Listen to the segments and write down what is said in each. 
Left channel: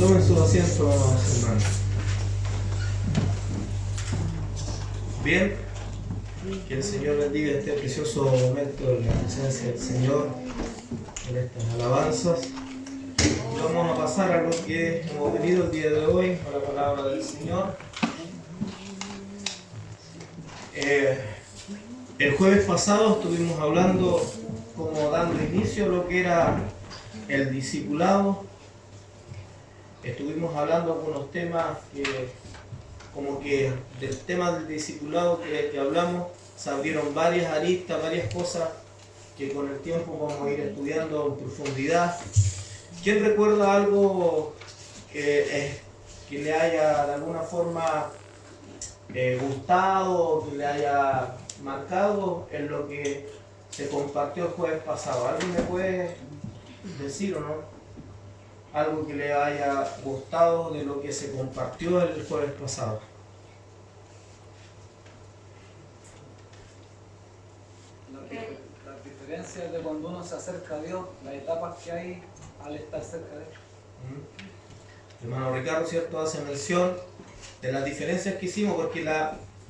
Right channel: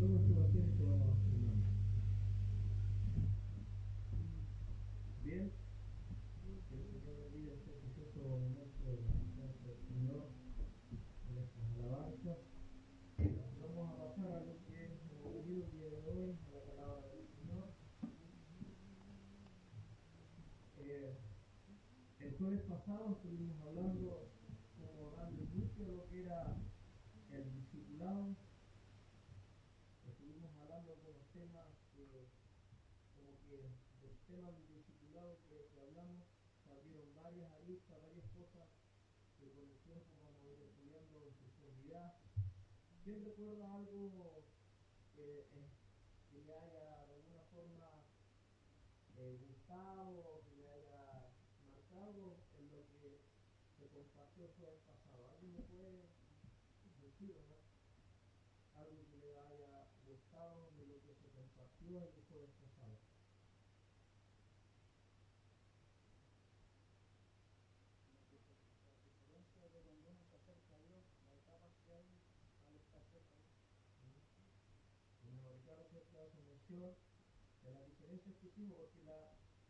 Tomen sus asientos, hermanos. Bien, que el Señor bendiga este precioso momento en la presencia del Señor, en estas alabanzas. Y vamos a pasar a lo que hemos venido el día de hoy, a la palabra del Señor. El jueves pasado estuvimos hablando, como dando inicio a lo que era el discipulado. Estuvimos hablando algunos temas que del tema del discipulado que hablamos, se abrieron varias aristas, varias cosas que con el tiempo vamos a ir estudiando en profundidad. ¿Quién recuerda algo que le haya de alguna forma gustado, que le haya marcado en lo que se compartió el jueves pasado? ¿Alguien me puede decir o no? Algo que le haya gustado de lo que se compartió el jueves pasado. Las diferencias de cuando uno se acerca a Dios, las etapas que hay al estar cerca de Él. Hermano Ricardo, ¿cierto?, hace mención de las diferencias que hicimos, porque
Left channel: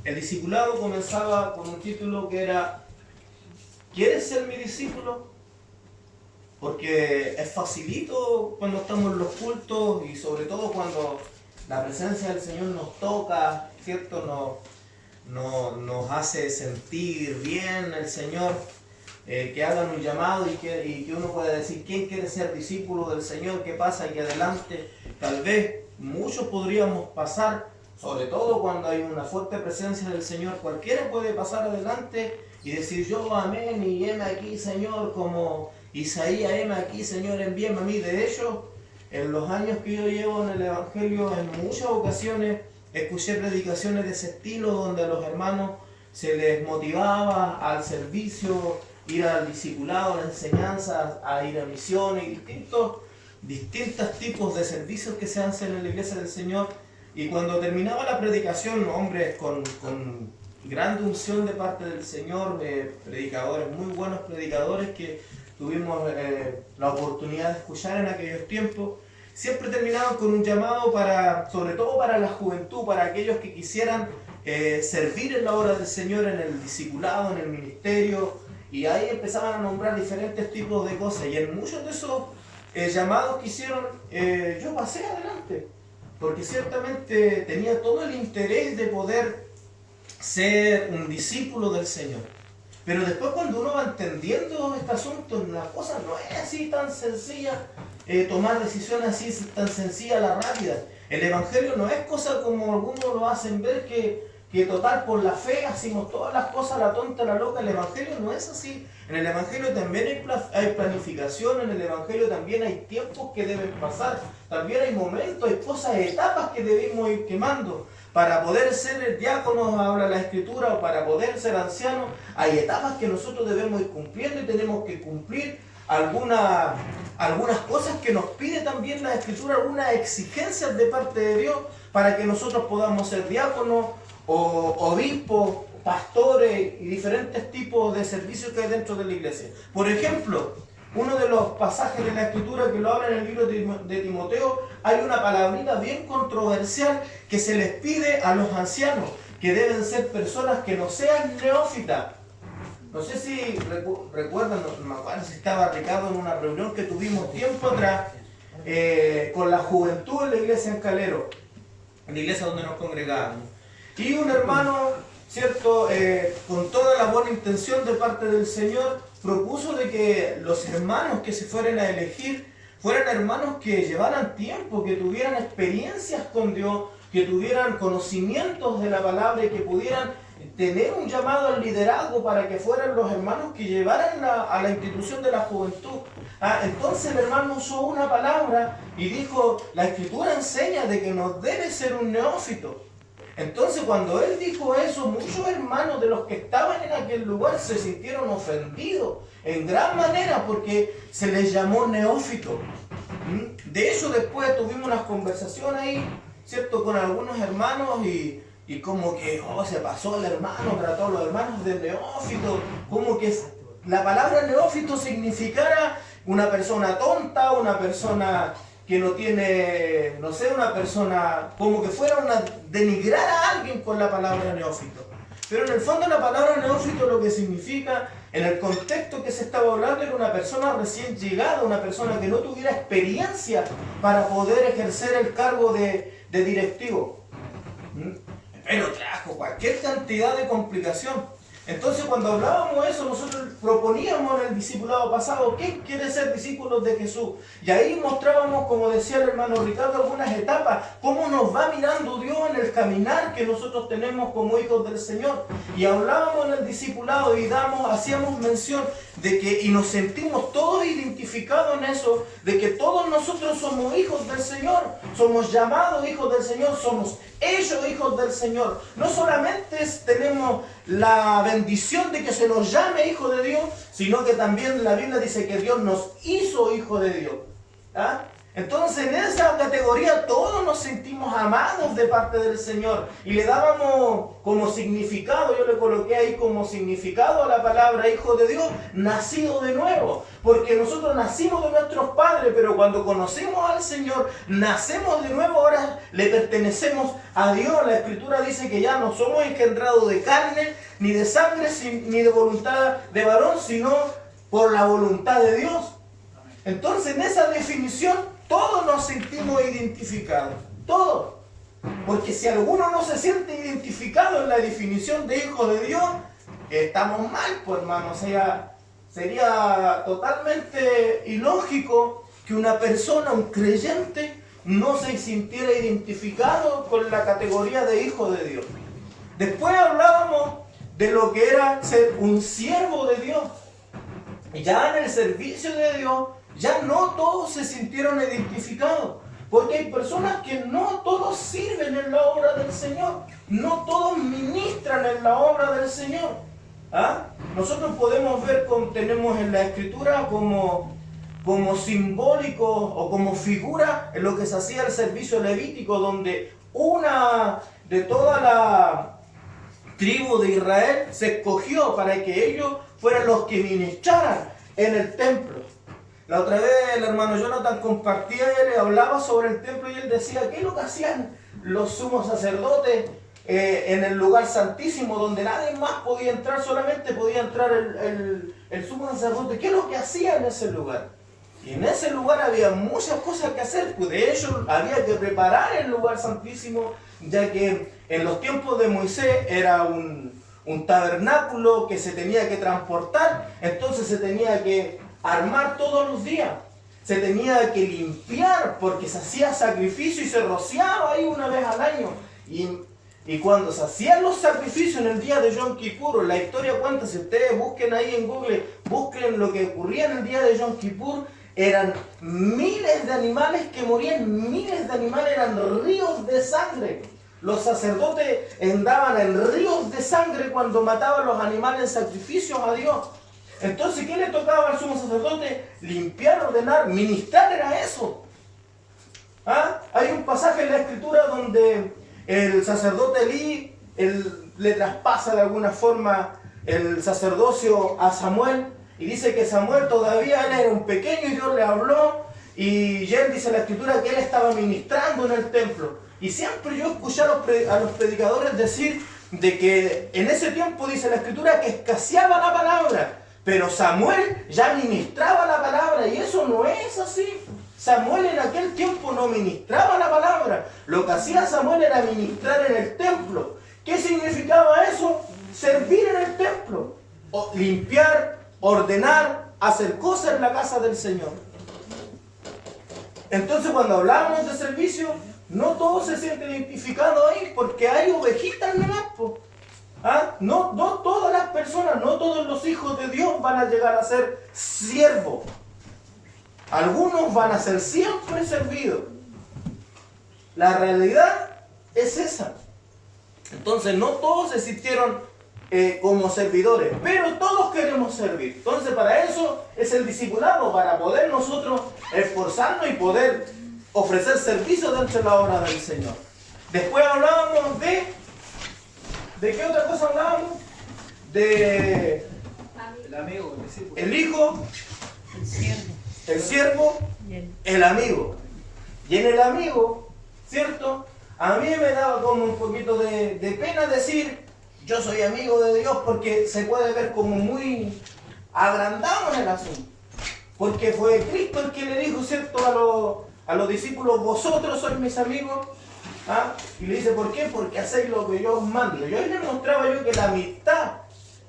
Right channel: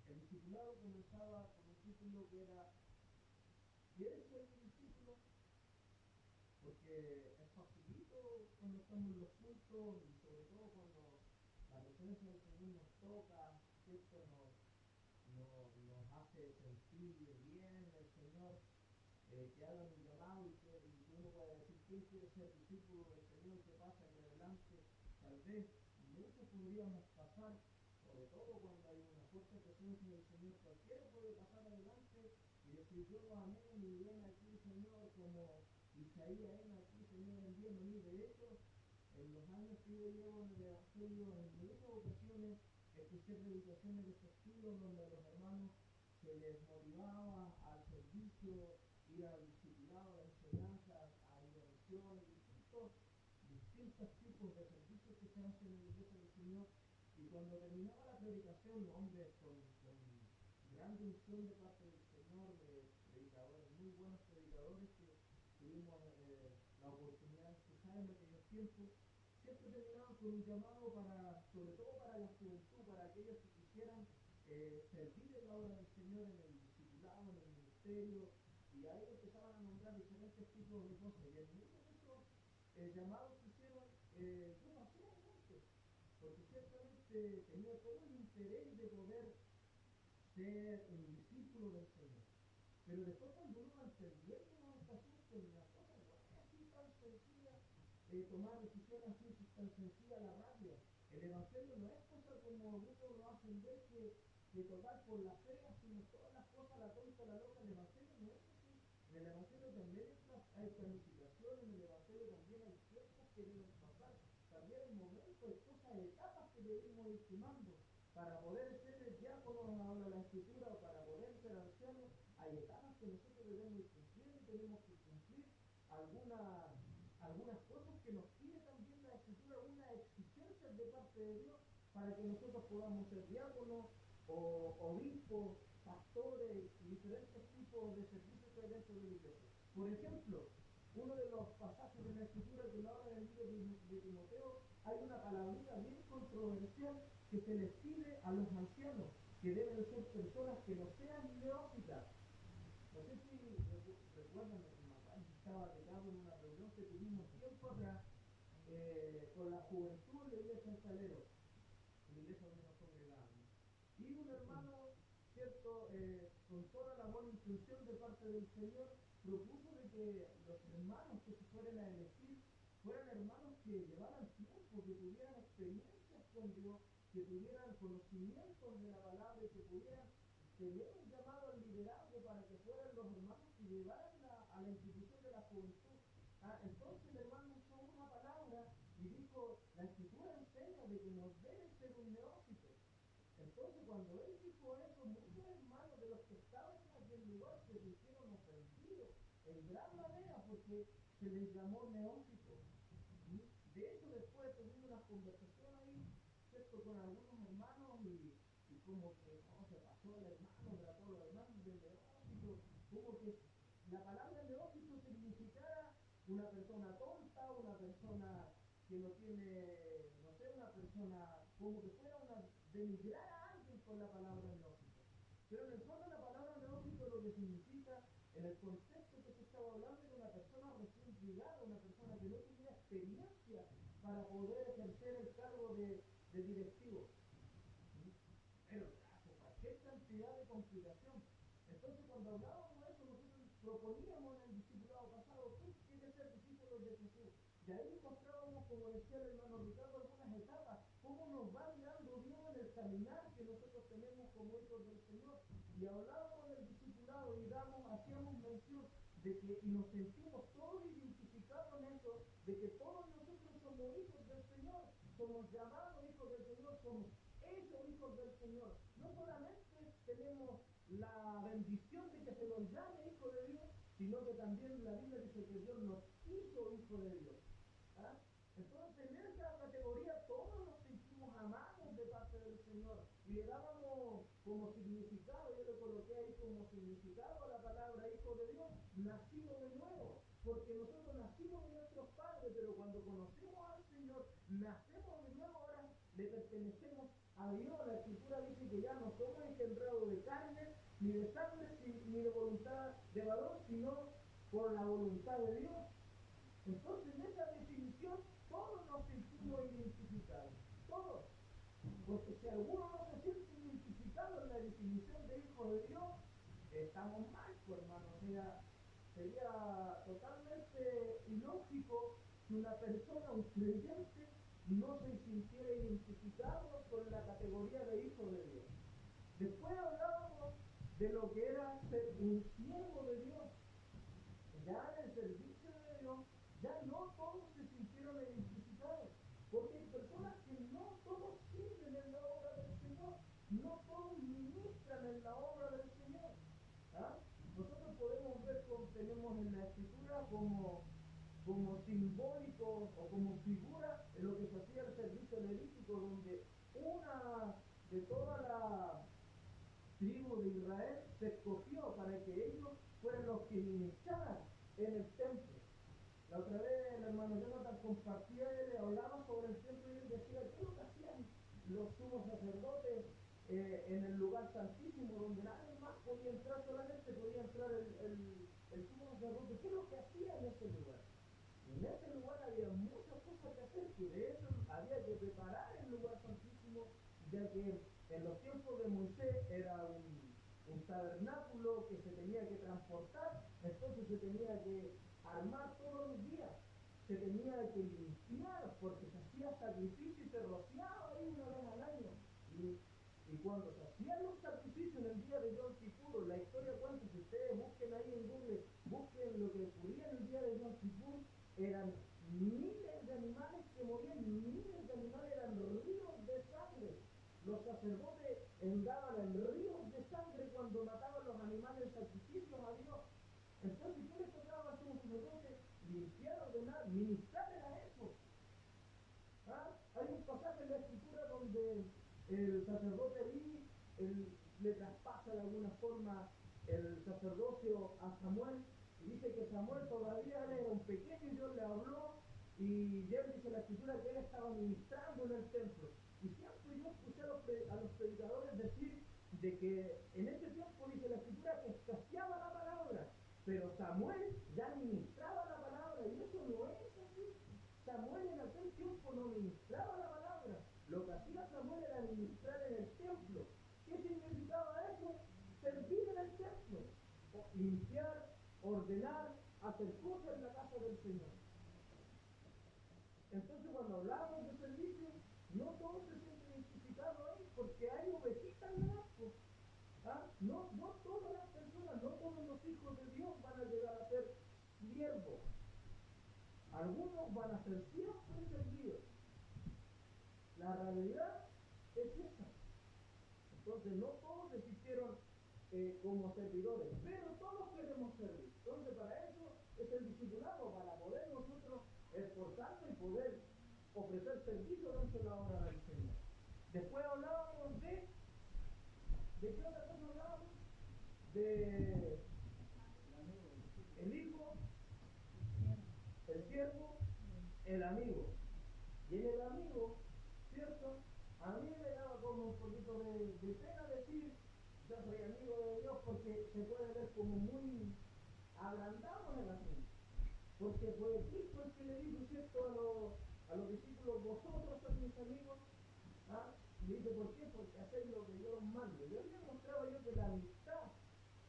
el discipulado comenzaba con un título que era ¿quieres ser mi discípulo? Porque es facilito cuando estamos en los cultos y sobre todo cuando la presencia del Señor nos toca, ¿cierto? Nos hace sentir bien el Señor, que hagan un llamado y que uno pueda decir ¿quién quiere ser discípulo del Señor? ¿Qué pasa aquí adelante? Tal vez muchos podríamos pasar, sobre todo cuando hay una fuerte presencia del Señor, cualquiera puede pasar adelante y decir yo amén y heme aquí Señor, como Isaías, heme aquí Señor, envíame a mí. De hecho, en los años que yo llevo en el Evangelio, en muchas ocasiones escuché predicaciones de ese estilo donde a los hermanos se les motivaba al servicio, ir al discipulado, a la enseñanza, a ir a misiones y distintos tipos de servicios que se hacen en la iglesia del Señor. Y cuando terminaba la predicación, hombres con gran unción de parte del Señor, predicadores, muy buenos predicadores que tuvimos la oportunidad de escuchar en aquellos tiempos, siempre terminaban con un llamado sobre todo para la juventud, para aquellos que quisieran servir en la obra del Señor, en el discipulado, en el ministerio, y ahí empezaban a nombrar diferentes tipos de cosas, y en muchos de esos llamados que hicieron, yo pasé adelante, porque ciertamente tenía todo el interés de poder ser un discípulo del Señor. Pero después cuando uno va entendiendo este asunto, la cosa no es así tan sencilla, tomar decisiones así tan sencilla a la rápida. El Evangelio no es cosa como algunos lo hacen ver, que total por la fe hacemos todas las cosas a la tonta, a la loca. El Evangelio no es así. En el Evangelio también hay planificación, en el Evangelio también hay tiempos que deben pasar, también hay momentos, hay cosas, etapas que debemos ir quemando. Para poder ser diáconos, habla la Escritura, o para poder ser ancianos, hay etapas que nosotros debemos ir cumpliendo y tenemos que cumplir algunas cosas que nos pide también la Escritura, algunas exigencias de parte de Dios para que nosotros podamos ser diáconos o obispos, pastores y diferentes tipos de servicios que hay dentro de la iglesia. Por ejemplo, uno de los pasajes de la Escritura que lo habla en el libro de Timoteo, hay una palabrita bien controversial que se les pide a los ancianos, que deben ser personas que no sean neófitas. No sé si recuerdan, no me acuerdo si estaba Ricardo en una reunión que tuvimos tiempo atrás con la juventud en la iglesia en Calero, en la iglesia donde nos congregábamos. Y un hermano, ¿cierto?, con toda la buena intención de parte del Señor, propuso de que los hermanos que se fueran a elegir fueran hermanos que llevaran tiempo, que tuvieran experiencias con Dios, que tuvieran conocimientos de la palabra y que pudieran tener un llamado al liderazgo para que fueran los hermanos que llevaran a la institución de la juventud. Entonces el hermano usó una palabra y dijo, la Escritura enseña de que no debe ser un neófito. Entonces cuando él dijo eso, muchos hermanos de los que estaban en aquel lugar se sintieron ofendidos en gran manera porque se les llamó neófito. De hecho después tuvimos unas conversaciones ahí, ¿cierto?, con algunos hermanos y como que se pasó el hermano, trató a los hermanos de neófito, como que la palabra neófito significara una persona tonta, una persona que no tiene, no sé, una persona, como que fuera una denigrar a alguien con la palabra neófito. Pero en el fondo la palabra neófito lo que significa, en el contexto que se estaba hablando, era una persona recién llegada, una persona que no tuviera experiencia para poder ejercer el cargo de directivo. Pero trajo cualquier cantidad de complicación. Entonces cuando hablábamos de eso, nosotros proponíamos en el discipulado pasado, ¿quién quiere ser discípulos de Jesús? Y ahí mostrábamos, como decía el hermano Ricardo, algunas etapas, cómo nos va mirando Dios en el caminar que nosotros tenemos como hijos del Señor. Y hablábamos en el discipulado y hacíamos mención de que, y nos sentimos todos identificados en eso, de que todos nosotros somos hijos del Señor, somos llamados hijos del Señor, somos hechos hijos del Señor. No solamente tenemos la bendición de que se nos llame hijo de Dios, sino que también la Biblia dice que Dios nos hizo hijo de Dios. ¿Ah? Entonces en esa categoría todos nos sentimos amados de parte del Señor y le dábamos como significado, yo le coloqué ahí como significado a la palabra hijo de Dios, nacido de nuevo, porque nosotros nacimos de nuestros padres, pero cuando conocimos al Señor, nacemos de nuevo, ahora le pertenecemos a Dios. La Escritura dice que ya no somos engendrados de carne, ni de sangre, ni de voluntad de varón, sino por la voluntad de Dios. Entonces en esa definición todos nos sentimos identificados, todos. Porque si alguno no se siente identificado en la definición de hijo de Dios, estamos mal, pues hermano. O sea, sería totalmente ilógico que una persona, un creyente, no se sintiera identificado con la categoría de hijo de Dios. Después hablábamos de lo que era ser un siervo de Dios. Ya en el servicio de Dios, ya no todos se sintieron identificados, porque hay personas que no todos sirven en la obra del Señor, no todos ministran en la obra del Señor. ¿Ah? Nosotros podemos ver, tenemos en la Escritura como simbólico o como figura en lo que se hacía el servicio levítico, donde una de toda la tribu de Israel se escogió para que ellos fueran los que ministraran en el templo. La otra vez el hermano Jonathan compartía, él hablaba sobre el templo y él decía, ¿qué es lo que hacían los sumos sacerdotes en el lugar santísimo donde nadie más podía entrar, solamente podía entrar el sumo sacerdote? ¿Qué es lo que hacía en ese lugar? Y en ese lugar había muchas cosas que hacer, pues de hecho había que preparar el lugar santísimo, ya que en los tiempos de Moisés era un tabernáculo que se tenía que transportar, entonces se tenía que armar todos los días, se tenía que limpiar porque se hacía sacrificio y se rociaba ahí una vez al año. Y cuando se hacían los sacrificios en el día de Yom Kippur, la historia cuenta, si ustedes busquen ahí en Google, busquen lo que ocurría en el día de Yom Kippur, eran miles de animales que morían, miles de animales, eran ríos de sangre. Los sacerdotes andaban en ríos de sangre cuando mataban los animales en sacrificios a Dios. Entonces, ¿qué le tocaba al sumo sacerdote? Limpiar, ordenar, ministrar, era eso. ¿Ah? Hay un pasaje en la Escritura donde el sacerdote Elí le traspasa de alguna forma el sacerdocio a Samuel, y dice que Samuel todavía él era un pequeño y Dios le habló, y él dice en la Escritura que él estaba ministrando en el templo. Y siempre yo escuché a los predicadores decir de que en ese tiempo, dice la Escritura, que escaseaba la palabra. Pero Samuel ya ministraba la palabra, y eso no es así. Samuel en aquel tiempo no ministraba la palabra. Lo que hacía Samuel era ministrar en el templo. ¿Qué significaba eso? Servir en el templo. Limpiar, ordenar, hacer cosas en la casa del Señor. Entonces cuando hablamos de servicio, no todos se sienten identificados ahí, porque hay ovejitas en el campo. ¿Ah? No todas las personas, no todos los hijos de Dios van a llegar a ser siervos. Algunos van a ser siempre servidos. La realidad es esa. Entonces no todos se sintieron como servidores, pero todos queremos servir. Entonces para eso es el discipulado, para poder nosotros esforzarnos y poder ofrecer servicio dentro de la obra del Señor. Después hablábamos ¿de qué otra cosa hablábamos? De el amigo, el discípulo, el hijo, el siervo, el amigo. Y en el amigo, ¿cierto? A mí me daba como un poquito de pena decir, yo soy amigo de Dios, porque se puede ver como muy agrandado en el asunto. Porque fue Cristo el que le dijo, ¿cierto? A los discípulos, vosotros sois mis amigos. ¿Ah? Y le dice, ¿por qué? Porque hacéis lo que yo os mando. Y hoy le mostraba yo que la amistad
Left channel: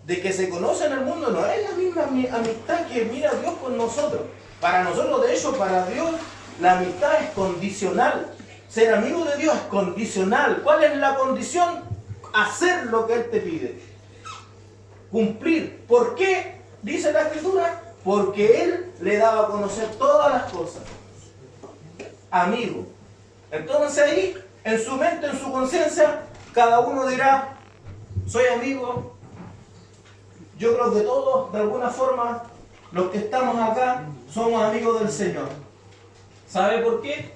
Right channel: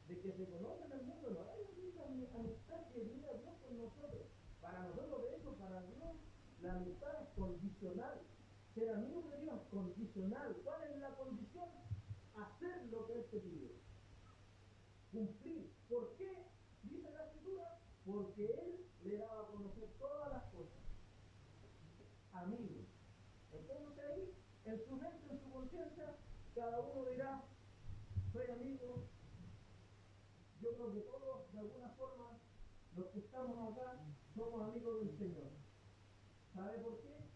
de que se conoce en el mundo no es la misma amistad que mira Dios con nosotros. Para nosotros, de hecho, para Dios, la amistad es condicional. Ser amigo de Dios es condicional. ¿Cuál es la condición? Hacer lo que Él te pide. Cumplir. ¿Por qué? Dice la Escritura. Porque Él le daba a conocer todas las cosas. Amigo. Entonces ahí, en su mente, en su conciencia, cada uno dirá, soy amigo. Yo creo que todos, de alguna forma, los que estamos acá, somos amigos del Señor. ¿Sabe por qué?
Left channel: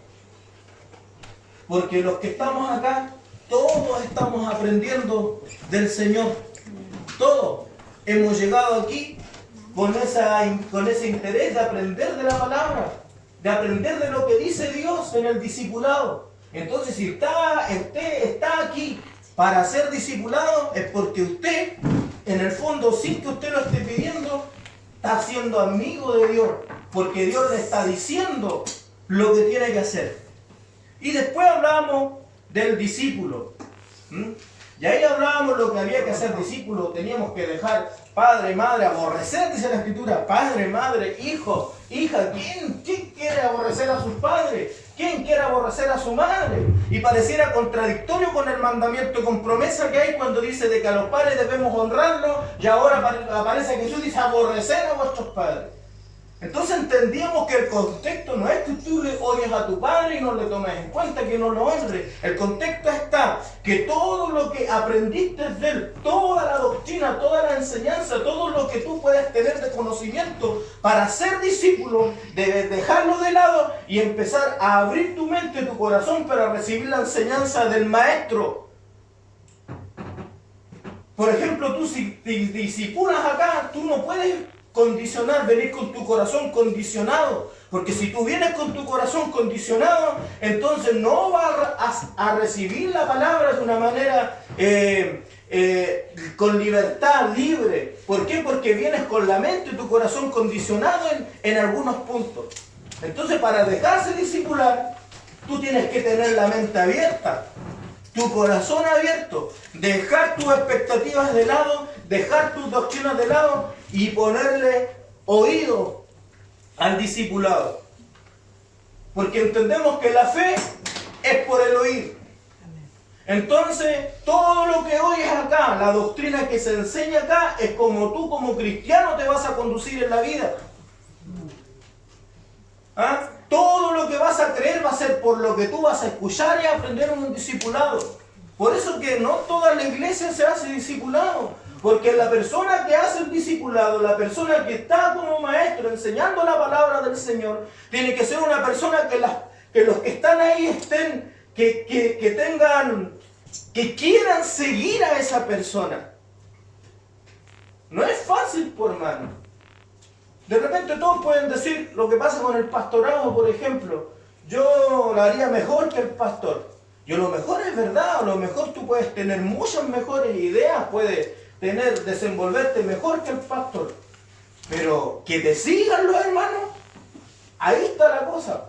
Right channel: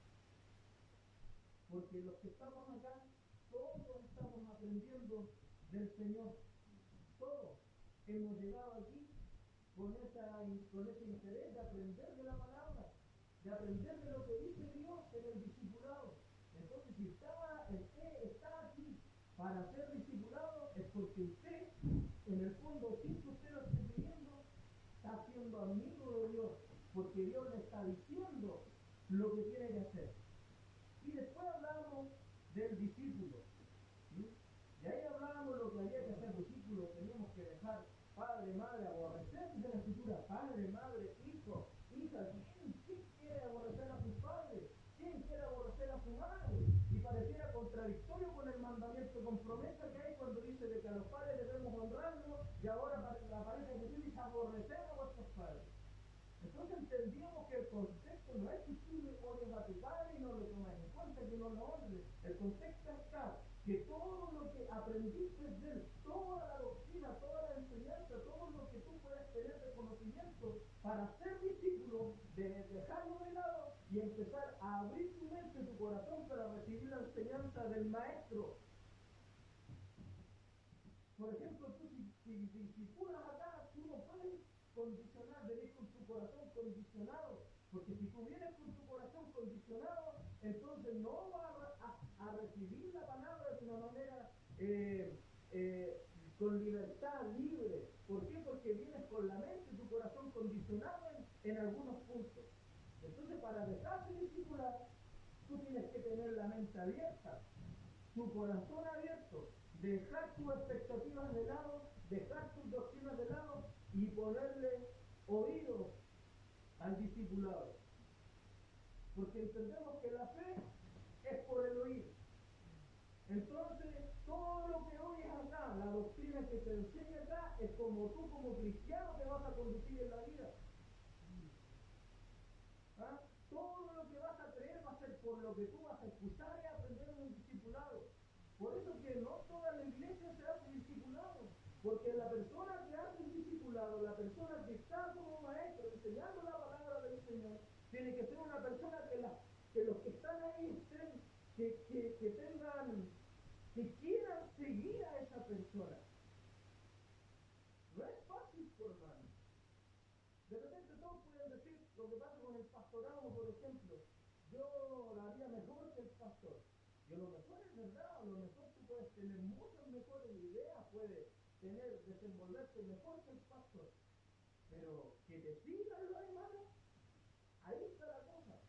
Porque los que estamos acá, todos estamos aprendiendo del Señor. Todos hemos llegado aquí con ese interés de aprender de la palabra, de aprender de lo que dice Dios en el discipulado. Entonces, si usted está aquí para ser discipulado, es porque usted, en el fondo, sin que usted lo esté pidiendo, está siendo amigo de Dios, porque Dios le está diciendo lo que tiene que hacer. Y después hablamos del discípulo. Y ahí hablábamos lo que había que hacer discípulo. Teníamos que dejar padre y madre, aborrecer, dice la Escritura, padre, madre, hijo, hija. ¿Quién quiere aborrecer a sus padres? ¿Quién quiere aborrecer a su madre? Y pareciera contradictorio con el mandamiento con promesa que hay cuando dice de que a los padres debemos honrarlos, y ahora aparece Jesús y dice aborrecer a vuestros padres. Entonces entendíamos que el contexto no es que tú le odies a tu padre y no le tomes en cuenta, que no lo honres. El contexto está que todo lo que aprendiste de él, toda la doctrina, toda la enseñanza, todo lo que tú puedes tener de conocimiento para ser discípulo, debes dejarlo de lado y empezar a abrir tu mente, tu corazón para recibir la enseñanza del maestro. Por ejemplo, tú si te discipulas acá, tú no puedes condicionar, venir con tu corazón condicionado, porque si tú vienes con tu corazón condicionado, entonces no vas a recibir la palabra de una manera con libertad, libre. ¿Por qué? Porque vienes con la mente y tu corazón condicionado en algunos puntos. Entonces, para dejarse discipular, tú tienes que tener la mente abierta, tu corazón abierto, dejar tus expectativas de lado, dejar tus doctrinas de lado y ponerle oído al discipulado. Porque entendemos que la fe es por el oír. Entonces, todo lo que oyes acá, la doctrina que se enseña acá, es como tú como cristiano te vas a conducir en la vida. ¿Ah? Todo lo que vas a creer va a ser por lo que tú vas a escuchar y aprender en un discipulado. Por eso que no toda la iglesia se hace discipulado. Porque la persona que hace el discipulado, la persona que está como maestro enseñando la palabra del Señor, tiene que ser una persona que los que están ahí estén, que quieran seguir a esa persona. No es fácil, por hermano. De repente todos pueden decir lo que pasa con el pastorado, por ejemplo. Yo lo haría mejor que el pastor. Y a lo mejor es verdad, a lo mejor tú puedes tener muchas mejores ideas, puedes desenvolverte mejor que el pastor. Pero que te sigan los hermanos, ahí está la cosa.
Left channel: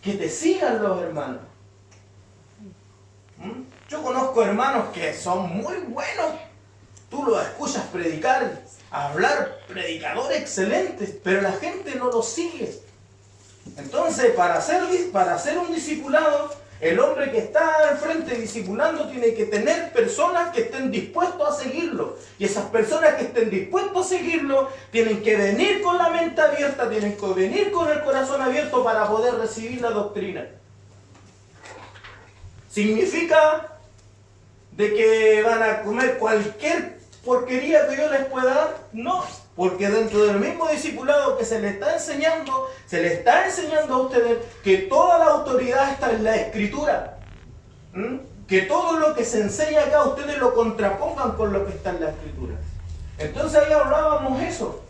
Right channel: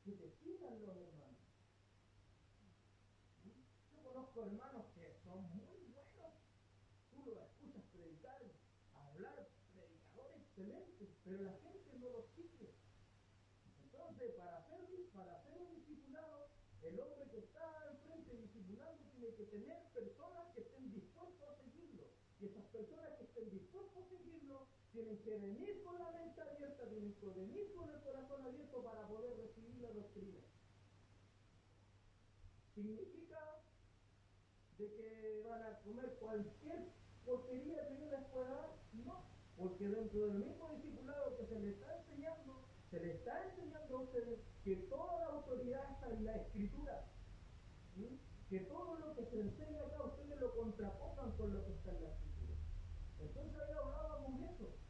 Que te sigan los hermanos. Yo conozco hermanos que son muy buenos. Tú los escuchas predicar, hablar, predicadores excelentes, pero la gente no los sigue. Entonces, para ser un discipulado, el hombre que está al frente discipulando tiene que tener personas que estén dispuestos a seguirlo. Y esas personas que estén dispuestos a seguirlo tienen que venir con la mente abierta, tienen que venir con el corazón abierto para poder recibir la doctrina. ¿Significa de que van a comer cualquier porquería que yo les pueda dar? No, porque dentro del mismo discipulado que se le está enseñando a ustedes que toda la autoridad está en la Escritura. Que todo lo que se enseña acá ustedes lo contrapongan con lo que está en la Escritura. Entonces ahí hablábamos eso.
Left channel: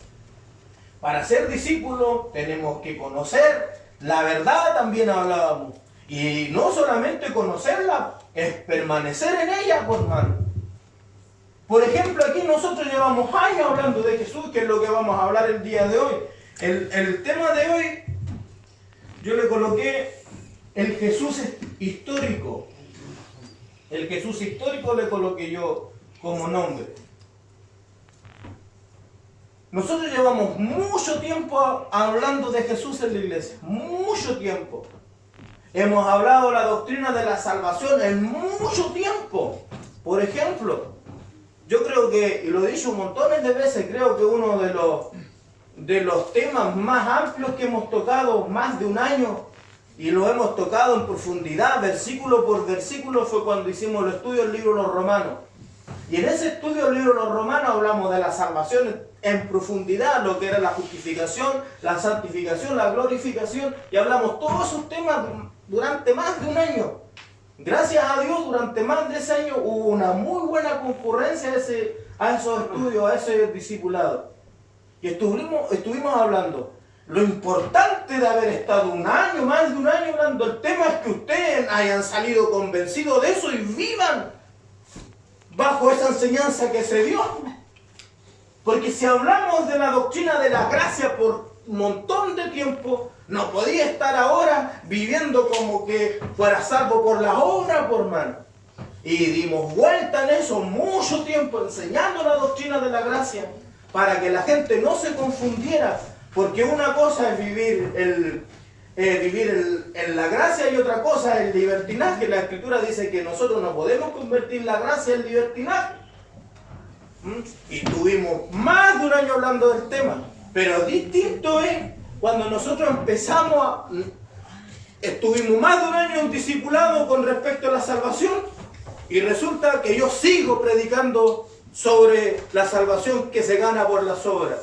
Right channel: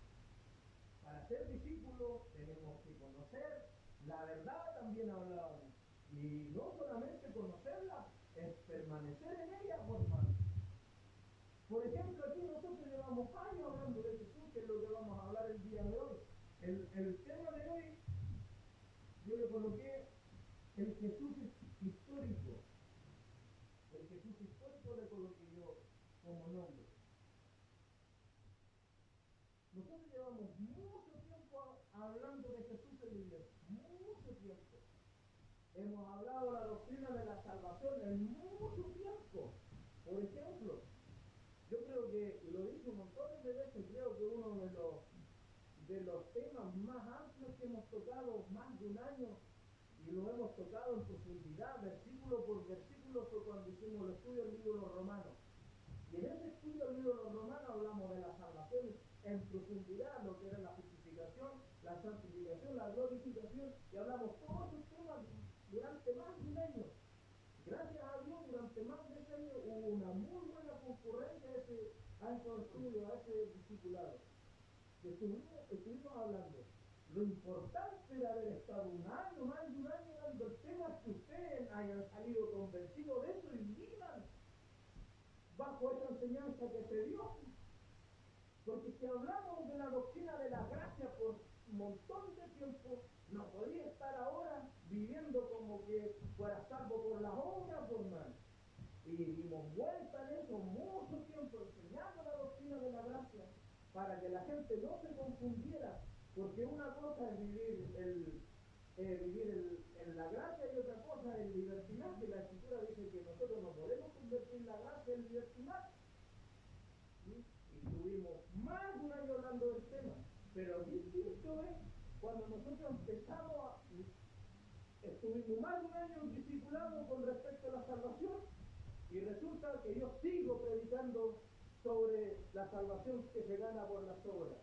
Para ser discípulos tenemos que conocer, La verdad también hablábamos. Y no solamente conocerla, es permanecer en ella, por hermano. Por ejemplo, aquí nosotros llevamos años hablando de Jesús, que es lo que vamos a hablar el día de hoy. El tema de hoy, yo le coloqué el Jesús histórico. El Jesús histórico le coloqué yo como nombre. Nosotros llevamos mucho tiempo hablando de Jesús en la iglesia. Mucho tiempo. Hemos hablado de la doctrina de la salvación en mucho tiempo. Por ejemplo, yo creo que, y lo he dicho montones de veces, creo que uno de los temas más amplios que hemos tocado más de un año, y lo hemos tocado en profundidad, versículo por versículo, fue cuando hicimos el estudio del libro de los Romanos. Y en ese estudio del libro de los Romanos hablamos de la salvación en profundidad, lo que era la justificación, la santificación, la glorificación, y hablamos todos esos temas durante más de un año. Gracias a Dios, durante más de ese año hubo una muy buena concurrencia a esos estudios, a ese discipulado. Y estuvimos hablando. Lo importante de haber estado un año, más de un año hablando, el tema es que ustedes hayan salido convencidos de eso y vivan bajo esa enseñanza que se dio. Porque si hablamos de la doctrina de la gracia por un montón de tiempo, no podía estar ahora viviendo como que fuera salvo por la obra, por mano. Y dimos vuelta en eso mucho tiempo enseñando la doctrina de la gracia para que la gente no se confundiera, porque una cosa es vivir en la gracia y otra cosa es el libertinaje. La Escritura dice que nosotros no podemos convertir la gracia en libertinaje. Y tuvimos más de un año hablando del tema, pero distinto es cuando nosotros estuvimos más de un año en discipulado con respecto a la salvación, y resulta que yo sigo predicando sobre la salvación que se gana por las obras.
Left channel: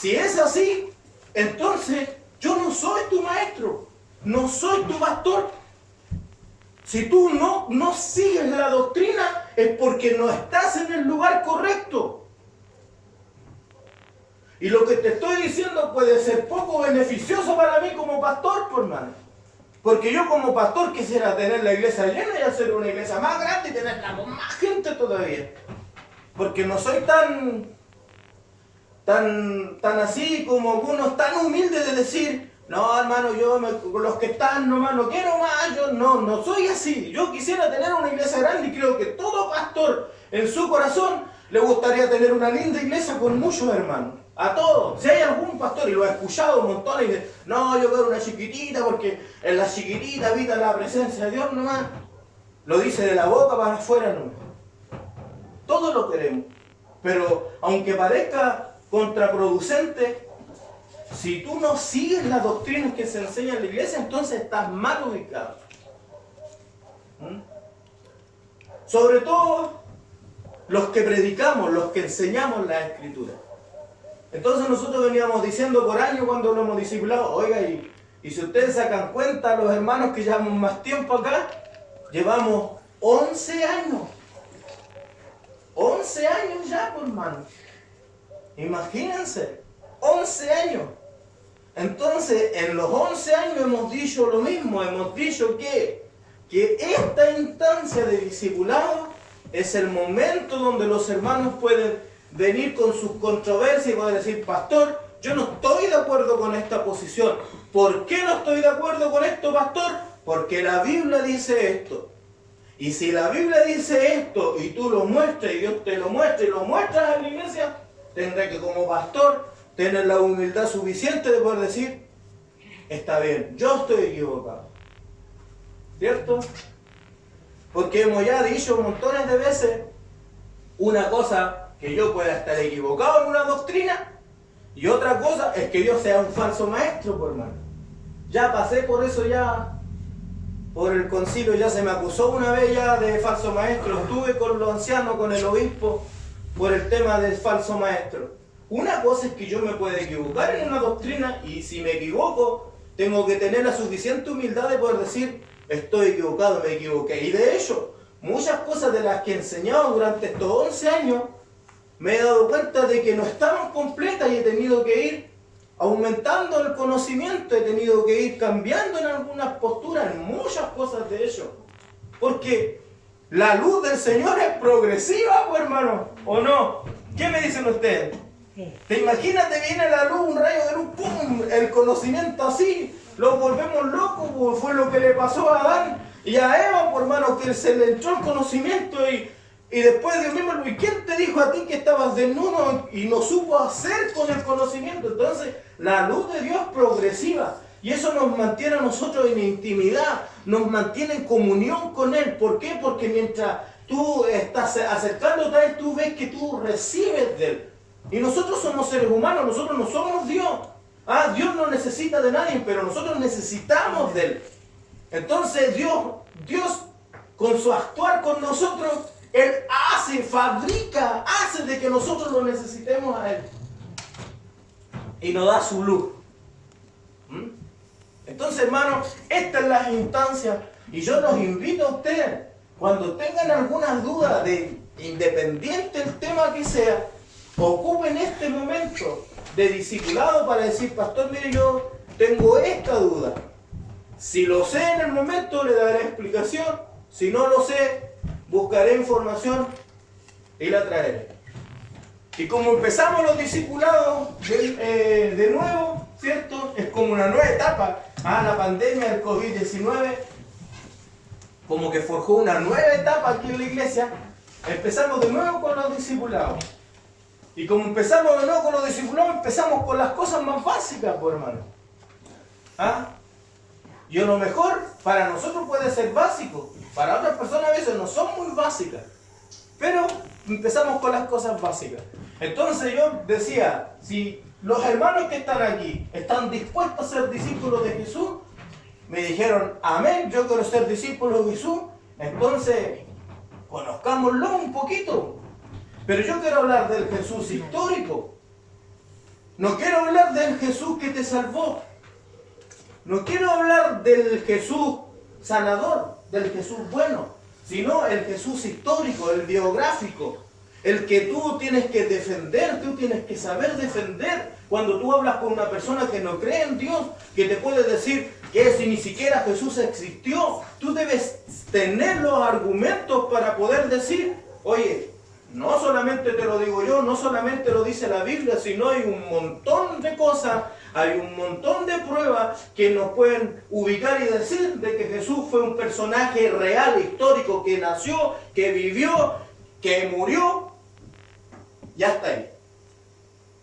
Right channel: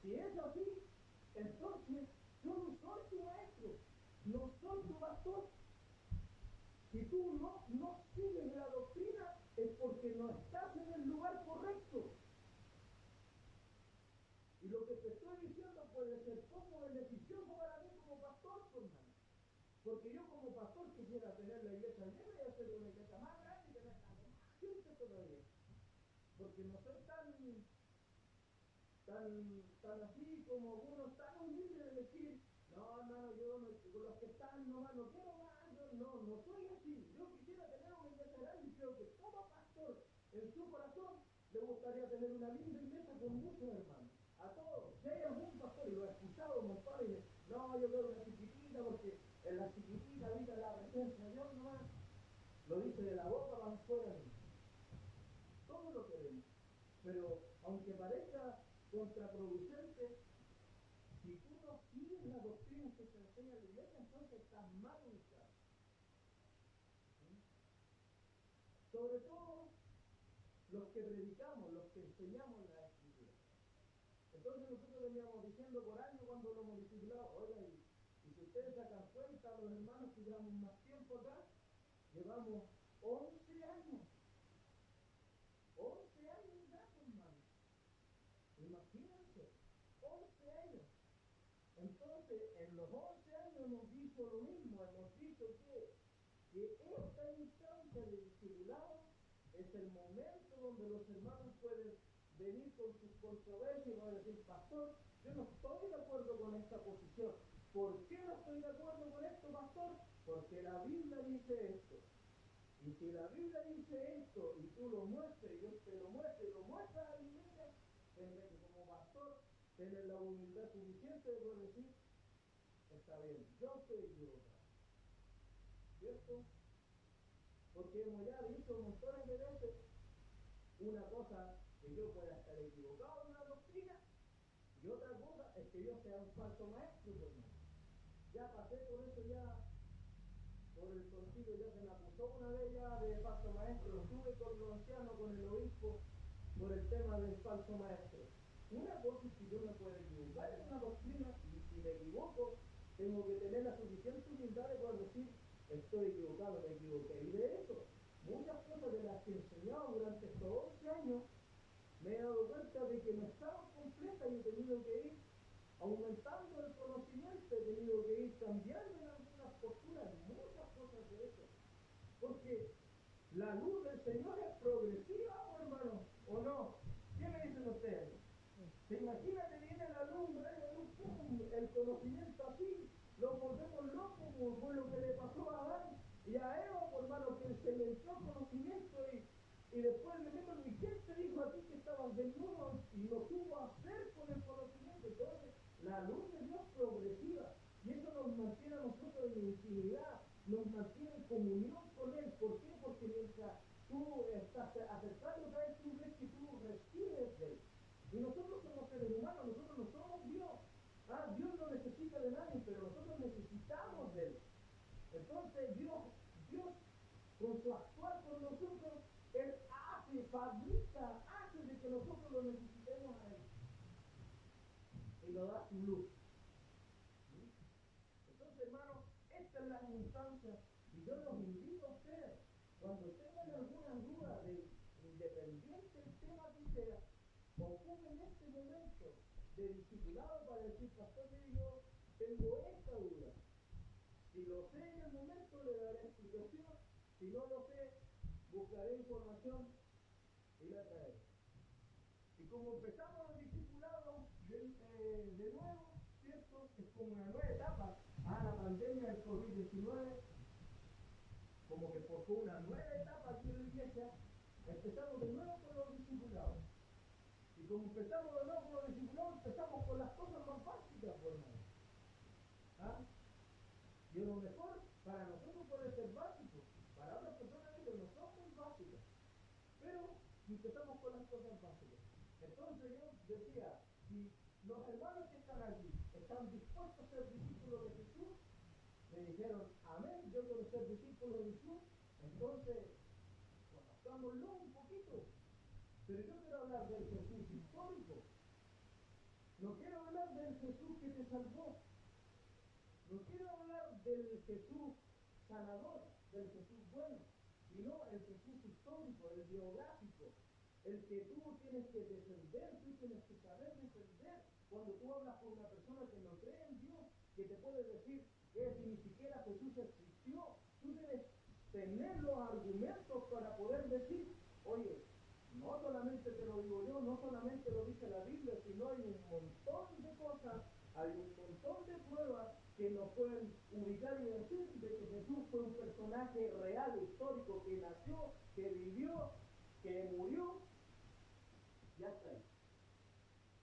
Si es así, entonces yo no soy tu maestro, no soy tu pastor. Si tú no sigues la doctrina, es porque no estás en el lugar correcto. Y lo que te estoy diciendo puede ser poco beneficioso para mí como pastor, por hermano. Porque yo como pastor quisiera tener la iglesia llena y hacer una iglesia más grande y tenerla con más gente todavía. Porque no soy tan así como algunos tan humildes de decir, no hermano, los que están nomás no quiero más, yo no soy así. Yo quisiera tener una iglesia grande y creo que todo pastor en su corazón le gustaría tener una linda iglesia con muchos hermanos. A todos. Si hay algún pastor, y lo he escuchado montones, y dice, no, yo quiero una chiquitita porque en la chiquitita habita la presencia de Dios nomás. Lo dice de la boca para afuera nomás. Todos lo queremos. Pero aunque parezca contraproducente, si tú no sigues las doctrinas que se enseñan en la iglesia, entonces estás mal ubicado. Sobre todo los que predicamos, los que enseñamos la Escritura. Entonces nosotros veníamos diciendo por años cuando lo hemos discipulado, oiga, y si ustedes sacan cuenta, los hermanos que llevamos más tiempo acá, llevamos 11 años. 11 años ya, por hermano. Imagínense, 11 años. Entonces, en los 11 años hemos dicho lo mismo, hemos dicho que esta instancia de discipulado es el momento donde los hermanos pueden venir con sus controversias y poder decir, pastor, yo no estoy de acuerdo con esta posición. ¿Por qué no estoy de acuerdo con esto, pastor? Porque la Biblia dice esto. Y si la Biblia dice esto y tú lo muestras y Dios te lo muestra y lo muestras en la iglesia, tendré que como pastor tener la humildad suficiente de poder decir, está bien, yo estoy equivocado. ¿Cierto? Porque hemos ya dicho montones de veces una cosa, que yo pueda estar equivocado en una doctrina, y otra cosa es que yo sea un falso maestro, por hermano. Ya pasé por eso, ya por el concilio ya se me acusó una vez ya de falso maestro. Estuve con los ancianos, con el obispo, por el tema del falso maestro. Una cosa es que yo me pueda equivocar en una doctrina, y si me equivoco, tengo que tener la suficiente humildad de poder decir, estoy equivocado, me equivoqué. Y de hecho, muchas cosas de las que he enseñado durante estos 11 años, me he dado cuenta de que no estaban completas y he tenido que ir aumentando el conocimiento, he tenido que ir cambiando en algunas posturas, en muchas cosas de ello. Porque la luz del Señor es progresiva, pues, hermano, ¿o no? ¿Qué me dicen ustedes? Sí. ¿Te imaginas, te viene la luz, un rayo de luz, pum, el conocimiento así, los volvemos locos, pues, fue lo que le pasó a Adán y a Eva, pues, hermano, que se le entró el conocimiento y después Dios mismo, ¿y quién te dijo a ti que estabas desnudo y no supo hacer con el conocimiento? Entonces, la luz de Dios es progresiva y eso nos mantiene a nosotros en intimidad, nos mantiene en comunión con Él. ¿Por qué? Porque mientras tú estás acercándote a Él, tú ves que tú recibes de Él. Y nosotros somos seres humanos, nosotros no somos Dios. Dios no necesita de nadie, pero nosotros necesitamos de Él. Entonces Dios con su actuar con nosotros, Él fabrica, hace de que nosotros lo necesitemos a Él. Y nos da su luz. Entonces, hermanos, estas son las instancias. Y yo los invito a ustedes, cuando tengan algunas dudas, independiente del tema que sea, ocupen este momento de discipulado para decir, pastor, mire, yo tengo esta duda. Si lo sé en el momento, le daré explicación. Si no lo sé, buscaré información y la traeré. Y como empezamos los discipulados de nuevo, ¿cierto? Es como una nueva etapa. La pandemia del COVID-19 como que forjó una nueva etapa aquí en la iglesia. Empezamos de nuevo con los discipulados. Y como empezamos de nuevo con los discipulados, empezamos con las cosas más básicas, pues, hermano. Y a lo mejor para nosotros puede ser básico, para otras personas a veces no son muy básicas, pero empezamos con las cosas básicas. Entonces yo decía, si los hermanos que están aquí están dispuestos a ser discípulos de Jesús, me dijeron, amén, yo quiero ser discípulo de Jesús, entonces conozcámoslo un poquito. Pero yo quiero hablar del Jesús histórico. No quiero hablar del Jesús que te salvó. No quiero hablar del Jesús sanador, del Jesús bueno, sino el Jesús histórico, el biográfico, el que tú tienes que defender, tú tienes que saber defender. Cuando tú hablas con una persona que no cree en Dios, que te puede decir que si ni siquiera Jesús existió, tú debes tener los argumentos para poder decir, oye, no solamente te lo digo yo, no solamente lo dice la Biblia, sino hay un montón de cosas, hay un montón de pruebas que nos pueden ubicar y decir de que Jesús fue un personaje real, histórico, que nació, que vivió, que murió, ya está ahí.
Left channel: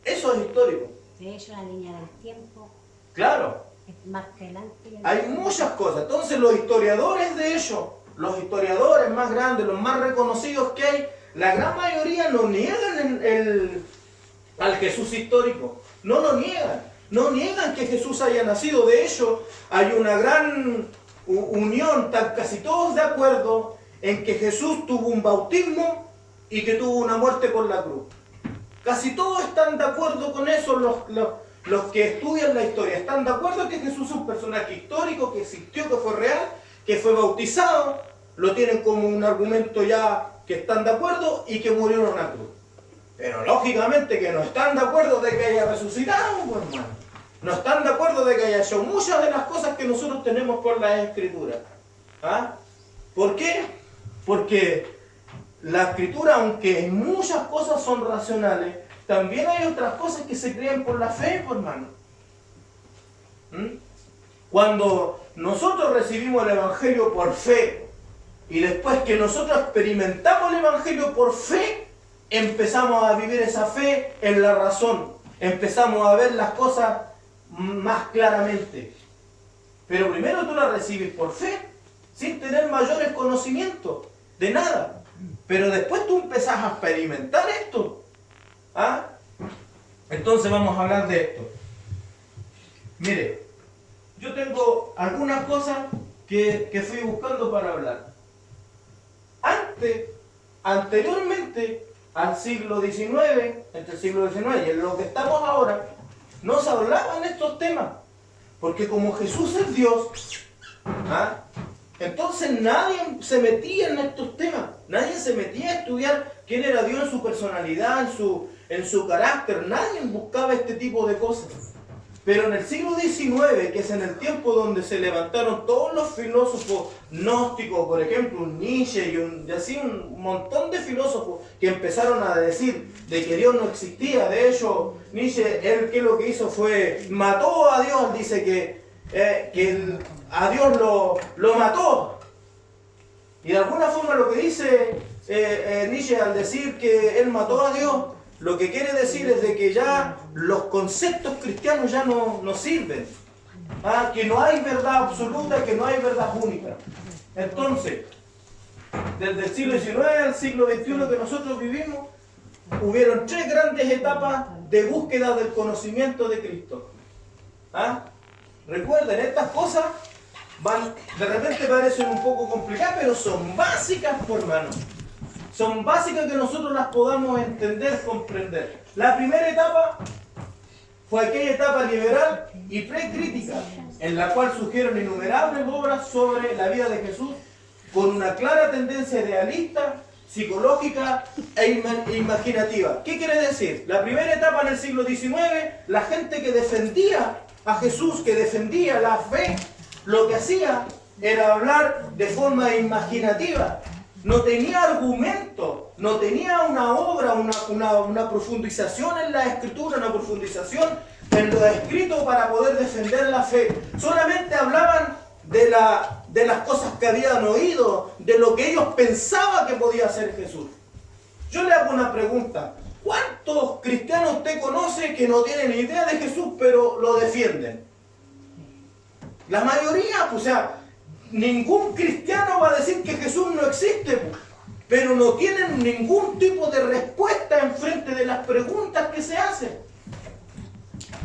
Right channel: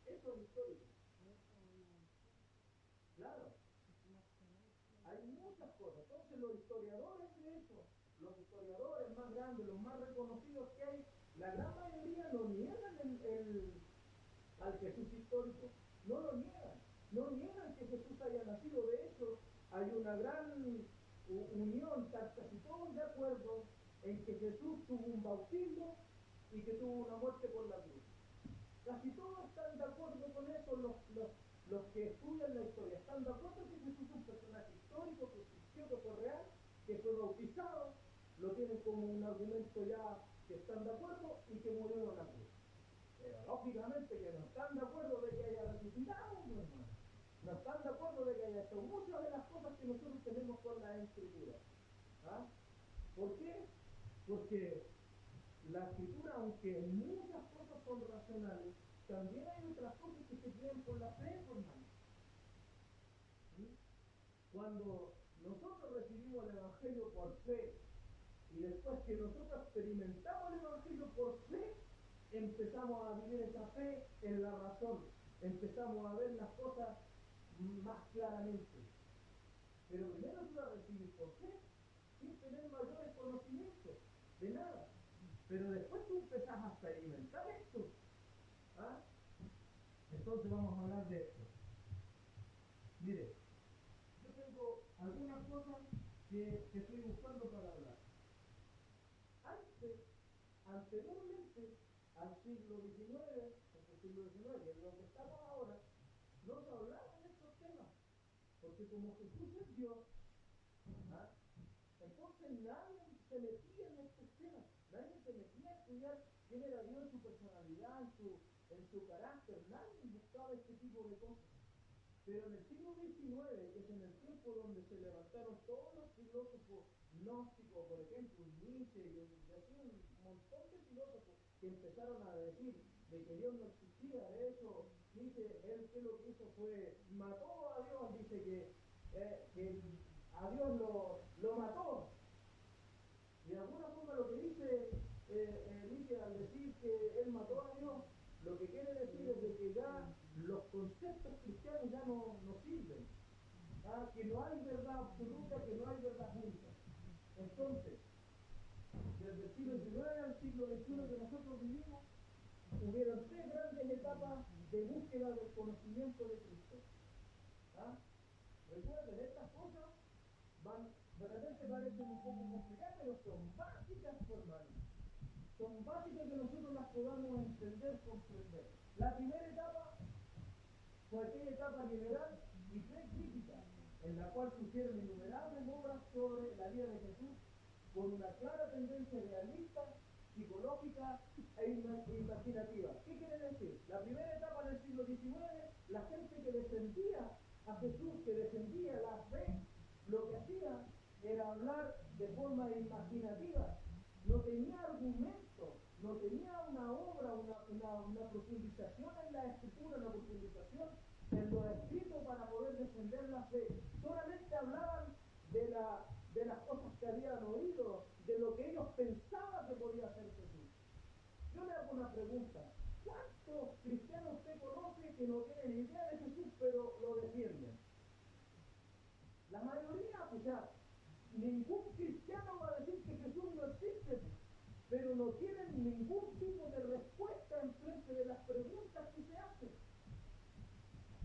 Eso es histórico. De hecho, la línea del tiempo Claro. es más que adelante. Hay muchas cosas. Entonces los historiadores de ellos, los historiadores más grandes, los más reconocidos que hay, la gran mayoría no niegan al Jesús histórico. No lo niegan. No niegan que Jesús haya nacido. De hecho, hay una gran unión, están casi todos de acuerdo en que Jesús tuvo un bautismo y que tuvo una muerte por la cruz. Casi todos están de acuerdo con eso, los que estudian la historia. Están de acuerdo que Jesús es un personaje histórico, que existió, que fue real, que fue bautizado. Lo tienen como un argumento ya que están de acuerdo y que murió en una cruz. Pero lógicamente que no están de acuerdo de que haya resucitado, pues, hermano. No están de acuerdo de que haya hecho muchas de las cosas que nosotros tenemos por las Escrituras. ¿Por qué? Porque la Escritura, aunque en muchas cosas son racionales, también hay otras cosas que se creen por la fe, pues, hermano. Cuando nosotros recibimos el Evangelio por fe, y después que nosotros experimentamos el Evangelio por fe, empezamos a vivir esa fe en la razón. Empezamos a ver las cosas más claramente. Pero primero tú la recibes por fe, sin tener mayores conocimientos de nada. Pero después tú empezás a experimentar esto. Entonces vamos a hablar de esto. Mire, yo tengo algunas cosas que fui buscando para hablar. Anteriormente al siglo XIX, entre el siglo XIX y en lo que estamos ahora, no se hablaban estos temas. Porque como Jesús es Dios, entonces nadie se metía en estos temas. Nadie se metía a estudiar quién era Dios en su personalidad, en su carácter. Nadie buscaba este tipo de cosas. Pero en el siglo XIX, que es en el tiempo donde se levantaron todos los filósofos gnósticos, por ejemplo, Nietzsche y así un montón de filósofos que empezaron a decir de que Dios no existía. De hecho, Nietzsche, él que lo que hizo fue, mató a Dios, dice que a Dios lo mató. Y de alguna forma lo que dice Nietzsche al decir que él mató a Dios, lo que quiere decir es de que ya los conceptos cristianos ya no sirven. Que no hay verdad absoluta, que no hay verdad única. Entonces, desde el siglo XIX al siglo XXI que nosotros vivimos, hubieron 3 grandes etapas de búsqueda del conocimiento de Cristo. Recuerden, estas cosas de repente parecen un poco complicadas, pero son básicas, por hermano. Son básicas que nosotros las podamos entender, comprender. La primera etapa fue aquella etapa liberal y precrítica, en la cual surgieron innumerables obras sobre la vida de Jesús, con una clara tendencia idealista, psicológica e imaginativa. ¿Qué quiere decir? La primera etapa en el siglo XIX, la gente que defendía a Jesús, que defendía la fe, lo que hacía era hablar de forma imaginativa. No tenía argumento, no tenía una obra, una profundización en la escritura, una profundización en lo escrito para poder defender la fe. Solamente hablaban de las cosas que habían oído, de lo que ellos pensaban que podía hacer Jesús. Yo le hago una pregunta. ¿Cuántos cristianos usted conoce que no tienen idea de Jesús, pero lo defienden? La mayoría, o sea, ningún cristiano va a decir que Jesús no existe, pero no tienen ningún tipo de respuesta en frente de las preguntas que se hacen.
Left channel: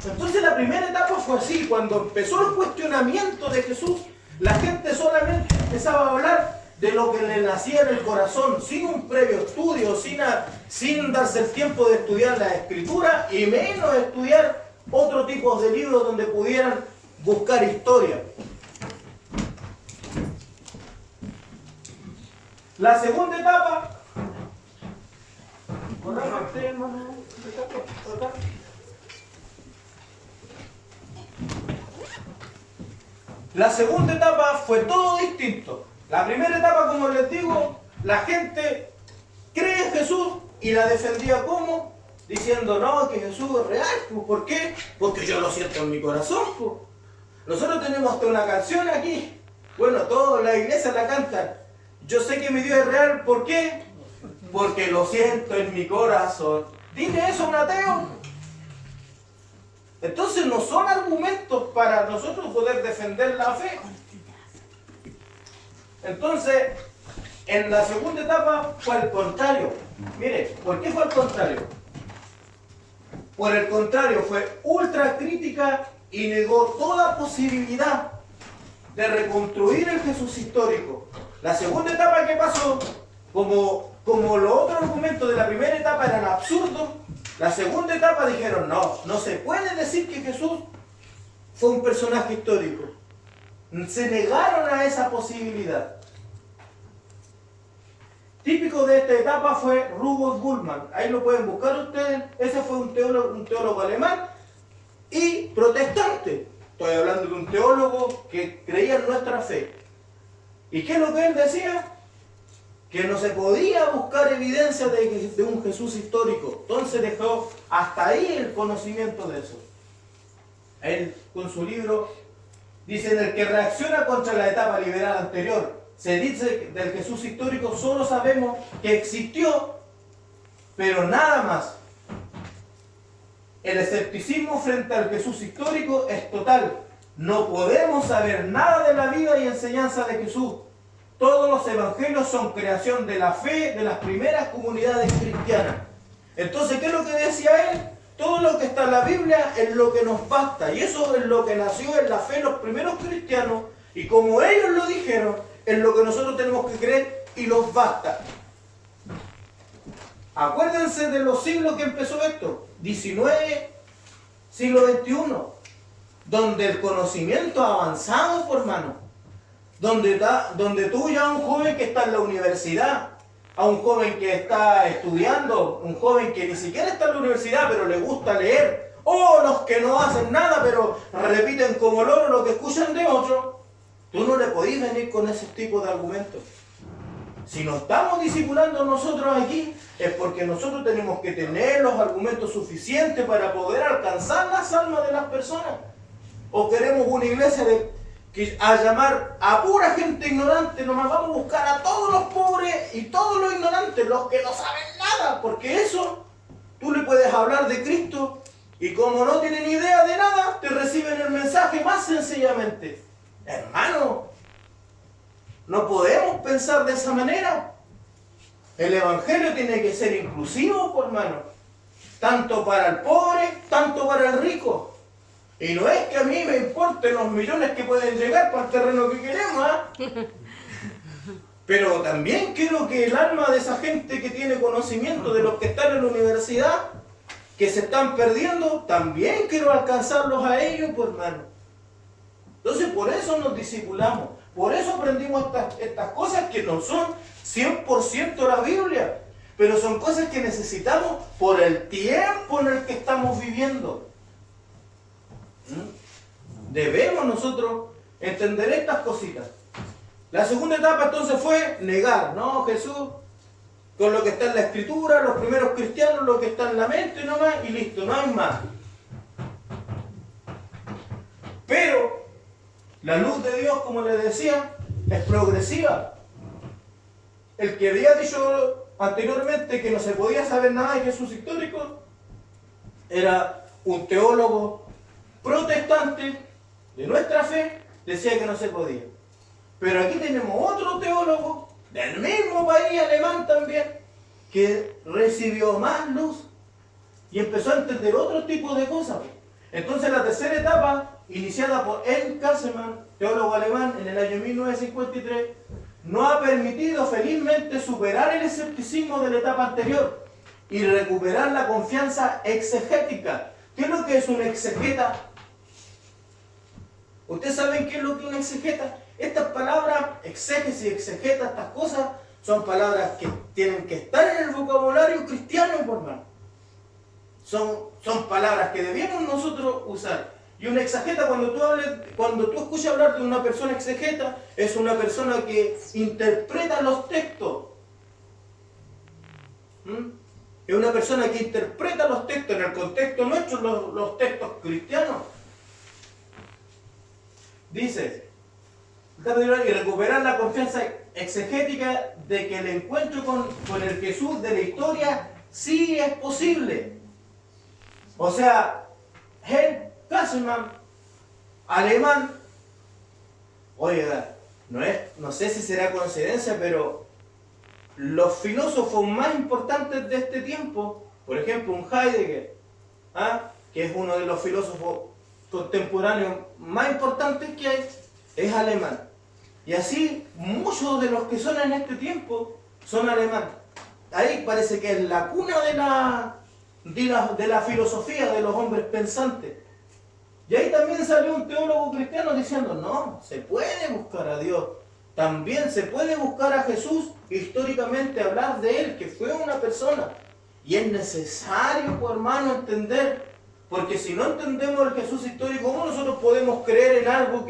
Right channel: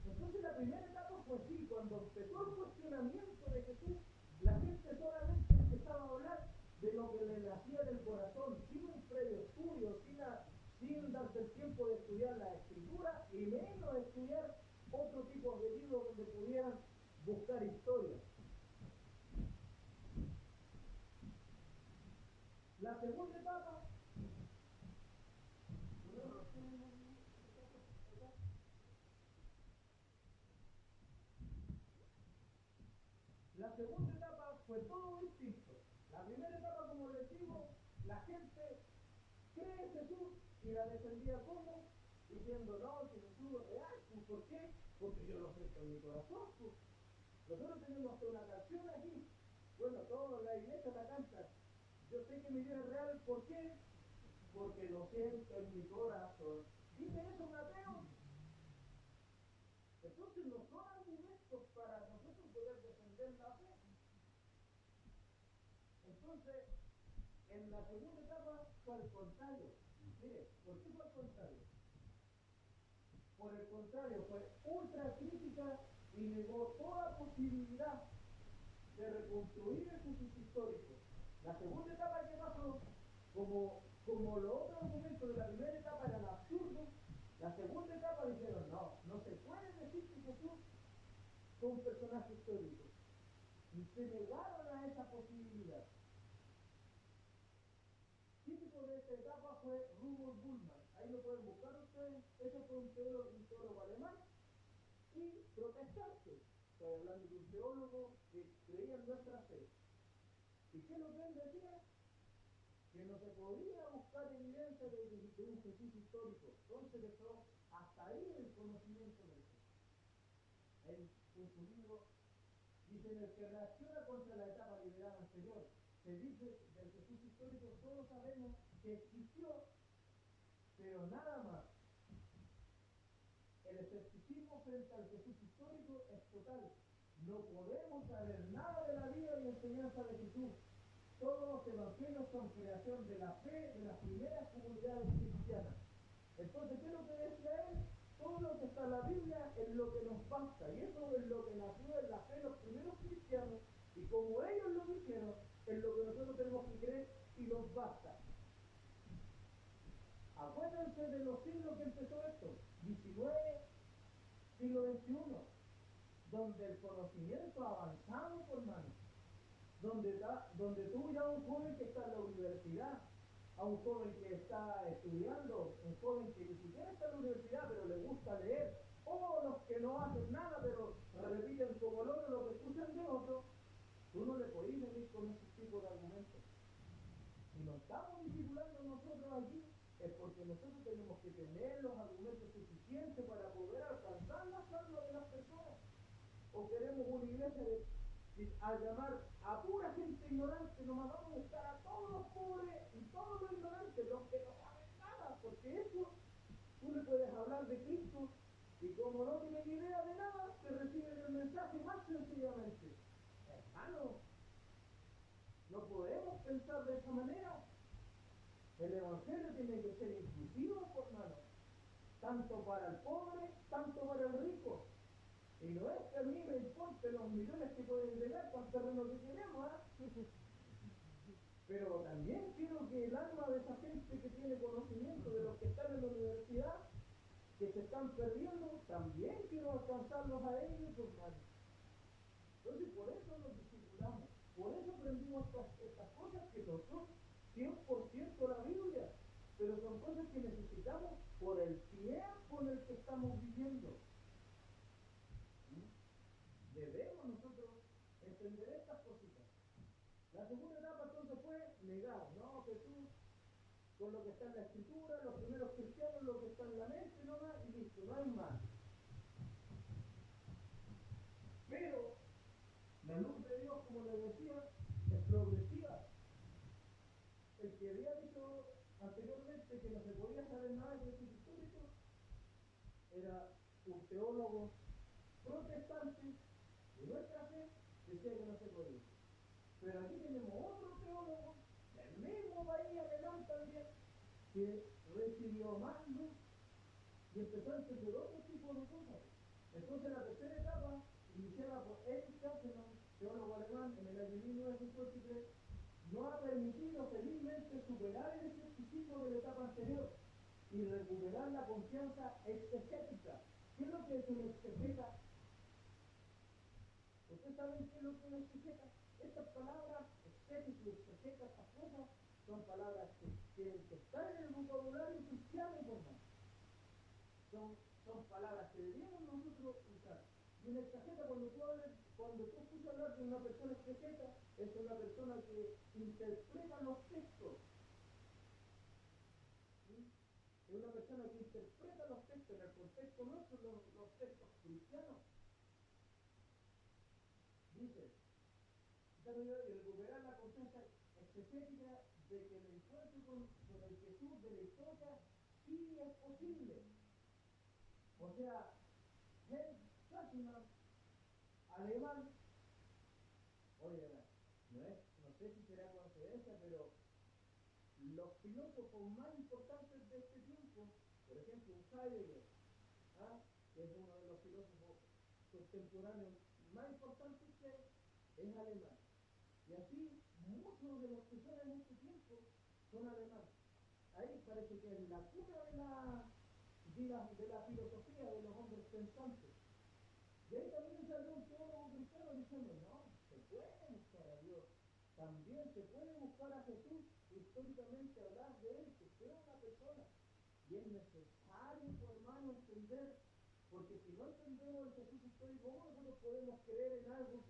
Entonces la primera etapa fue así. Cuando empezó el cuestionamiento de Jesús, la gente solamente empezaba a hablar de lo que le nacía en el corazón, sin un previo estudio, sin darse el tiempo de estudiar la escritura y menos estudiar otro tipo de libros donde pudieran buscar historia. La segunda etapa, fue todo distinto. La primera etapa, como les digo, la gente cree en Jesús y la defendía como diciendo, no, que Jesús es real. ¿Por qué? Porque yo lo siento en mi corazón. Nosotros tenemos hasta una canción aquí. Bueno, toda la iglesia la canta. Yo sé que mi Dios es real. ¿Por qué? Porque lo siento en mi corazón. ¿Dile eso a un ateo? Entonces no son argumentos para nosotros poder defender la fe. Entonces, en la segunda etapa fue al contrario. Mire, ¿por qué fue al contrario? Por el contrario, fue ultra crítica y negó toda posibilidad de reconstruir el Jesús histórico. La segunda etapa, ¿qué pasó? Como los otros argumentos de la primera etapa eran absurdos, la segunda etapa dijeron, no se puede decir que Jesús fue un personaje histórico. Se negaron a esa posibilidad. Típico de esta etapa fue Rudolf Bultmann. Ahí lo pueden buscar ustedes. Ese fue un teólogo alemán y protestante. Estoy hablando de un teólogo que creía en nuestra fe. ¿Y qué es lo que él decía? Que no se podía buscar evidencia de un Jesús histórico. Entonces dejó hasta ahí el conocimiento de eso. Él, con su libro, dice, en el que reacciona contra la etapa liberal anterior, se dice del Jesús histórico, solo sabemos que existió, pero nada más. El escepticismo frente al Jesús histórico es total. No podemos saber nada de la vida y enseñanza de Jesús. Todos los evangelios son creación de la fe de las primeras comunidades cristianas. Entonces, ¿qué es lo que decía él? Todo lo que está en la Biblia es lo que nos basta. Y eso es lo que nació en la fe de los primeros cristianos. Y como ellos lo dijeron, es lo que nosotros tenemos que creer y nos basta. Acuérdense de los siglos que empezó esto. 19, siglo XXI. Donde el conocimiento ha avanzado, por hermano. Donde tú ya a un joven que está en la universidad, a un joven que está estudiando, un joven que ni siquiera está en la universidad pero le gusta leer, o los que no hacen nada, pero repiten como loro lo que escuchan de otros, tú no le podés venir con ese tipo de argumentos. Si nos estamos discipulando nosotros aquí, es porque nosotros tenemos que tener los argumentos suficientes para poder alcanzar las almas de las personas. O queremos una iglesia a llamar a pura gente ignorante, nomás vamos a buscar a todos los pobres y todos los ignorantes, los que no saben nada, porque eso, tú le puedes hablar de Cristo y como no tienen idea de nada, te reciben el mensaje más sencillamente. Hermano, no podemos pensar de esa manera. El evangelio tiene que ser inclusivo, por hermano. Tanto para el pobre, tanto para el rico. Y no es que a mí me importen los millones que pueden llegar para el terreno que queremos, ¿eh? Pero también quiero que el alma de esa gente que tiene conocimiento, de los que están en la universidad, que se están perdiendo, también quiero alcanzarlos a ellos, por hermano. Entonces por eso nos discipulamos. Por eso aprendimos estas cosas que no son 100% la Biblia, pero son cosas que necesitamos por el tiempo en el que estamos viviendo. Debemos nosotros entender estas cositas. La segunda etapa entonces fue negar, ¿no? Jesús, con lo que está en la Escritura, los primeros cristianos, lo que está en la mente nomás, y listo, no hay más. Pero la luz de Dios, como les decía, es progresiva. El que había dicho anteriormente que no se podía saber nada de Jesús histórico era un teólogo protestante de nuestra fe, decía que no se podía. Pero aquí tenemos otro teólogo del mismo país alemán también, que recibió más luz y empezó a entender otro tipo de cosas. Entonces la tercera etapa, iniciada por Ernst Käsemann, teólogo alemán, en el año 1953, no ha permitido felizmente superar el escepticismo de la etapa anterior y recuperar la confianza exegética. ¿Qué es lo que es un exegeta? ¿Ustedes saben qué es lo que es un exegeta? Estas palabras, exégesis, exegeta, estas cosas, son palabras que tienen que estar en el vocabulario cristiano, por más. Son palabras que debemos nosotros usar. Y un exegeta, cuando tú escuchas hablar de una persona exegeta, es una persona que interpreta los textos. Es una persona que interpreta los textos en el contexto nuestro, los textos cristianos. Dice, y recuperar la confianza exegética de que el encuentro con el Jesús de la historia sí es posible. O sea, Ernst Käsemann, alemán, oiga, no sé si será coincidencia, pero los filósofos más importantes de este tiempo, por ejemplo, un Heidegger, que es uno de los filósofos contemporáneos más importantes que hay, es alemán. Y así, muchos de los que son en este tiempo son alemanes. Ahí parece que es la cuna de la filosofía de los hombres pensantes. Y ahí también salió un teólogo cristiano diciendo, no, se puede buscar a Dios. También se puede buscar a Jesús, históricamente hablar de Él, que fue una persona. Y es necesario, pues, hermano, entender, porque si no entendemos el Jesús histórico, ¿cómo nosotros podemos creer en algo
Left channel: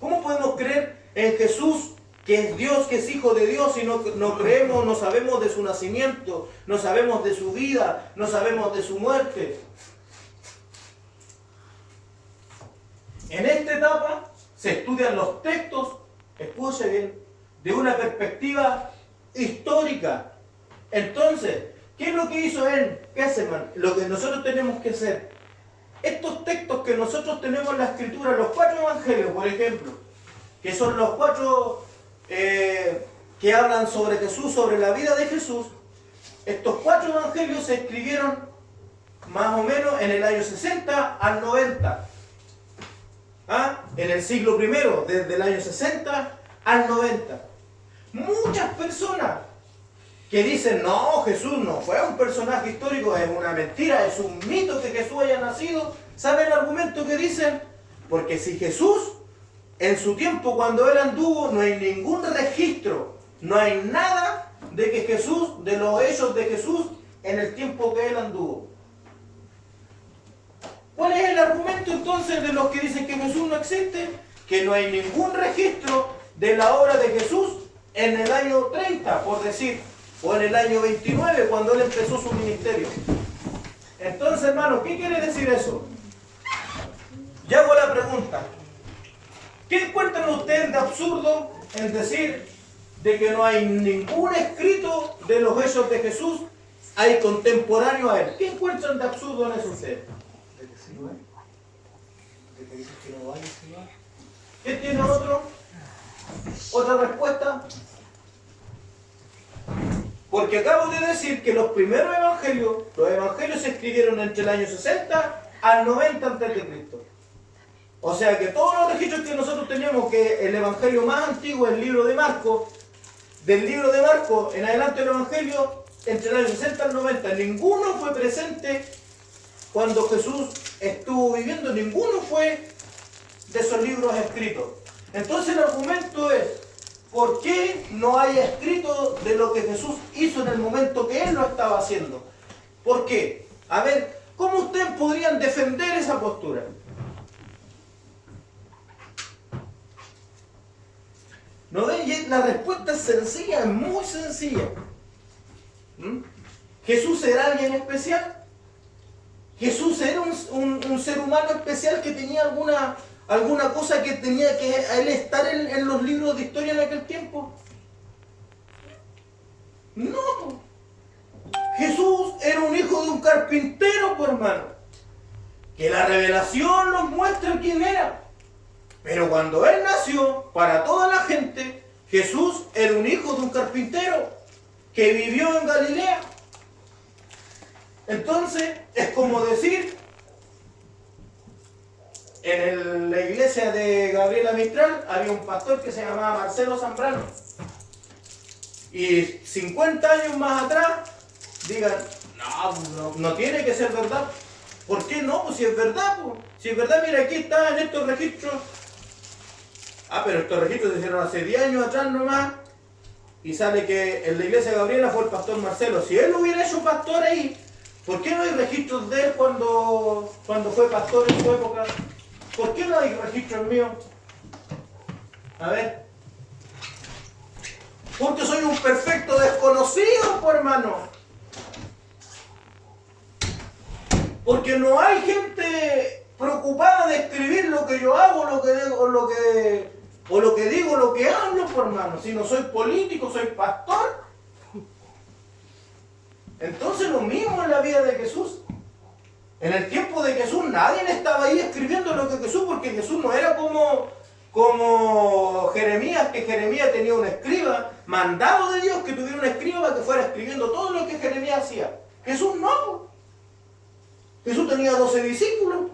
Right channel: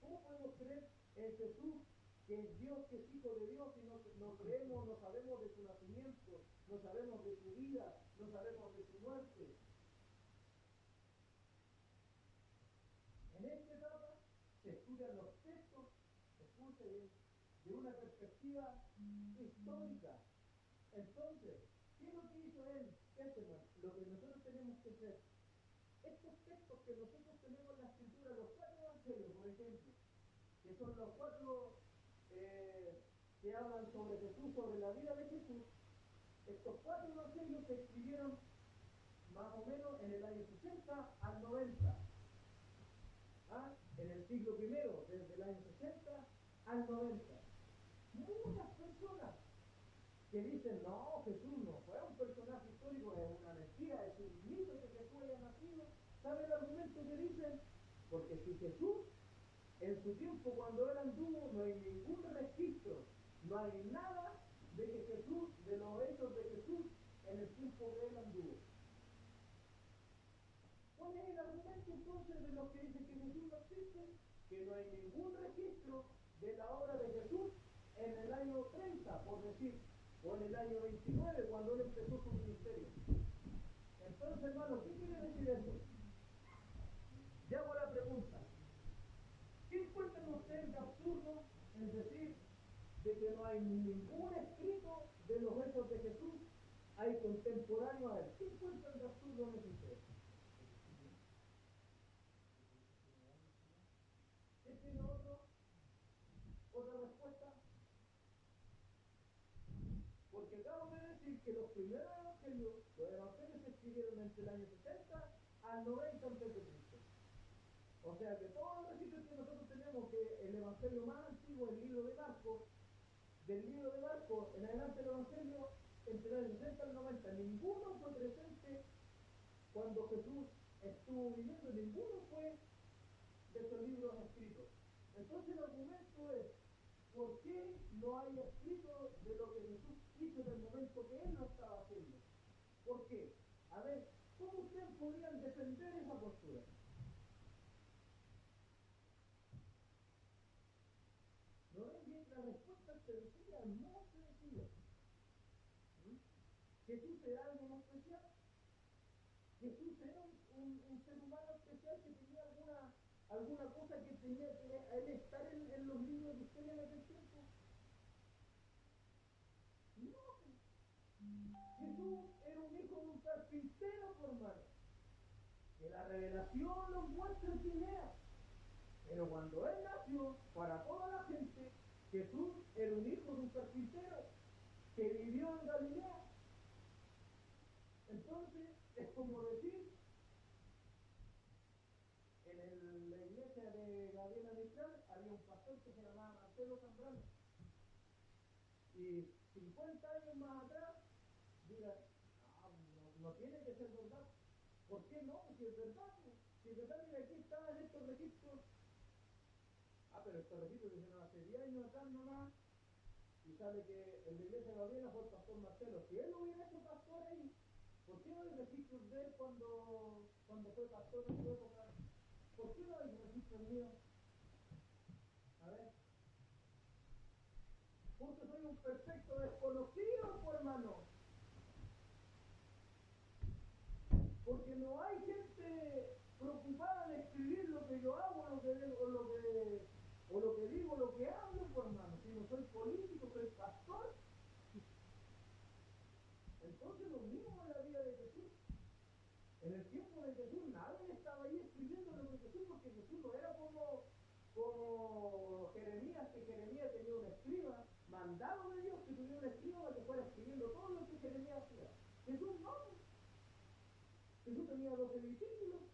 cómo podemos creer en Jesús, que es Dios, que es Hijo de Dios, si no creemos, no sabemos de su nacimiento, no sabemos de su vida, no sabemos de su muerte? En esta etapa se estudian los textos, escuche bien, de una perspectiva histórica. Entonces, ¿qué es lo que hizo Ernst Käsemann? Lo que nosotros tenemos que hacer. Estos textos que nosotros tenemos en la Escritura, los 4 evangelios, por ejemplo, que son los 4 que hablan sobre Jesús, sobre la vida de Jesús, estos 4 evangelios se escribieron más o menos en el año 60 al 90. En el siglo I, desde el año 60 al 90. Muchas personas que dicen, no, Jesús no fue un personaje histórico, es una mentira, es un mito que Jesús haya nacido. ¿Saben el argumento que dicen? Porque si Jesús, en su tiempo cuando Él anduvo, no hay ningún registro, no hay nada de que Jesús, de los hechos de Jesús, en el tiempo que Él anduvo. ¿Cuál es el argumento entonces de los que dicen que Jesús no existe? Que no hay ningún registro de la obra de Jesús en el año 30, por decir, o en el año 29, cuando Él empezó su ministerio. Entonces, hermano, ¿qué quiere decir eso? Ya hago la pregunta. ¿Qué encuentran ustedes de absurdo en decir de que no hay ningún escrito de los hechos de Jesús hay contemporáneo a Él? ¿Qué encuentran de absurdo en eso ustedes? ¿Qué tiene otro? ¿Otra respuesta? Porque acabo de decir que los primeros evangelios se escribieron entre el año 60 al 90 a.C. O sea que todos los registros que nosotros tenemos, que el evangelio más antiguo es el libro de Marcos, del libro de Marcos en adelante el evangelio, entre el año 60 al 90, ninguno fue presente cuando Jesús estuvo viviendo, ninguno fue de esos libros escritos. Entonces el argumento es, ¿por qué no hay escrito de lo que Jesús hizo en el momento que Él lo estaba haciendo? ¿Por qué? A ver, ¿cómo ustedes podrían defender esa postura? ¿No ven? Y la respuesta es sencilla, es muy sencilla. ¿Jesús era alguien especial? ¿Jesús era un ser humano especial que tenía alguna cosa que tenía que a él estar en los libros de historia en aquel tiempo? No. Jesús era un hijo de un carpintero, por hermano. Que la revelación nos muestra quién era. Pero cuando Él nació, para toda la gente, Jesús era un hijo de un carpintero que vivió en Galilea. Entonces, es como decir, en la iglesia de Gabriela Mistral había un pastor que se llamaba Marcelo Zambrano. Y 50 años más atrás, digan, no tiene que ser verdad. ¿Por qué no? Pues si es verdad, pues. Si es verdad, mira, aquí está en estos registros. Pero estos registros se hicieron hace 10 años atrás nomás. Y sale que en la iglesia de Gabriela fue el pastor Marcelo. Si él hubiera hecho pastor ahí, ¿por qué no hay registros de él cuando fue pastor en su época? ¿Por qué no hay registros míos? A ver. Porque soy un perfecto desconocido, pues, hermano. Porque no hay gente preocupada de escribir lo que yo hago, lo que digo, lo que hablo, por hermano. Si no soy político, soy pastor. Entonces lo mismo en la vida de Jesús. En el tiempo de Jesús nadie estaba ahí escribiendo lo que Jesús, porque Jesús no era como Jeremías, que Jeremías tenía un escriba, mandado de Dios que tuviera un escriba para que fuera escribiendo todo lo que Jeremías hacía. Jesús no. Jesús tenía 12 discípulos.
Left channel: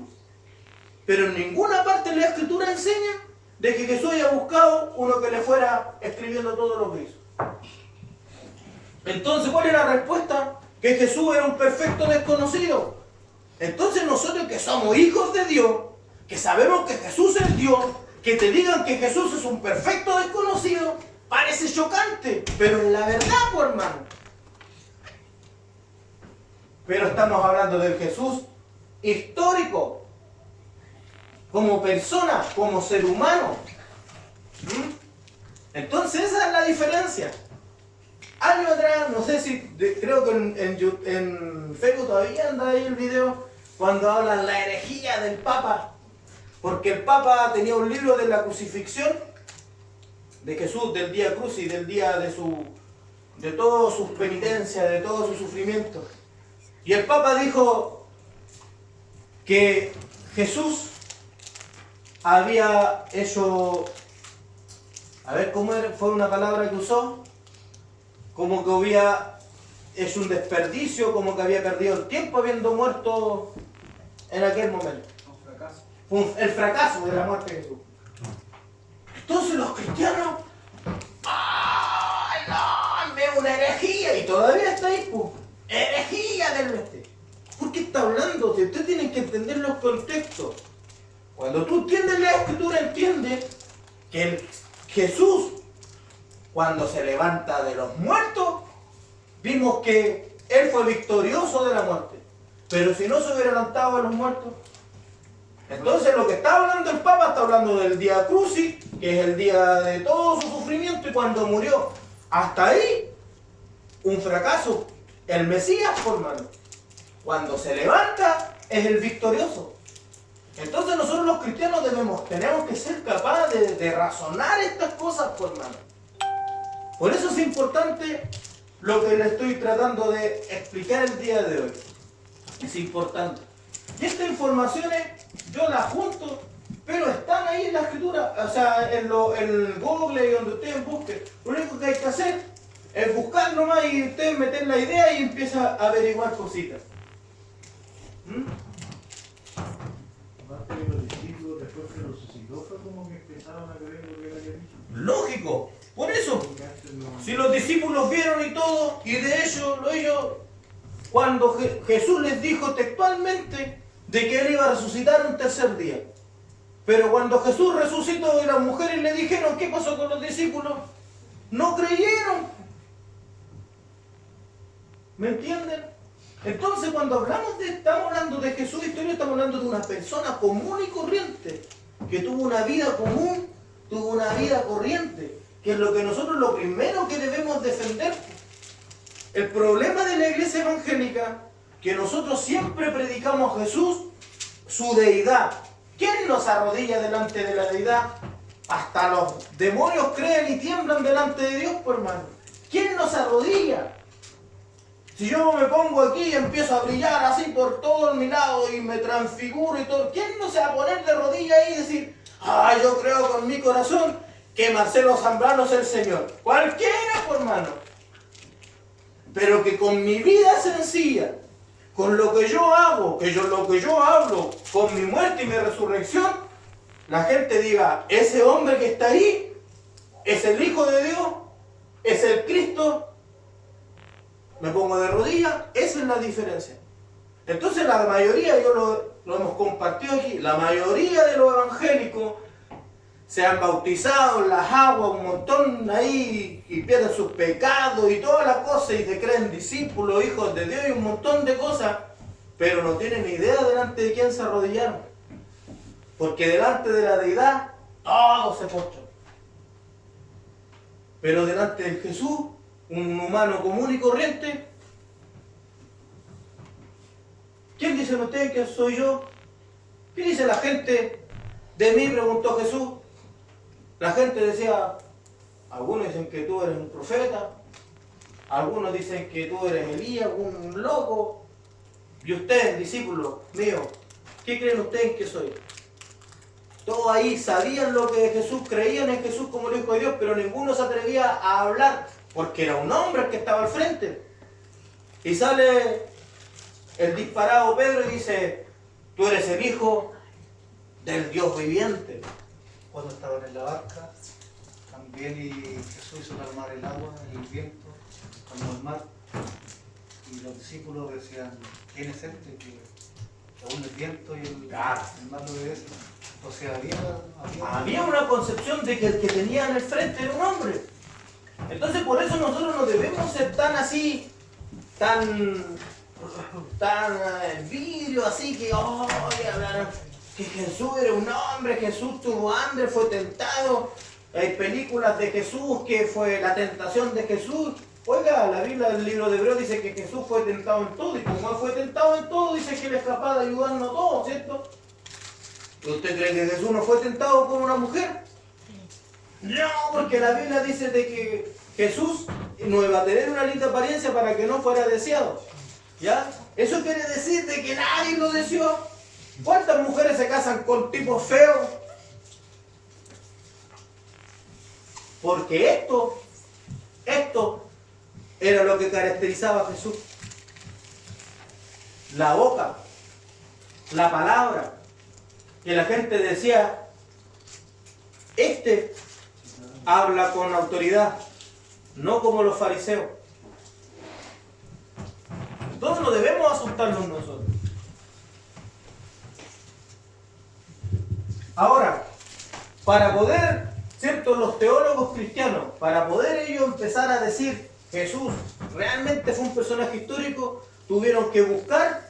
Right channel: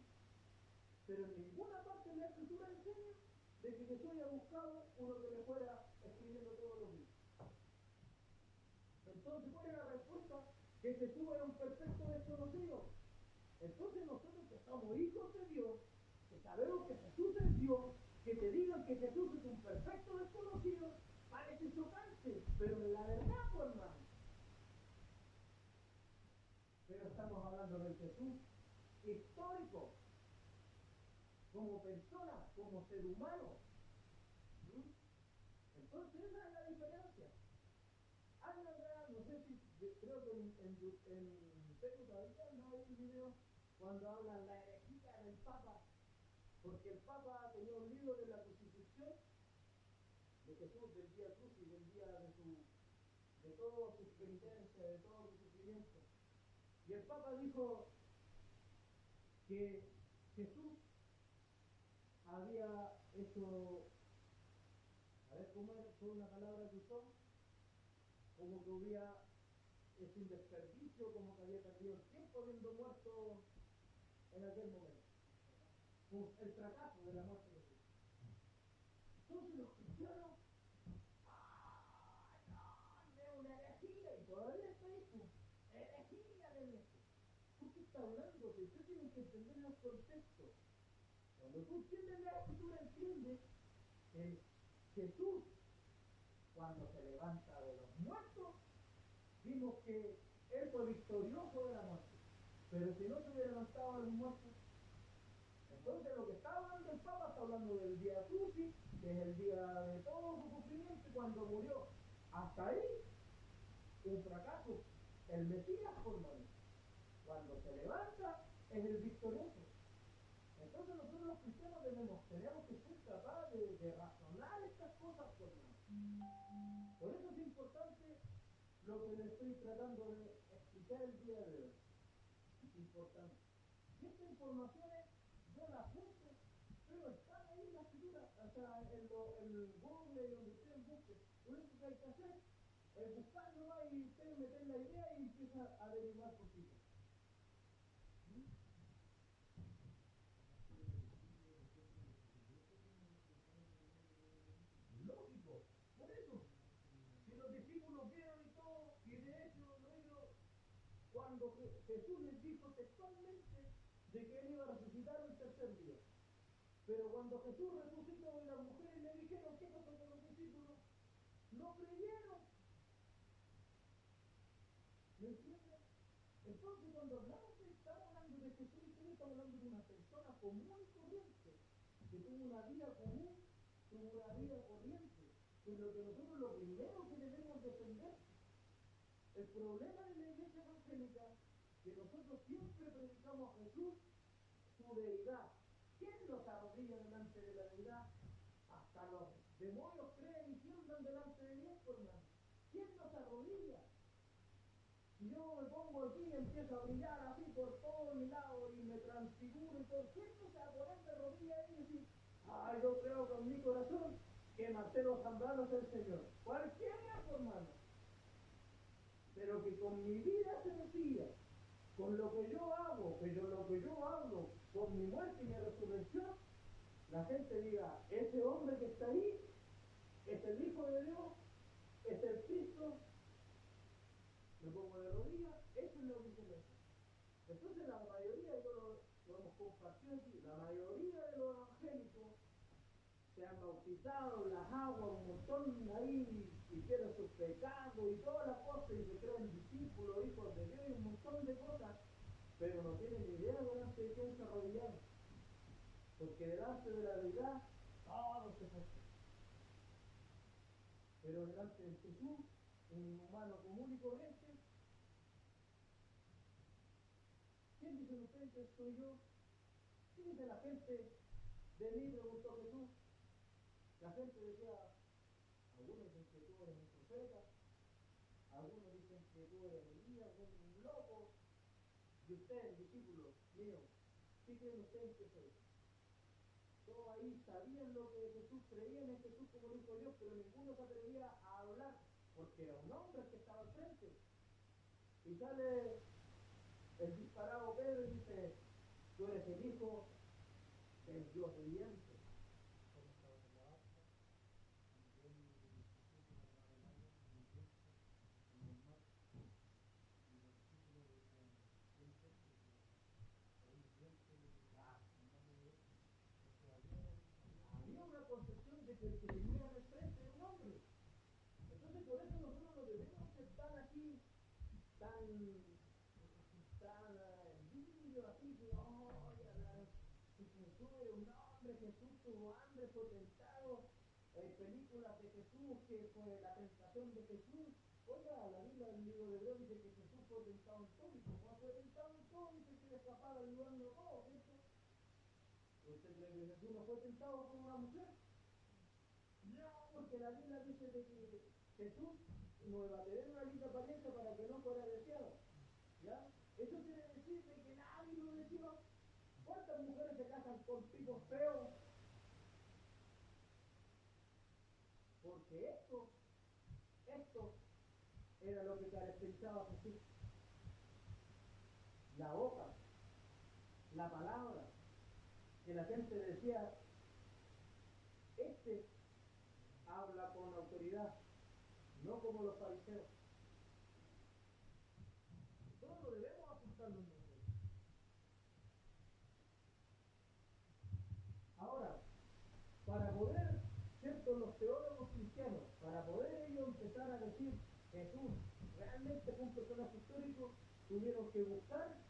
Pero en ninguna parte de la Escritura enseña de que Jesús haya buscado uno que le fuera escribiendo todo lo que hizo. Entonces, ¿cuál es la respuesta? Que Jesús era un perfecto desconocido. Entonces nosotros que somos hijos de Dios, que sabemos que Jesús es Dios, que te digan que Jesús es un perfecto desconocido, parece chocante, pero es la verdad, pues, hermano. Pero estamos hablando del Jesús histórico, como persona, como ser humano. Entonces esa es la diferencia. Años atrás, no sé si, creo que en Facebook todavía anda ahí el video, cuando hablan la herejía del Papa, porque el Papa tenía un libro de la crucifixión de Jesús, del día cruz y del día de todas sus penitencias, de todo su sufrimiento. Y el Papa dijo que Jesús había hecho, a ver cómo fue una palabra que usó, como que había hecho un desperdicio, como que había perdido el tiempo habiendo muerto en aquel momento. Un fracaso. El fracaso de la muerte de Jesús. Entonces los cristianos, ¡ay, no! Es una herejía, y todavía está ahí, pues. Herejía del oeste. ¿Por qué está hablando? Si usted tiene que entender los contextos. Cuando tú entiendes la Escritura, entiendes que Jesús, cuando se levanta de los muertos, vimos que Él fue victorioso de la muerte. Pero si no se hubiera levantado de los muertos, Entonces lo que está hablando el Papa está hablando del día Crucis, que es el día de todo su sufrimiento, y cuando murió. Hasta ahí, un fracaso. El Mesías, hermano, cuando se levanta, es el victorioso. Entonces nosotros los cristianos tenemos que ser capaces de razonar estas cosas, hermano. Por eso es importante lo que le estoy tratando de explicar el día de hoy. Es importante. Y estas informaciones yo las junto, pero están ahí en la escritura, o sea, en Google y donde ustedes busquen. Lo único que hay que hacer es buscar nomás y ustedes meter la idea y empiezan a averiguar cositas. Aparte de los discípulos, después que lo resucitó, fue como que empezaron a creer lo que él había dicho. Lógico, por eso. Porque antes no- Si los discípulos vieron y todo, y de ellos, cuando Jesús les dijo textualmente de que él iba a resucitar un tercer día. Pero cuando Jesús resucitó y las mujeres le dijeron qué pasó con los discípulos, no creyeron. ¿Me entienden? Entonces cuando estamos hablando de Jesús histórico, estamos hablando de una persona común y corriente, que tuvo una vida común, tuvo una vida corriente, que es lo que nosotros lo primero que debemos defender. El problema de la iglesia evangélica, que nosotros siempre predicamos a Jesús, su deidad. ¿Quién nos arrodilla delante de la deidad? Hasta los demonios creen y tiemblan delante de Dios, pues, hermano. ¿Quién nos arrodilla? Si yo me pongo aquí y empiezo a brillar así por todo mi lado y me transfiguro y todo, ¿quién no se va a poner de rodilla ahí y decir, yo creo con mi corazón que Marcelo Zambrano es el Señor? Cualquiera, pues, hermano. Pero que con mi vida sencilla, con lo que yo hago, lo que yo hablo, con mi muerte y mi resurrección, la gente diga, ese hombre que está ahí es el Hijo de Dios, es el Cristo. Me pongo de rodillas, esa es la diferencia. Entonces la mayoría, lo hemos compartido aquí, la mayoría de los evangélicos se han bautizado en las aguas un montón ahí y pierden sus pecados y todas las cosas y se creen discípulos, hijos de Dios y un montón de cosas, pero no tienen ni idea delante de quién se arrodillaron. Porque delante de la deidad todos se postran. Pero delante de Jesús, un humano común y corriente, ¿quién dicen ustedes que soy yo? ¿Qué dice la gente de mí? Preguntó Jesús. La gente decía, algunos dicen que tú eres un profeta, algunos dicen que tú eres Elías, un loco. Y ustedes, discípulos míos, ¿qué creen ustedes que soy? Todos ahí sabían lo que Jesús, creían en Jesús como el Hijo de Dios, pero ninguno se atrevía a hablar, porque era un hombre el que estaba al frente. Y sale el disparado Pedro y dice, tú eres el Hijo del Dios viviente. Cuando estaban en la barca, también y Jesús hizo calmar el agua, el viento, calmó el mar. Y los discípulos decían, ¿quién es este que aún el viento y el mar lo obedecen? O sea, Había una concepción de que el que tenía en el frente era un hombre. Entonces por eso nosotros no debemos ser tan así, tan vidrio así que que Jesús era un hombre, Jesús tuvo hambre, fue tentado. Hay películas de Jesús que fue la tentación de Jesús. Oiga, la Biblia del libro de Hebreos dice que Jesús fue tentado en todo, y como él fue tentado en todo, dice que él es capaz de ayudarnos a todos, ¿cierto? ¿Usted cree que Jesús no fue tentado con una mujer? No, porque la Biblia dice de que Jesús no iba a tener una linda apariencia para que no fuera deseado. ¿Ya? Eso quiere decir de que nadie lo deseó. ¿Cuántas mujeres se casan con tipos feos? Porque esto era lo que caracterizaba a Jesús. La boca, la palabra, que la gente decía, este habla con autoridad, no como los fariseos. Entonces no debemos asustarnos nosotros. Ahora, para poder, ¿cierto?, los teólogos cristianos, para poder ellos empezar a decir Jesús realmente fue un personaje histórico, tuvieron que buscar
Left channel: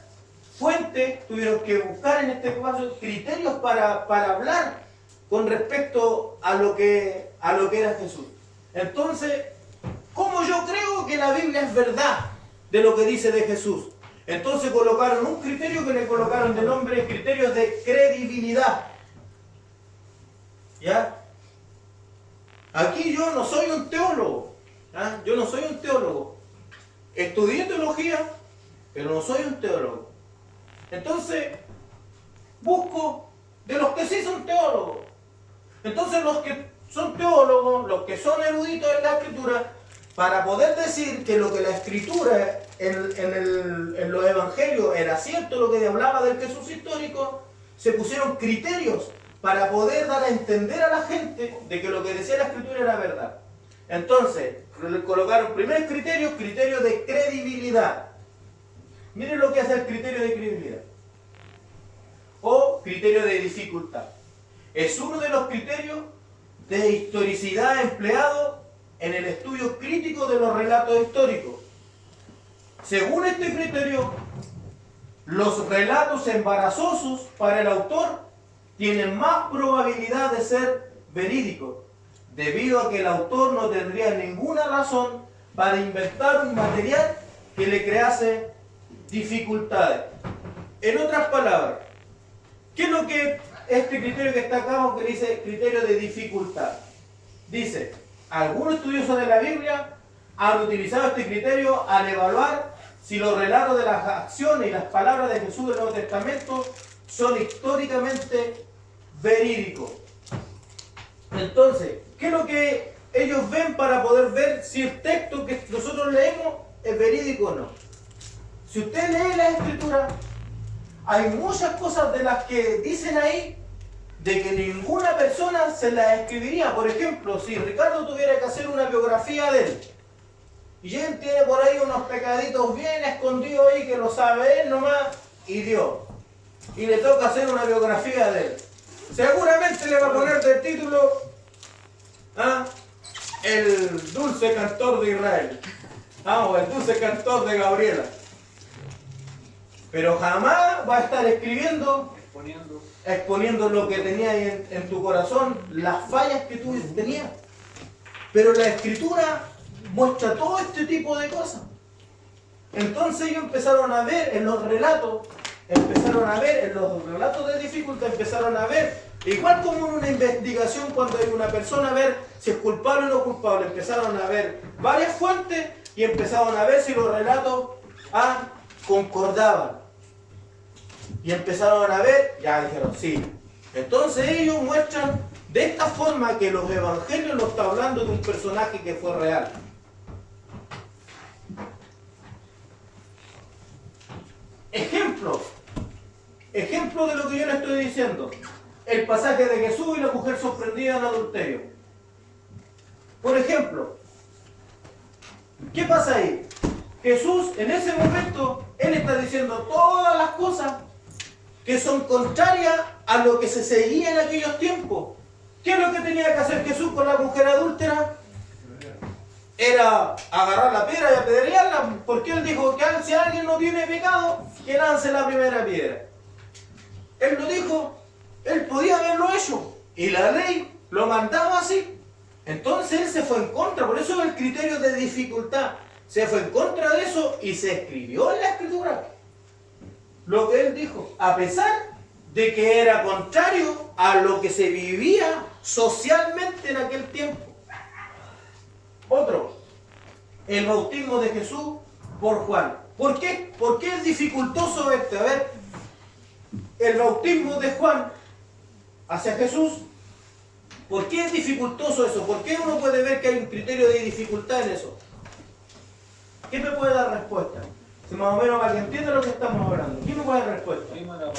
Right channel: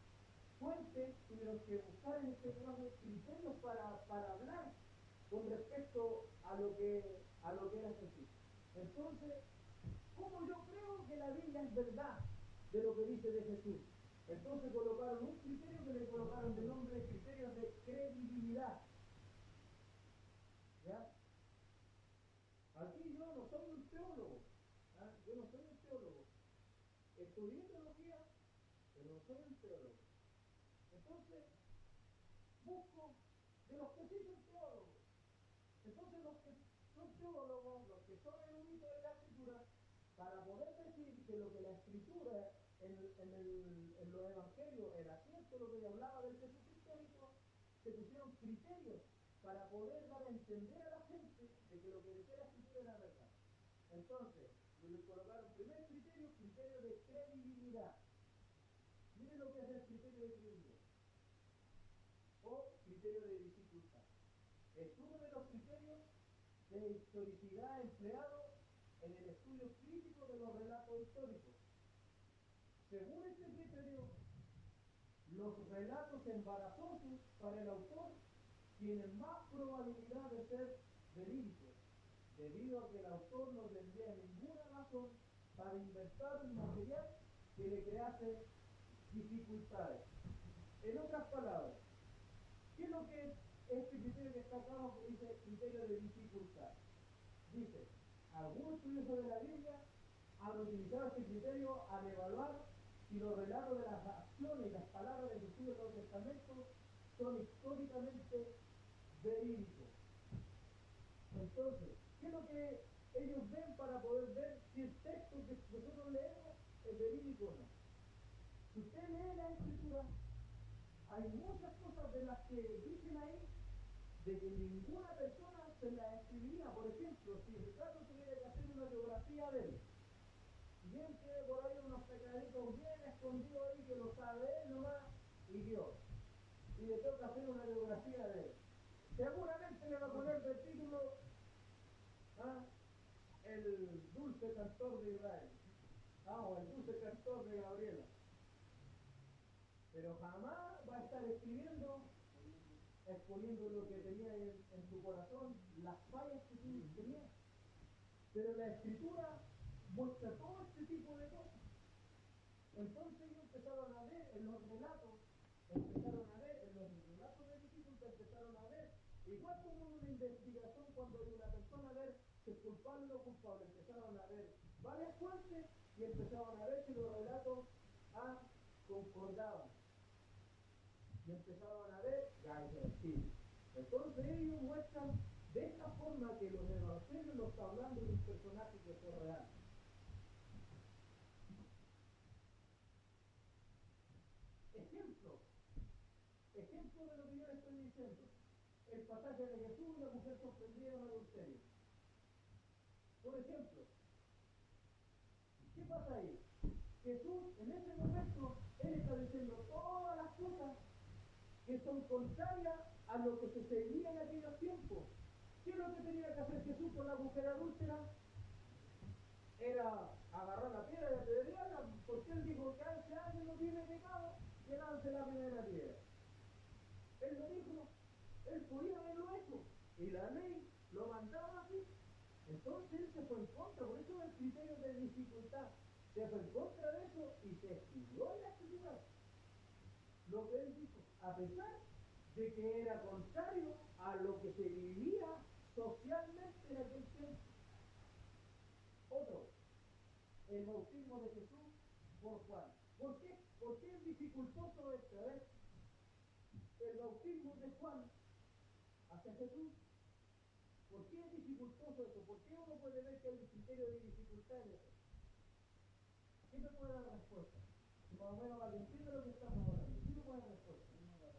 fuentes, tuvieron que buscar en este caso criterios para hablar con respecto a lo que era Jesús. Entonces, ¿cómo yo creo que la Biblia es verdad de lo que dice de Jesús? Entonces colocaron un criterio que le colocaron de nombre criterios de credibilidad. ¿Ya? Aquí yo no soy un teólogo. ¿Ah? Yo no soy un teólogo. Estudié teología, pero no soy un teólogo. Entonces, busco de los que sí son teólogos. Entonces, los que son teólogos, los que son eruditos en la Escritura, para poder decir que lo que la Escritura en los Evangelios era cierto, lo que hablaba del Jesús histórico, se pusieron criterios para poder dar a entender a la gente de que lo que decía la Escritura era verdad. Entonces, le colocaron primer criterio de credibilidad. Miren lo que hace el criterio de credibilidad. O criterio de dificultad. Es uno de los criterios de historicidad empleado en el estudio crítico de los relatos históricos. Según este criterio, los relatos embarazosos para el autor tienen más probabilidad de ser verídicos, debido a que el autor no tendría ninguna razón para inventar un material que le crease dificultades. En otras palabras, ¿qué es lo que este criterio que está acá, que dice criterio de dificultad? Dice, algunos estudiosos de la Biblia han utilizado este criterio al evaluar si los relatos de las acciones y las palabras de Jesús del Nuevo Testamento son históricamente verídicos. Entonces, ¿qué es lo que ellos ven para poder ver si el texto que nosotros leemos es verídico o no? Si usted lee la Escritura, hay muchas cosas de las que dicen ahí de que ninguna persona se las escribiría. Por ejemplo, si Ricardo tuviera que hacer una biografía de él, y él tiene por ahí unos pecaditos bien escondidos ahí que lo sabe él nomás y Dios, y le toca hacer una biografía de él, seguramente le va a poner del título el dulce cantor de Israel, o el dulce cantor de Gabriela, pero jamás va a estar exponiendo lo que tenía en tu corazón, las fallas que tú tenías. Pero la Escritura muestra todo este tipo de cosas. Entonces ellos empezaron a ver en los relatos, de dificultad, empezaron a ver, igual como en una investigación cuando hay una persona a ver si es culpable o no culpable, empezaron a ver varias fuentes y empezaron a ver si los relatos concordaban. Y empezaron a ver, ya dijeron, sí. Entonces ellos muestran de esta forma que los evangelios nos está hablando de un personaje que fue real. Ejemplo de lo que yo le estoy diciendo. El pasaje de Jesús y la mujer sorprendida en adulterio. Por ejemplo, ¿qué pasa ahí? Jesús en ese momento, Él está diciendo todas las cosas que son contrarias a lo que se seguía en aquellos tiempos. ¿Qué es lo que tenía que hacer Jesús con la mujer adúltera? Era agarrar la piedra y apedrearla, porque Él dijo que si alguien no tiene pecado, que lance la primera piedra. Él lo dijo, Él podía haberlo hecho, y la ley lo mandaba así. Entonces Él se fue en contra, por eso el criterio de dificultad. Se fue en contra de eso y se escribió en la Escritura lo que Él dijo, a pesar de que era contrario a lo que se vivía socialmente en aquel tiempo. Otro, el bautismo de Jesús por Juan. ¿Por qué? ¿Por qué es dificultoso este? A ver, el bautismo de Juan hacia Jesús, ¿por qué es dificultoso eso? ¿Por qué uno puede ver que hay un criterio de dificultad en eso? ¿Quién me puede dar respuesta? Si más o menos para que entienda lo que estamos hablando. ¿Quién me puede dar respuesta? Era para los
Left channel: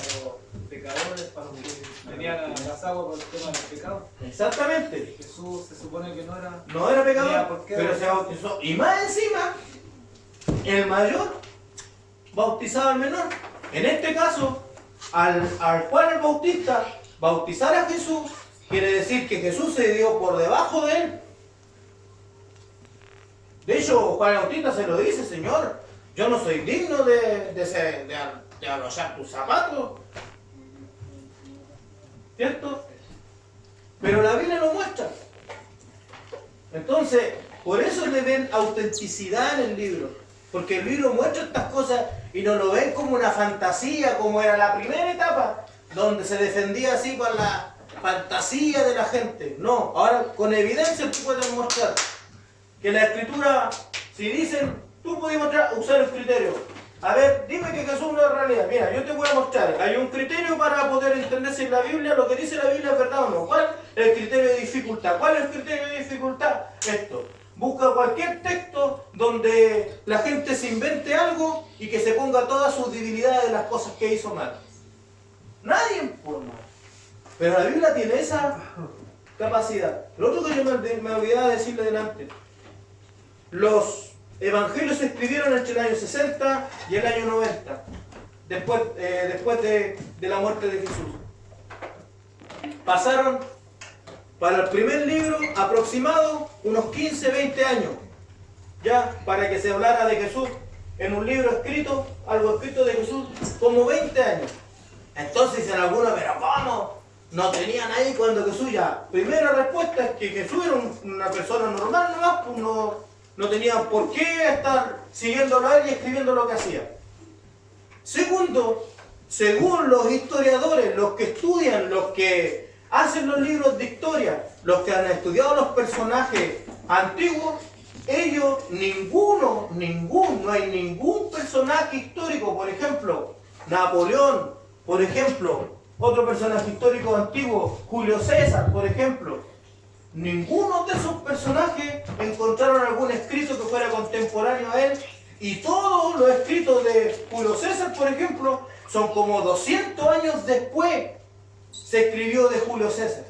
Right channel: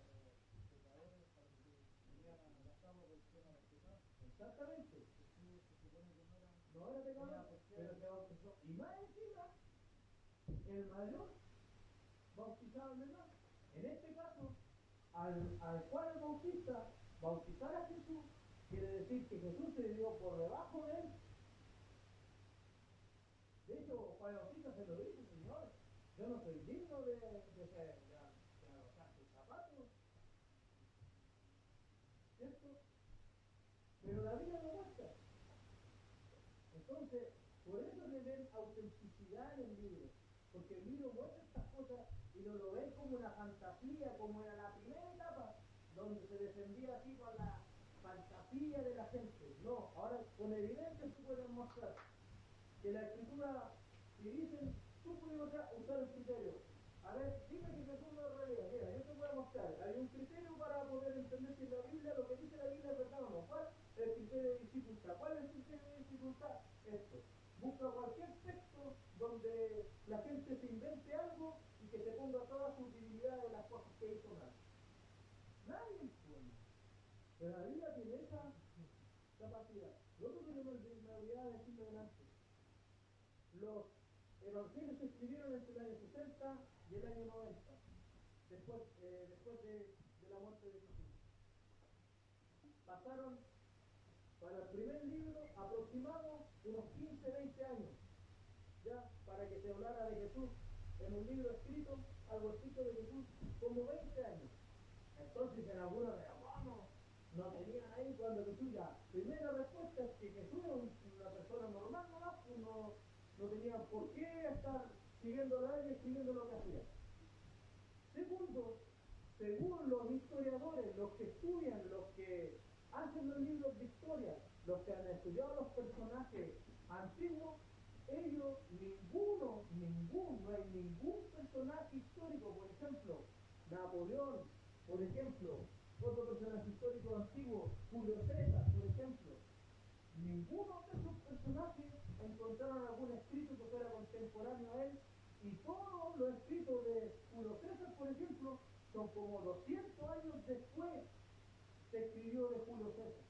pecadores, para los que tenían las aguas por el tema de los pecados. Exactamente. Jesús se supone que no era pecador, pero se bautizó. Y más encima, el mayor bautizaba al menor. En este caso, al Juan el Bautista bautizar a Jesús, quiere decir que Jesús se dio por debajo de él. De hecho, Juan el Bautista se lo dice, Señor, yo no soy digno de te van a hoyar tus zapatos. ¿Cierto? Pero la Biblia lo muestra. Entonces, por eso le ven autenticidad en el libro. Porque el libro muestra estas cosas y no lo ven como una fantasía, como era la primera etapa, donde se defendía así con la fantasía de la gente. No, ahora con evidencia tú puedes mostrar que la escritura, si dicen, tú puedes usar el criterio. A ver, dime que Jesús no es realidad. Mira, yo te voy a mostrar. Hay un criterio para poder entender si la Biblia, lo que dice la Biblia es verdad o no. ¿Cuál es el criterio de dificultad? ¿Cuál es el criterio de dificultad? Esto. Busca cualquier texto donde la gente se invente algo y que se ponga todas sus debilidades de las cosas que hizo mal. Nadie por mal. Pero la Biblia tiene esa capacidad. Lo otro que yo me olvidaba decirle delante. Los evangelios se escribieron entre el año 60 y el año 90, después de la muerte de Jesús. Pasaron para el primer libro aproximado unos 15, 20 años, ya para que se hablara de Jesús en un libro escrito, algo escrito de Jesús, como 20 años. Entonces dicen algunos, pero ¿cómo? No tenían ahí cuando Jesús ya. Primera respuesta es que Jesús era una persona normal nomás, pues no tenían por qué estar siguiéndolo a él y escribiendo lo que hacía. Segundo, según los historiadores, los que estudian, los que hacen los libros de historia, los que han estudiado los personajes antiguos, ellos, no hay ningún personaje histórico, por ejemplo, Napoleón, por ejemplo, otro personaje histórico antiguo, Julio César, por ejemplo. Ninguno de esos personajes encontraron algún escrito que fuera contemporáneo a él, y todos los escritos de Julio César, por ejemplo, son como 200 años después se escribió de Julio César.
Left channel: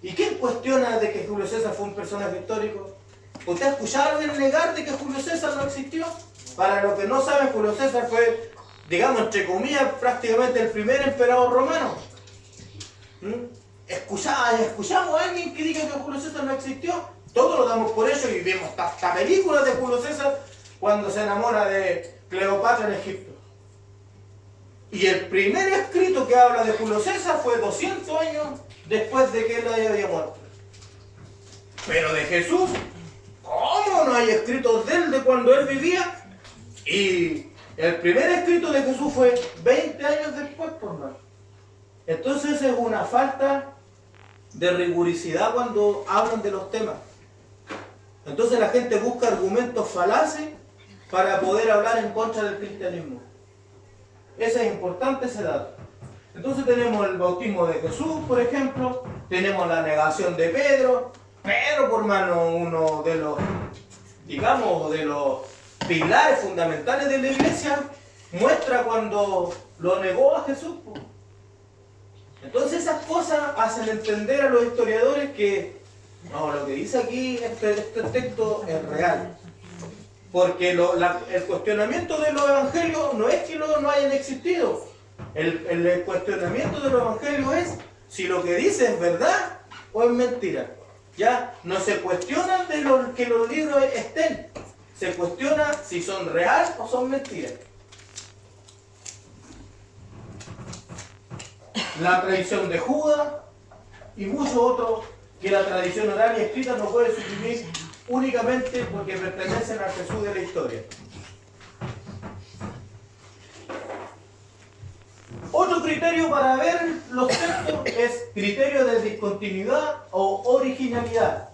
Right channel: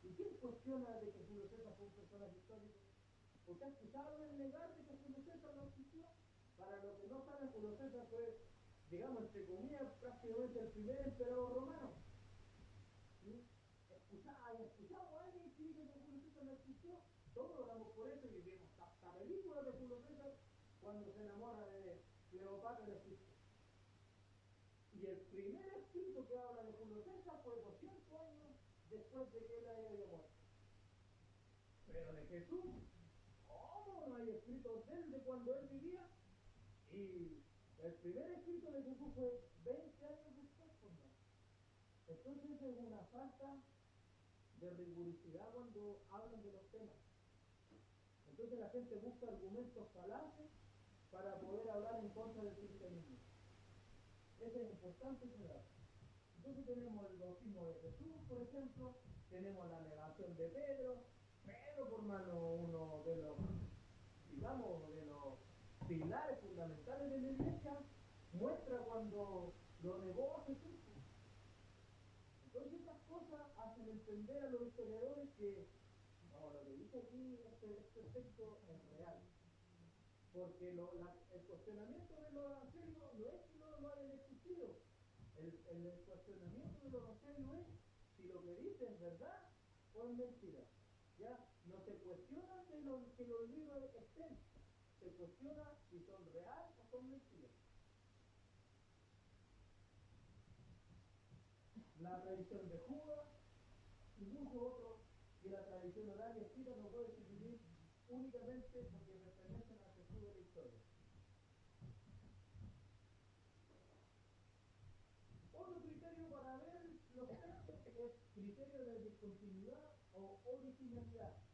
¿Y quién cuestiona de que Julio César fue un personaje histórico? ¿Usted ha escuchado a alguien negar de que Julio César no existió? Para los que no saben, Julio César fue, digamos, entre comillas, prácticamente el primer emperador romano. ¿Escuchamos a alguien que diga que Julio César no existió? Todos lo damos por hecho y vemos hasta películas de Julio César cuando se enamora de Cleopatra en Egipto. Y el primer escrito que habla de Julio César fue 200 años después de que él había muerto. Pero de Jesús, ¿cómo no hay escritos de él de cuando él vivía? Y el primer escrito de Jesús fue 20 años después, por más. Entonces es una falta de rigurosidad cuando hablan de los temas. Entonces la gente busca argumentos falaces para poder hablar en contra del cristianismo. Ese es importante, ese dato. Entonces tenemos el bautismo de Jesús, por ejemplo, tenemos la negación de Pedro. Pedro, por mano, uno de los, digamos, de los pilares fundamentales de la iglesia, muestra cuando lo negó a Jesús. Entonces esas cosas hacen entender a los historiadores que no, lo que dice aquí este texto es real. Porque el cuestionamiento de los evangelios no es que no hayan existido. El cuestionamiento de los evangelios es si lo que dice es verdad o es mentira. Ya no se cuestiona de que los libros estén. Se cuestiona si son reales o son mentiras. La tradición de Judas y muchos otros que la tradición oral y escrita no puede suprimir únicamente porque pertenecen al Jesús de la historia. Otro criterio para ver los textos es criterio de discontinuidad o originalidad.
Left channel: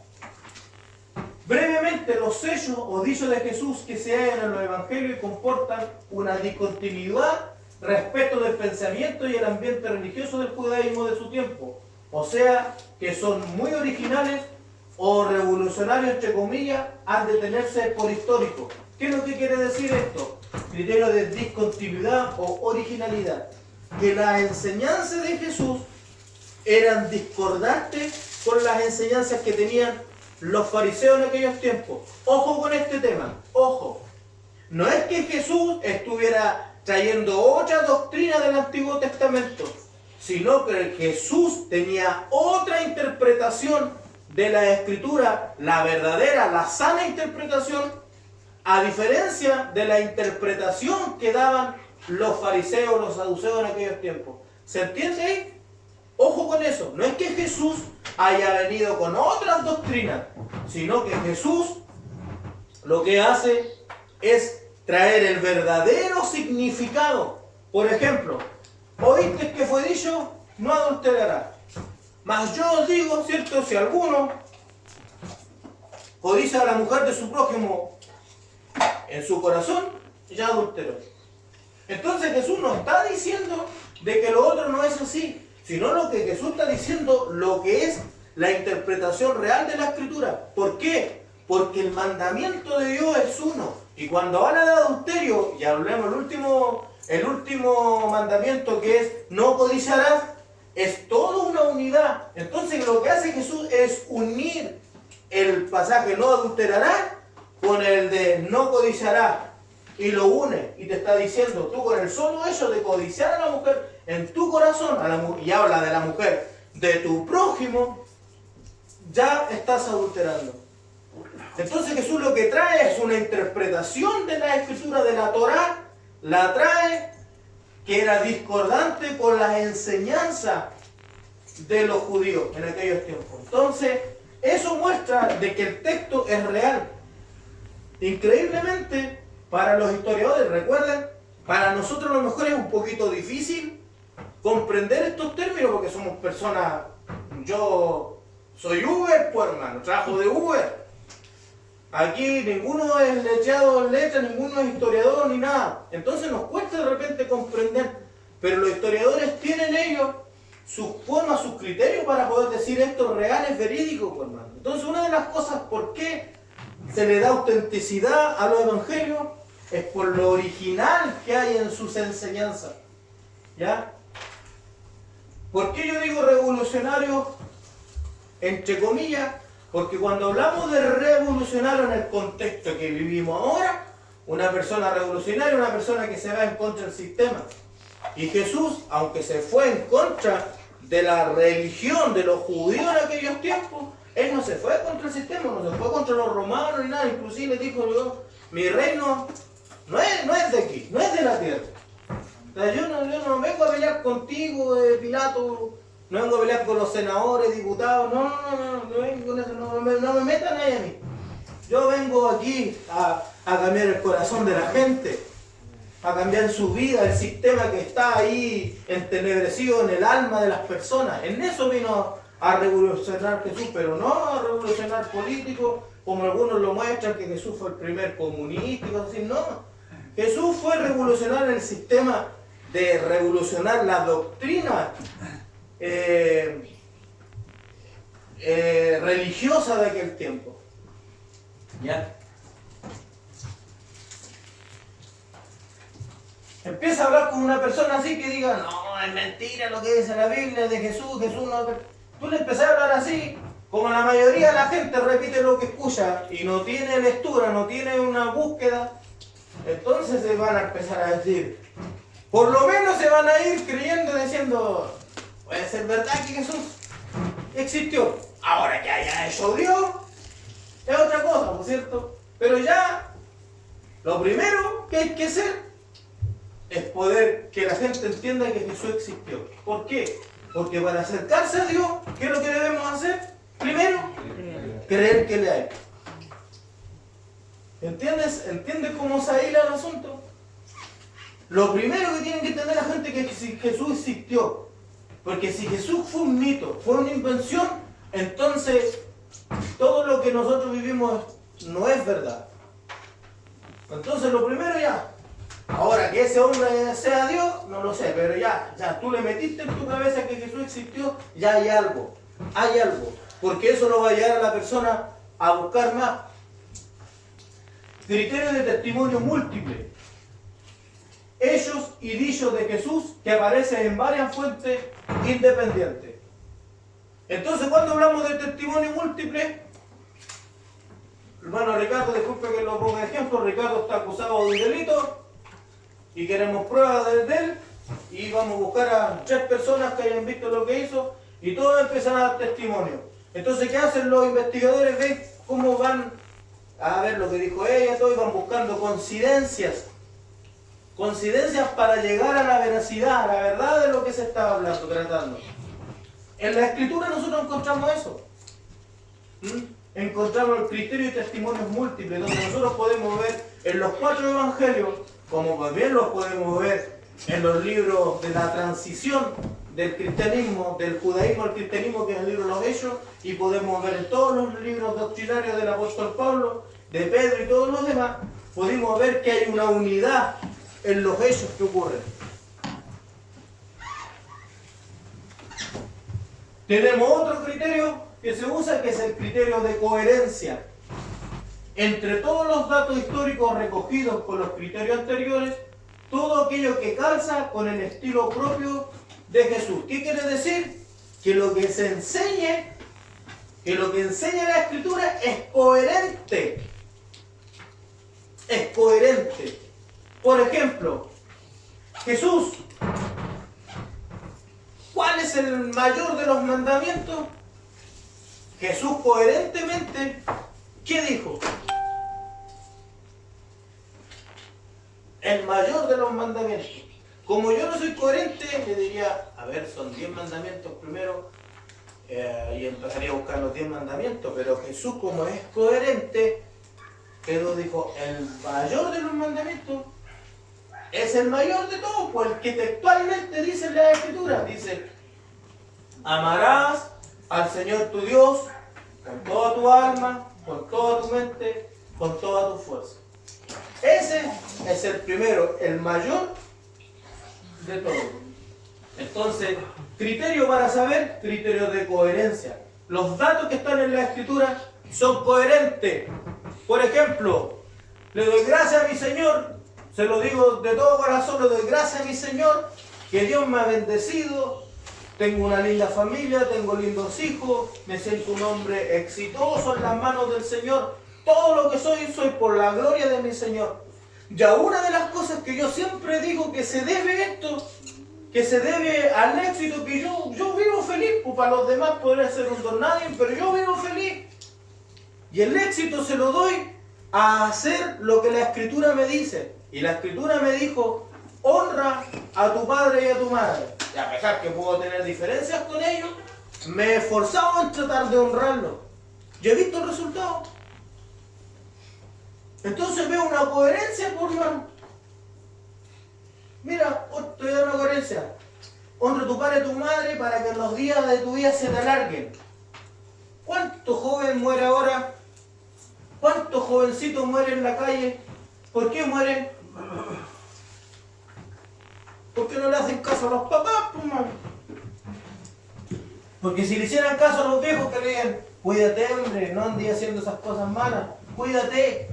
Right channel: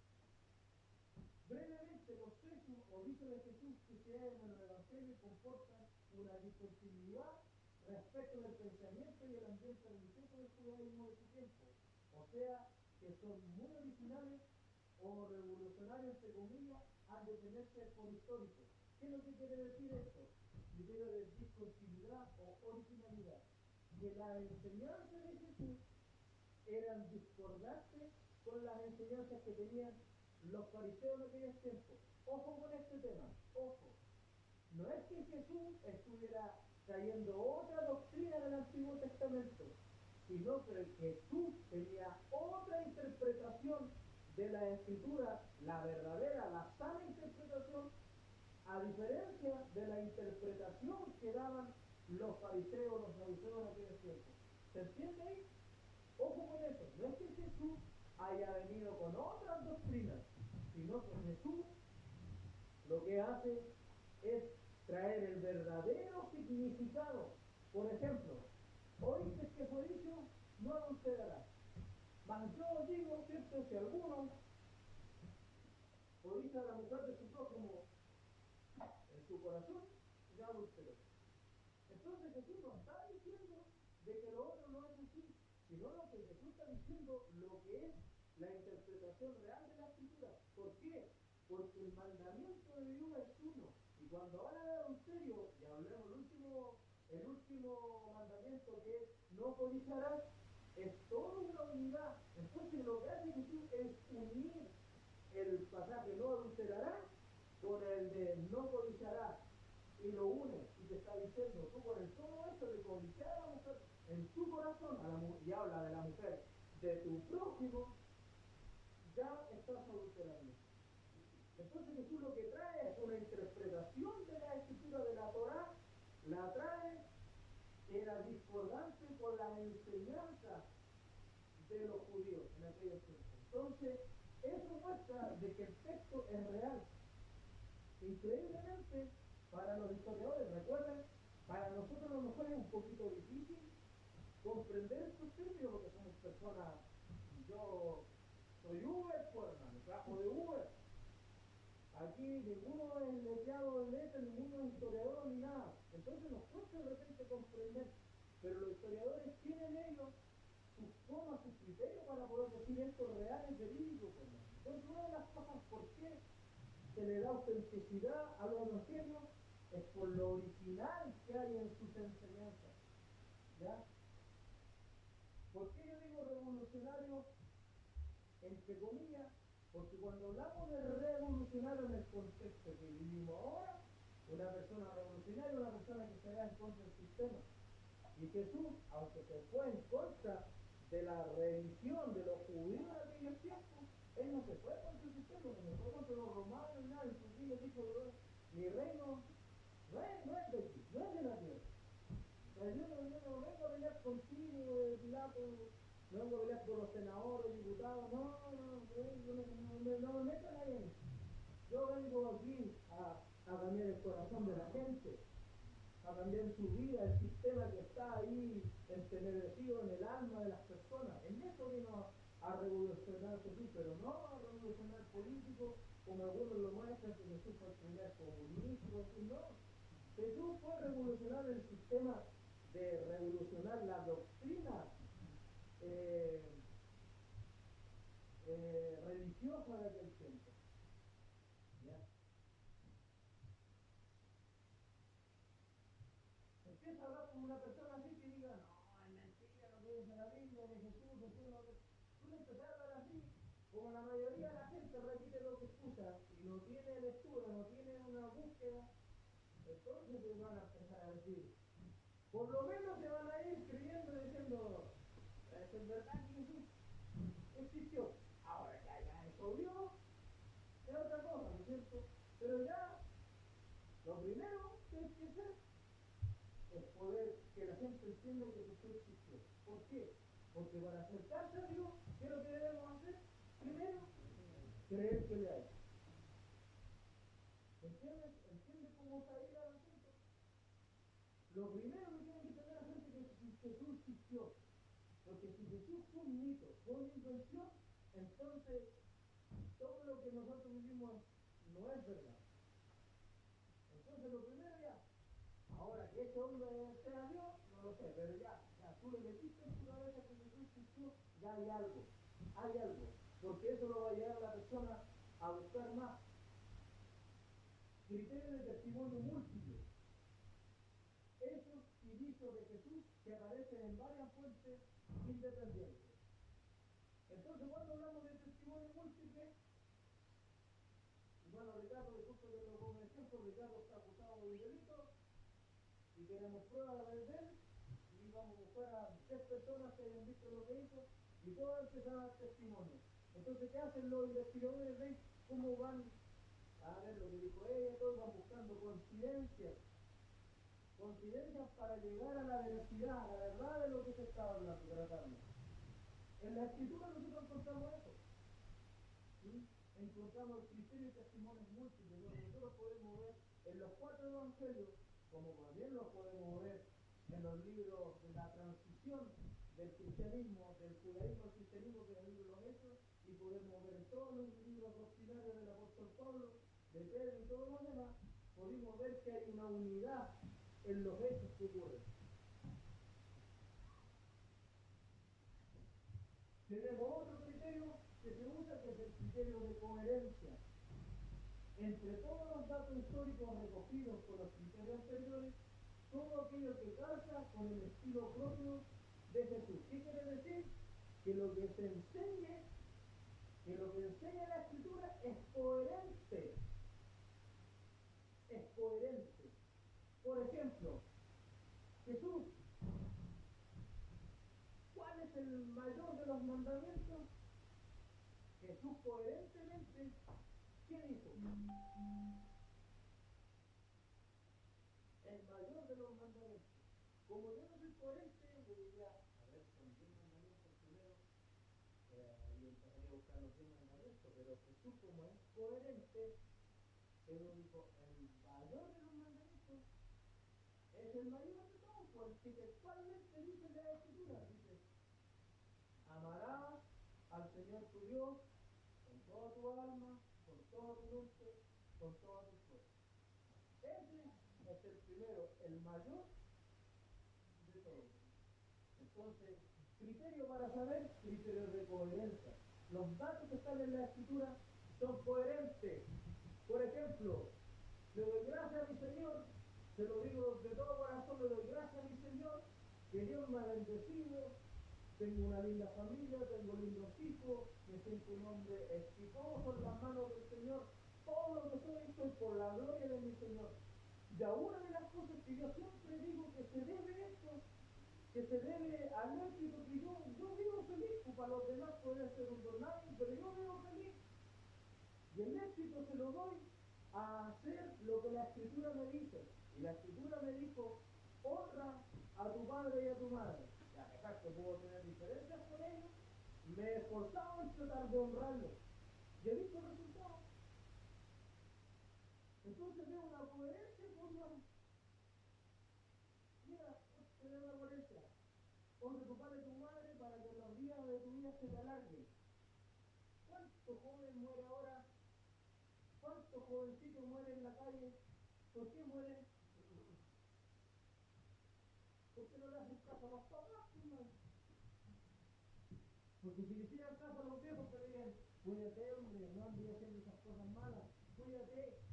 Brevemente, los sellos o dichos de Jesús que se hallan en los evangelios comportan una discontinuidad respecto del pensamiento y el ambiente religioso del judaísmo de su tiempo. O sea, que son muy originales o revolucionarios, entre comillas, han de tenerse por históricos. ¿Qué es lo que quiere decir esto? Criterio de discontinuidad o originalidad. Que las enseñanzas de Jesús eran discordantes con las enseñanzas que tenían los fariseos en aquellos tiempos. Ojo con este tema, ojo. No es que Jesús estuviera trayendo otra doctrina del Antiguo Testamento, sino que Jesús tenía otra interpretación de la Escritura, la verdadera, la sana interpretación, a diferencia de la interpretación que daban los fariseos, los saduceos en aquellos tiempos. ¿Se entiende ahí? Ojo con eso. No es que Jesús haya venido con otras doctrinas, sino que Jesús lo que hace es traer el verdadero significado. Por ejemplo, oíste que fue dicho, no adulterarás. Mas yo os digo, ¿cierto? Si alguno codicia a la mujer de su prójimo en su corazón, ya adulteró. Entonces Jesús no está diciendo de que lo otro no es así, sino lo que Jesús está diciendo, lo que es la interpretación real de la Escritura. ¿Por qué? Porque el mandamiento de Dios es uno. Y cuando habla de adulterio, y hablemos el último mandamiento que es no codiciarás, es toda una unidad. Entonces lo que hace Jesús es unir el pasaje no adulterarás con el de no codiciarás. Y lo une y te está diciendo, tú con el solo hecho de codiciar a la mujer en tu corazón, y habla de la mujer de tu prójimo, ya estás adulterando. Entonces Jesús lo que trae es una interpretación de la Escritura de la Torá, la trae que era discordante con las enseñanzas de los judíos en aquellos tiempos. Entonces, eso muestra de que el texto es real. Increíblemente, para los historiadores, recuerden, para nosotros a lo mejor es un poquito difícil comprender estos términos porque somos personas, yo soy Uber, pues hermano, trabajo de Uber. Aquí ninguno es letrado en letra, ninguno es historiador ni nada. Entonces nos cuesta de repente comprender. Pero los historiadores tienen ellos sus formas, sus criterios para poder decir esto real, es verídico, pues, hermano. Entonces una de las cosas por qué se le da autenticidad a los evangelios es por lo original que hay en sus enseñanzas. ¿Ya? ¿Por qué yo digo revolucionario entre comillas? Porque cuando hablamos de revolucionario en el contexto que vivimos ahora, una persona revolucionaria es una persona que se va en contra del sistema. Y Jesús, aunque se fue en contra de la religión de los judíos en aquellos tiempos, Él no se fue contra el sistema, no se fue contra los romanos ni nada. Inclusive dijo, yo, mi reino no es de aquí, no es de la tierra. O sea, yo no vengo a pelear contigo, Pilato. No vengo a pelear con los senadores, diputados, no vengo con eso, no me metan ahí a mí. Yo vengo aquí a cambiar el corazón de la gente, a cambiar su vida, el sistema que está ahí entenebrecido en el alma de las personas. En eso vino a revolucionar Jesús, pero no a revolucionar políticos, como algunos lo muestran, que Jesús fue el primer comunista y cosas así. No, Jesús fue revolucionar el sistema, de revolucionar la doctrina religiosa de aquel tiempo. ¿Ya? Empieza a hablar con una persona así que diga, no, es mentira lo que dice la Biblia de Jesús, Jesús no... Tú le empezás a hablar así, como la mayoría de la gente repite lo que escucha y no tiene lectura, no tiene una búsqueda, entonces se van a empezar a decir, por lo menos se van a ir creyendo, diciendo, puede ser verdad que Jesús existió. Ahora que haya hecho Dios, es otra cosa, ¿no es cierto? Pero ya, lo primero que hay que hacer es poder que la gente entienda que Jesús existió. ¿Por qué? Porque para acercarse a Dios, ¿qué es lo que debemos hacer? Primero, creer que le hay. ¿Entiendes? ¿Entiendes cómo se hila el asunto? Lo primero que tienen que entender la gente es que Jesús existió. Porque si Jesús fue un mito, fue una invención, entonces todo lo que nosotros vivimos no es verdad. Entonces lo primero ya, ahora que ese hombre sea Dios, no lo sé, pero ya tú le metiste en tu cabeza que Jesús existió, ya hay algo, porque eso lo va a llevar a la persona a buscar más. Criterios de testimonio múltiple. Hechos y dichos de Jesús que aparecen en varias fuentes independientes. Entonces, cuando hablamos de testimonio múltiple, hermano Ricardo, disculpe que lo ponga de ejemplo, Ricardo está acusado de un delito y queremos pruebas de él y vamos a buscar a 3 personas que hayan visto lo que hizo y todos empiezan a dar testimonio. Entonces, ¿qué hacen los investigadores? Ven cómo van a ver lo que dijo ella, todo, y van buscando coincidencias coincidencias para llegar a la veracidad, a la verdad de lo que se estaba hablando, tratando. En la Escritura nosotros encontramos eso. Encontramos el criterio y testimonios múltiples, donde nosotros podemos ver en los 4 evangelios, como también los podemos ver en los libros de la transición del cristianismo, del judaísmo al cristianismo, que es el libro de los Hechos, y podemos ver en todos los libros doctrinarios del apóstol Pablo, de Pedro y todos los demás, pudimos ver que hay una unidad en los hechos que ocurren. Tenemos otro criterio que se usa, que es el criterio de coherencia. Entre todos los datos históricos recogidos con los criterios anteriores, todo aquello que calza con el estilo propio de Jesús. ¿Qué quiere decir? Que lo que se enseñe, que lo que enseña la Escritura es coherente. Es coherente. Por ejemplo, Jesús, ¿cuál es el mayor de los mandamientos? Jesús coherentemente, ¿qué dijo? El mayor de los mandamientos. Como yo no soy coherente, le diría, a ver, son 10 mandamientos primero, y empezaría a buscar los 10 mandamientos, pero Jesús, como es coherente, Jesús dijo, el mayor de los mandamientos es el mayor de todos, pues el que textualmente dice en la Escritura, dice, amarás al Señor tu Dios con toda tu alma, con toda tu mente, con toda tu fuerza. Ese es el primero, el mayor de todos. Entonces, criterio para saber, criterio de coherencia. Los datos que están en la Escritura son coherentes. Por ejemplo, le doy gracias a mi Señor, se lo digo de todo corazón, le doy gracias a mi Señor, que Dios me ha bendecido, tengo una linda familia, tengo lindos hijos, me siento un hombre exitoso en las manos del Señor. Todo lo que soy por la gloria de mi Señor. Ya una de las cosas que yo siempre digo que se debe esto, que se debe al éxito, que yo vivo feliz, pues para los demás podría ser un don nadie, pero yo vivo feliz. Y el éxito se lo doy a hacer lo que la Escritura me dice. Y la Escritura me dijo, honra a tu padre y a tu madre. Y a pesar que puedo tener diferencias con ellos, me he esforzado en tratar de honrarlos. Yo he visto el resultado. Entonces veo una coherencia, por hermano. Mira, te doy una coherencia. Honra a tu padre y a tu madre para que los días de tu vida se te alarguen. ¿Cuánto joven muere ahora? ¿Cuántos jovencitos mueren en la calle? ¿Por qué mueren? Porque no le hacen caso a los papás, pues, hermano. Porque si le hicieran caso a los viejos que le digan, cuídate, hombre, no andes haciendo esas cosas malas, cuídate.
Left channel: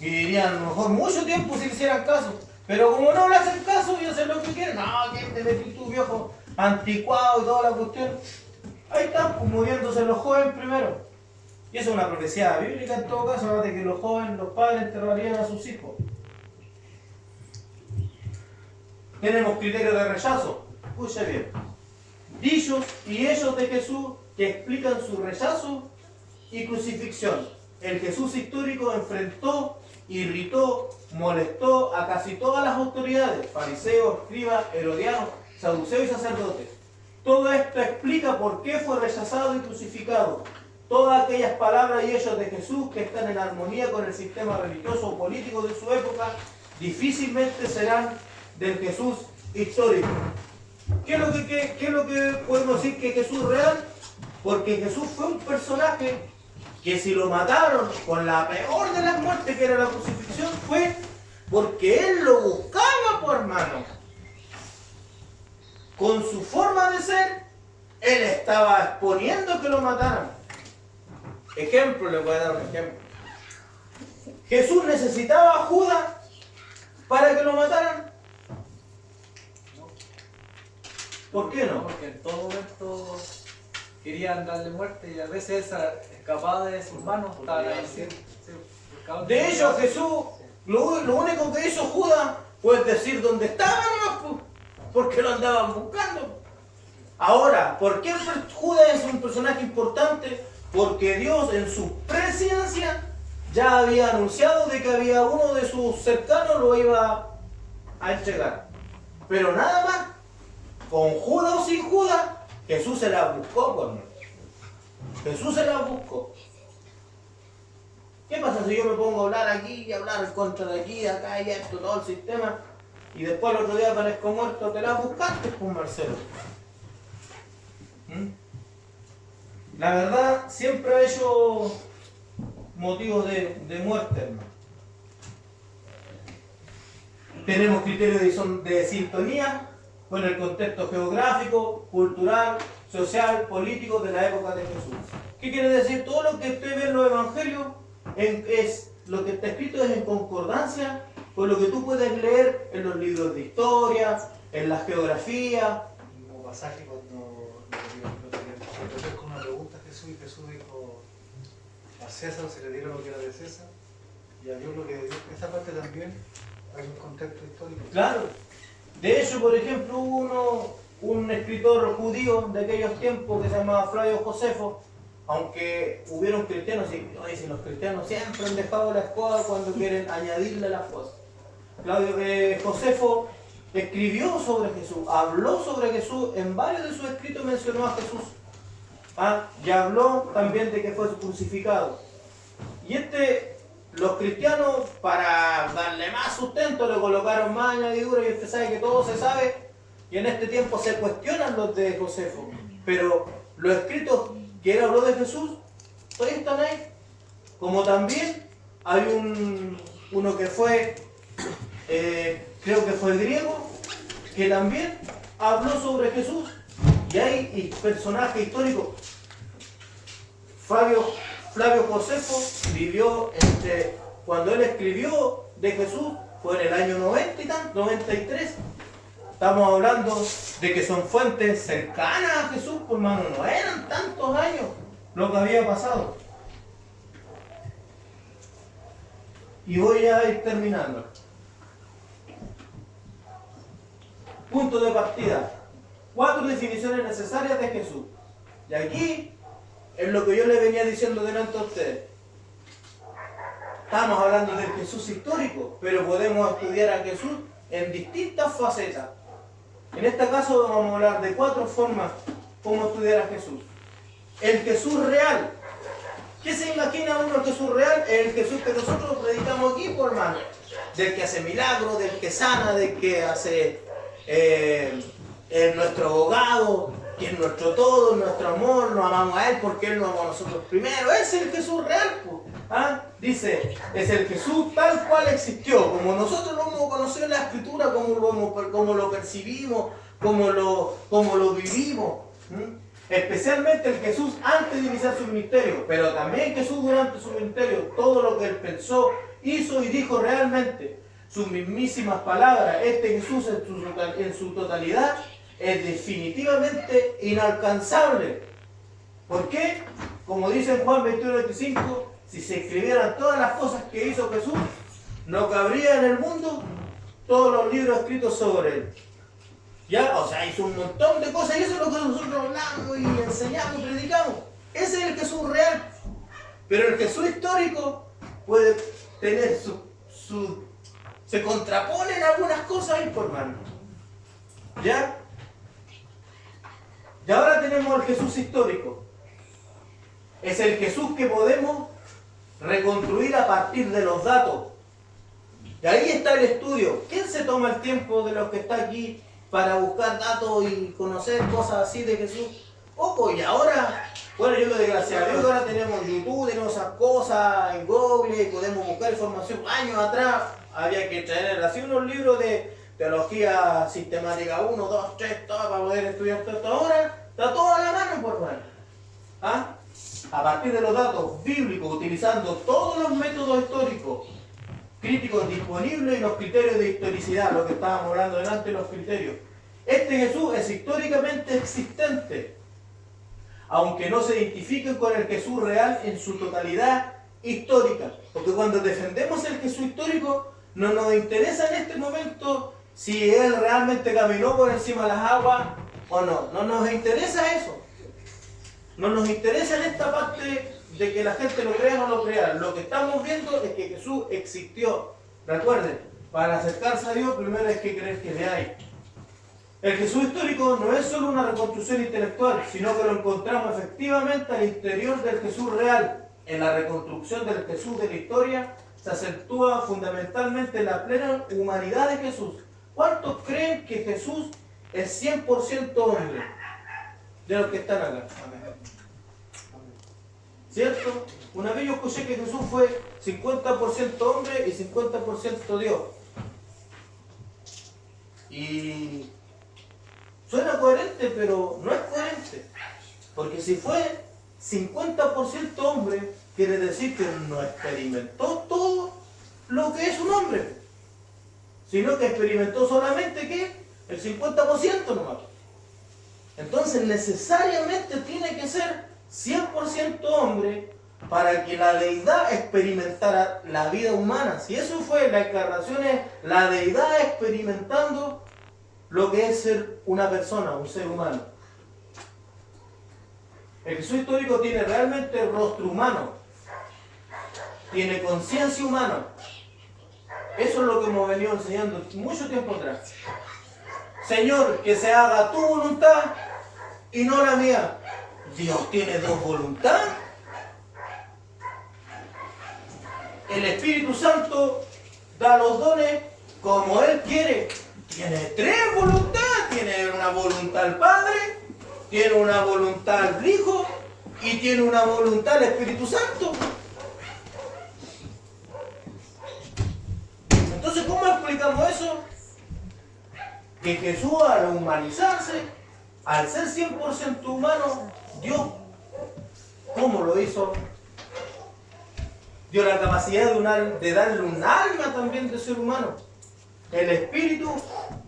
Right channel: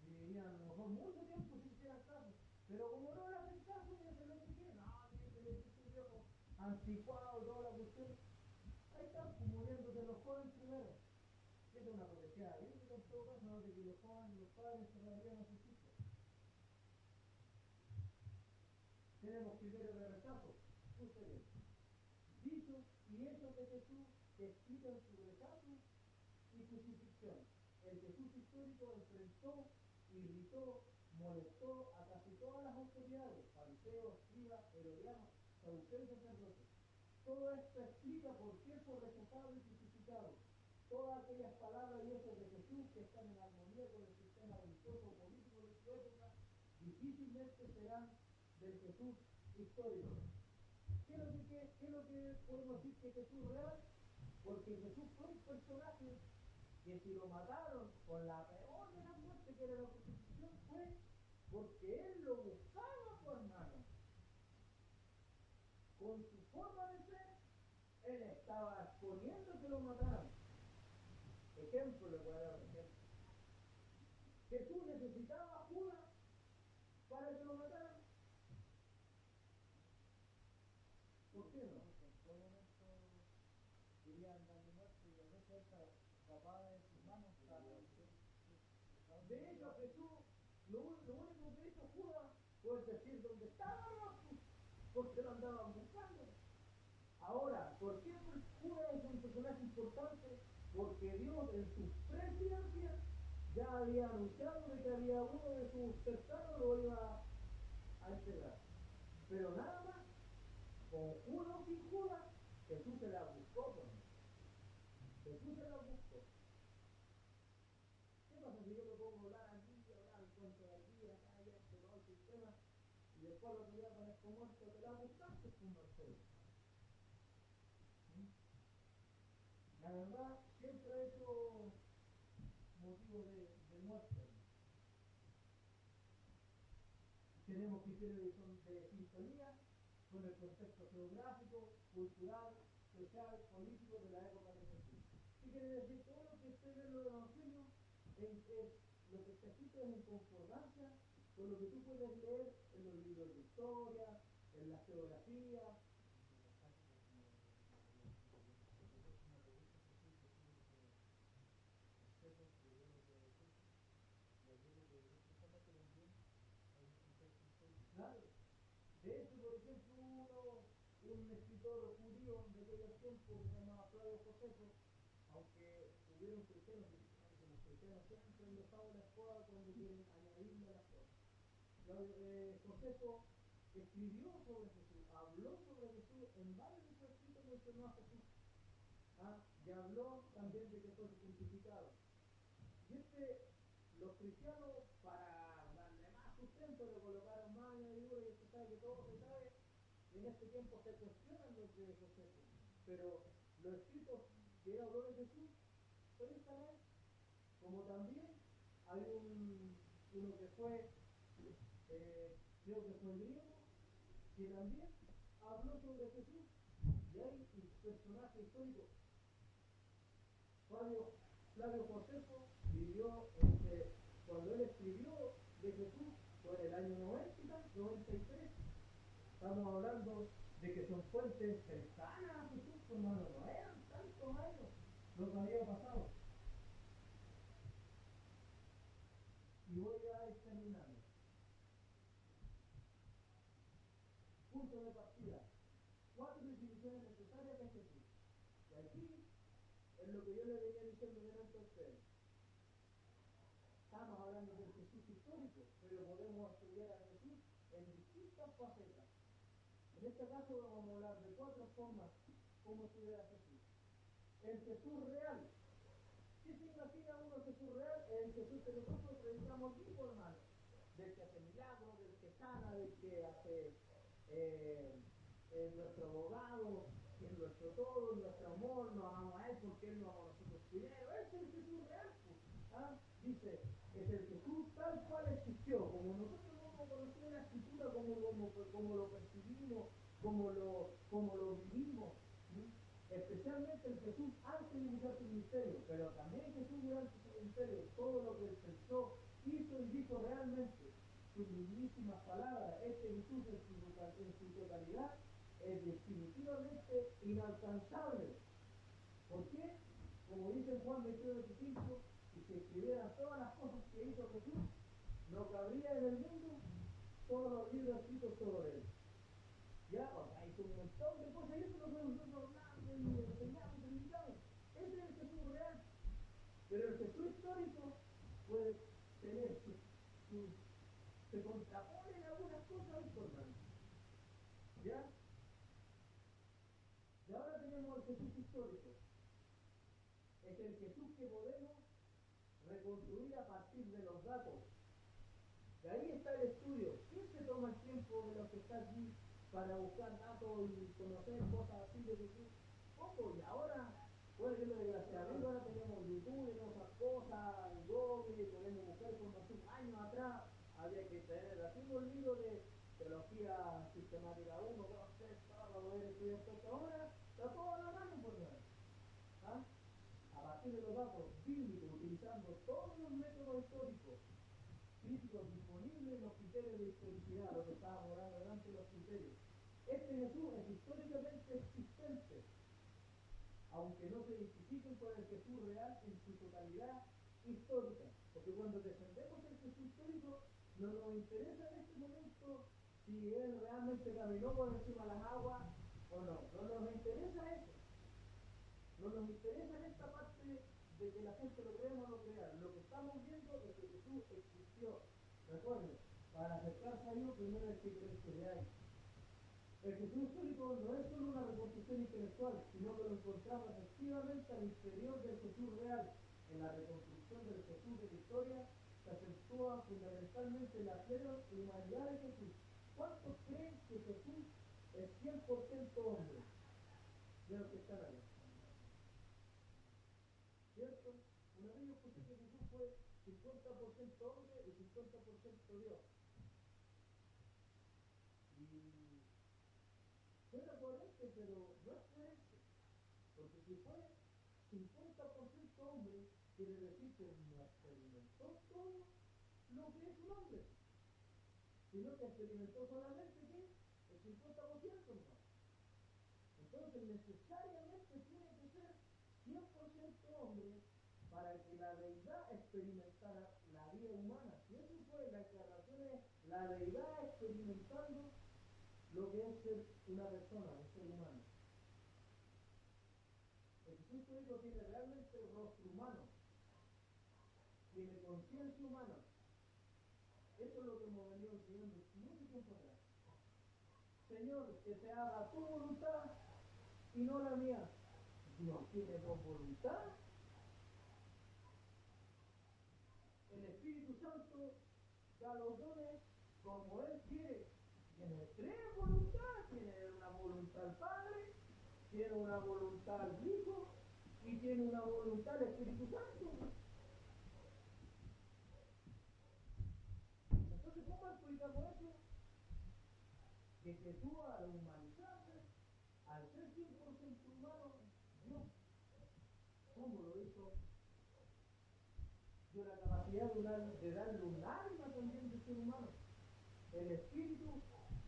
Y dirían, a lo mejor mucho tiempo si le hicieran caso. Pero como no le hacen caso y hacen lo que quieren, no, ¿quién te metí tu viejo anticuado y toda la cuestión? Ahí están, pues, muriéndose los jóvenes primero. Y eso es una profecía bíblica en todo caso, de que los jóvenes, los padres enterrarían a sus hijos. Tenemos criterio de rechazo. Escuche bien. Dichos y hechos de Jesús que explican su rechazo y crucifixión. El Jesús histórico enfrentó, irritó, molestó a casi todas las autoridades, fariseos, escribas, herodianos, saduceos y sacerdotes. Todo esto explica por qué fue rechazado y crucificado. Todas aquellas palabras y hechos de Jesús que están en armonía con el sistema religioso o político de su época, difícilmente serán del Jesús histórico. ¿Qué es lo que podemos decir que Jesús real? Porque Jesús fue un personaje que si lo mataron con la peor de las muertes, que era la crucifixión, fue porque él lo buscaba, por hermano. Con su forma de ser, él estaba exponiendo que lo mataran. Ejemplo, le voy a dar un ejemplo. Jesús necesitaba a Judas para que lo mataran. ¿Por qué no? Porque en todo momento querían darle muerte y a veces escapaba de sus manos. De hecho, Jesús, lo único que hizo Judas fue decir dónde estaba, ¿no? Porque lo andaban buscando. Ahora, ¿por qué Judas es un personaje importante? Porque Dios en su presciencia ya había anunciado de que había uno de sus cercanos lo iba a entregar. Pero nada más, con Judas o sin Judas, Jesús se la buscó, por mí. Jesús se la buscó. ¿Qué pasa si yo me pongo a hablar aquí y hablar en contra de aquí, acá y esto, todo el sistema, y después el otro día aparezco muerto? Te la buscaste, pues, Marcelo. La verdad siempre ha hecho motivos de muerte, hermano. Tenemos criterios de sintonía con el contexto geográfico, cultural, social, político de la época de Jesús. ¿Qué quiere decir? Todo lo que usted ve en los evangelios lo que está escrito es en concordancia con lo que tú puedes leer en los libros de historia, en la geografía. El mismo pasaje cuando le dio con una pregunta a Jesús y Jesús dijo: a César se le dieron lo que era de César y a Dios lo que de Dios. Esa parte también hay un contexto histórico. Claro. De hecho, por ejemplo, hubo un escritor judío de aquellos tiempos que se llamaba Flavio Josefo, aunque hubieron cristianos, y si los cristianos siempre han dejado la escoba cuando quieren añadirle las cosas. Josefo escribió sobre Jesús, habló sobre Jesús, en varios de sus escritos mencionó a Jesús. Y habló también de que fue crucificado. Y los cristianos, para darle más sustento, le colocaron más añadiduras, y usted sabe que todo se sabe, y en este tiempo se cuestionan los de Josefo. Pero los escritos que él habló de Jesús, todavía están ahí. Como también hay uno que fue, creo que fue griego, que también habló sobre Jesús. Y hay personajes históricos. Flavio Josefo vivió cuando él escribió de Jesús, fue en el año 90 y tanto, 93. Estamos hablando de que son fuentes cercanas a Jesús, por mano, no eran tantos años lo que había pasado. Y voy a ir terminando. Punto de partida. 4 definiciones necesarias de Jesús. Y aquí es lo que yo le venía diciendo delante a ustedes. Estamos hablando del Jesús histórico, pero podemos estudiar a Jesús en distintas facetas. En este caso vamos a hablar de 4 formas como estudiar a Jesús. El Jesús real. ¿Qué se imagina uno el Jesús real? El Jesús que nosotros predicamos aquí, por hermano. Del que hace milagros, del que sana, del que hace nuestro abogado, que es nuestro todo, nuestro amor, nos amamos a Él porque Él nos amó a nosotros primero. Ese es el Jesús real, pues. Dice, es el Jesús tal cual existió, como nosotros lo hemos conocido en la Escritura, como lo percibimos, como lo vivimos. Especialmente el Jesús antes de iniciar su ministerio, pero también Jesús durante su ministerio, todo lo que Él pensó, hizo y dijo realmente, sus mismísimas palabras. Este Jesús en su totalidad es definitivamente inalcanzable. ¿Por qué? Como dice en Juan 21:25, si se escribieran todas las cosas que hizo Jesús, no cabría en el mundo todos los libros escritos sobre Él. ¿Ya? O sea, hizo un montón de cosas y eso es lo que nosotros hablamos y enseñamos y predicamos. Ese es el Jesús real. Pero el Jesús histórico puede tener se contraponen algunas cosas ahí, por mano. ¿Ya? Y ahora tenemos el Jesús histórico. Es el Jesús que podemos reconstruir a partir de los datos. Y ahí está el estudio. ¿Quién se toma el tiempo de los que está aquí para buscar datos y conocer cosas así de Jesús? Poco. Y ahora, bueno, yo le doy gracias a Dios que ahora tenemos YouTube, tenemos esas cosas en Google y podemos buscar información. Años atrás había que traer así unos libros de teología sistemática 1, 2, 3, todo para poder estudiar todo esto. Ahora está todo a la mano, por mano. A partir de los datos bíblicos, utilizando todos los métodos históricos críticos disponibles y los criterios de historicidad, lo que estábamos hablando delante, los criterios. Este Jesús es históricamente existente, aunque no se identifique con el Jesús real en su totalidad histórica. Porque cuando defendemos el Jesús histórico, no nos interesa en este momento si Él realmente caminó por encima de las aguas o no. No nos interesa eso. No nos interesa en esta parte de que la gente lo crea o no lo crea. Lo que estamos viendo es que Jesús existió. Recuerden, para acercarse a Dios primero hay que creer que le hay. El Jesús histórico no es solo una reconstrucción intelectual, sino que lo encontramos efectivamente al interior del Jesús real. En la reconstrucción del Jesús de la historia se acentúa fundamentalmente la plena humanidad de Jesús. ¿Cuántos creen que Jesús es 100% hombre de los que están acá? ¿Cierto? Una vez yo escuché que Jesús fue 50% hombre y 50% Dios. Y suena coherente, pero no es coherente. Porque si fue 50% hombre, quiere decir que no experimentó todo lo que es un hombre, sino que experimentó solamente ¿qué? El 50% nomás. Entonces necesariamente tiene que ser 100% hombre para que la deidad experimentara la vida humana. Si eso fue la encarnación, es la deidad experimentando lo que es ser una persona, un ser humano. El Jesús histórico tiene realmente rostro humano, tiene conciencia humana. Eso es lo que hemos venido enseñando mucho tiempo atrás. Señor, que se haga tu voluntad y no la mía. Dios tiene dos voluntades. El Espíritu Santo da los dones como Él quiere. Tiene tres voluntades. Tiene una voluntad el Padre, tiene una voluntad el Hijo y tiene una voluntad el Espíritu Santo. Entonces, ¿cómo explicamos eso? Que Jesús, al humanizarse, al ser 100% humano, Dios, ¿cómo lo hizo? Dio la capacidad de darle un alma también de ser humano. El Espíritu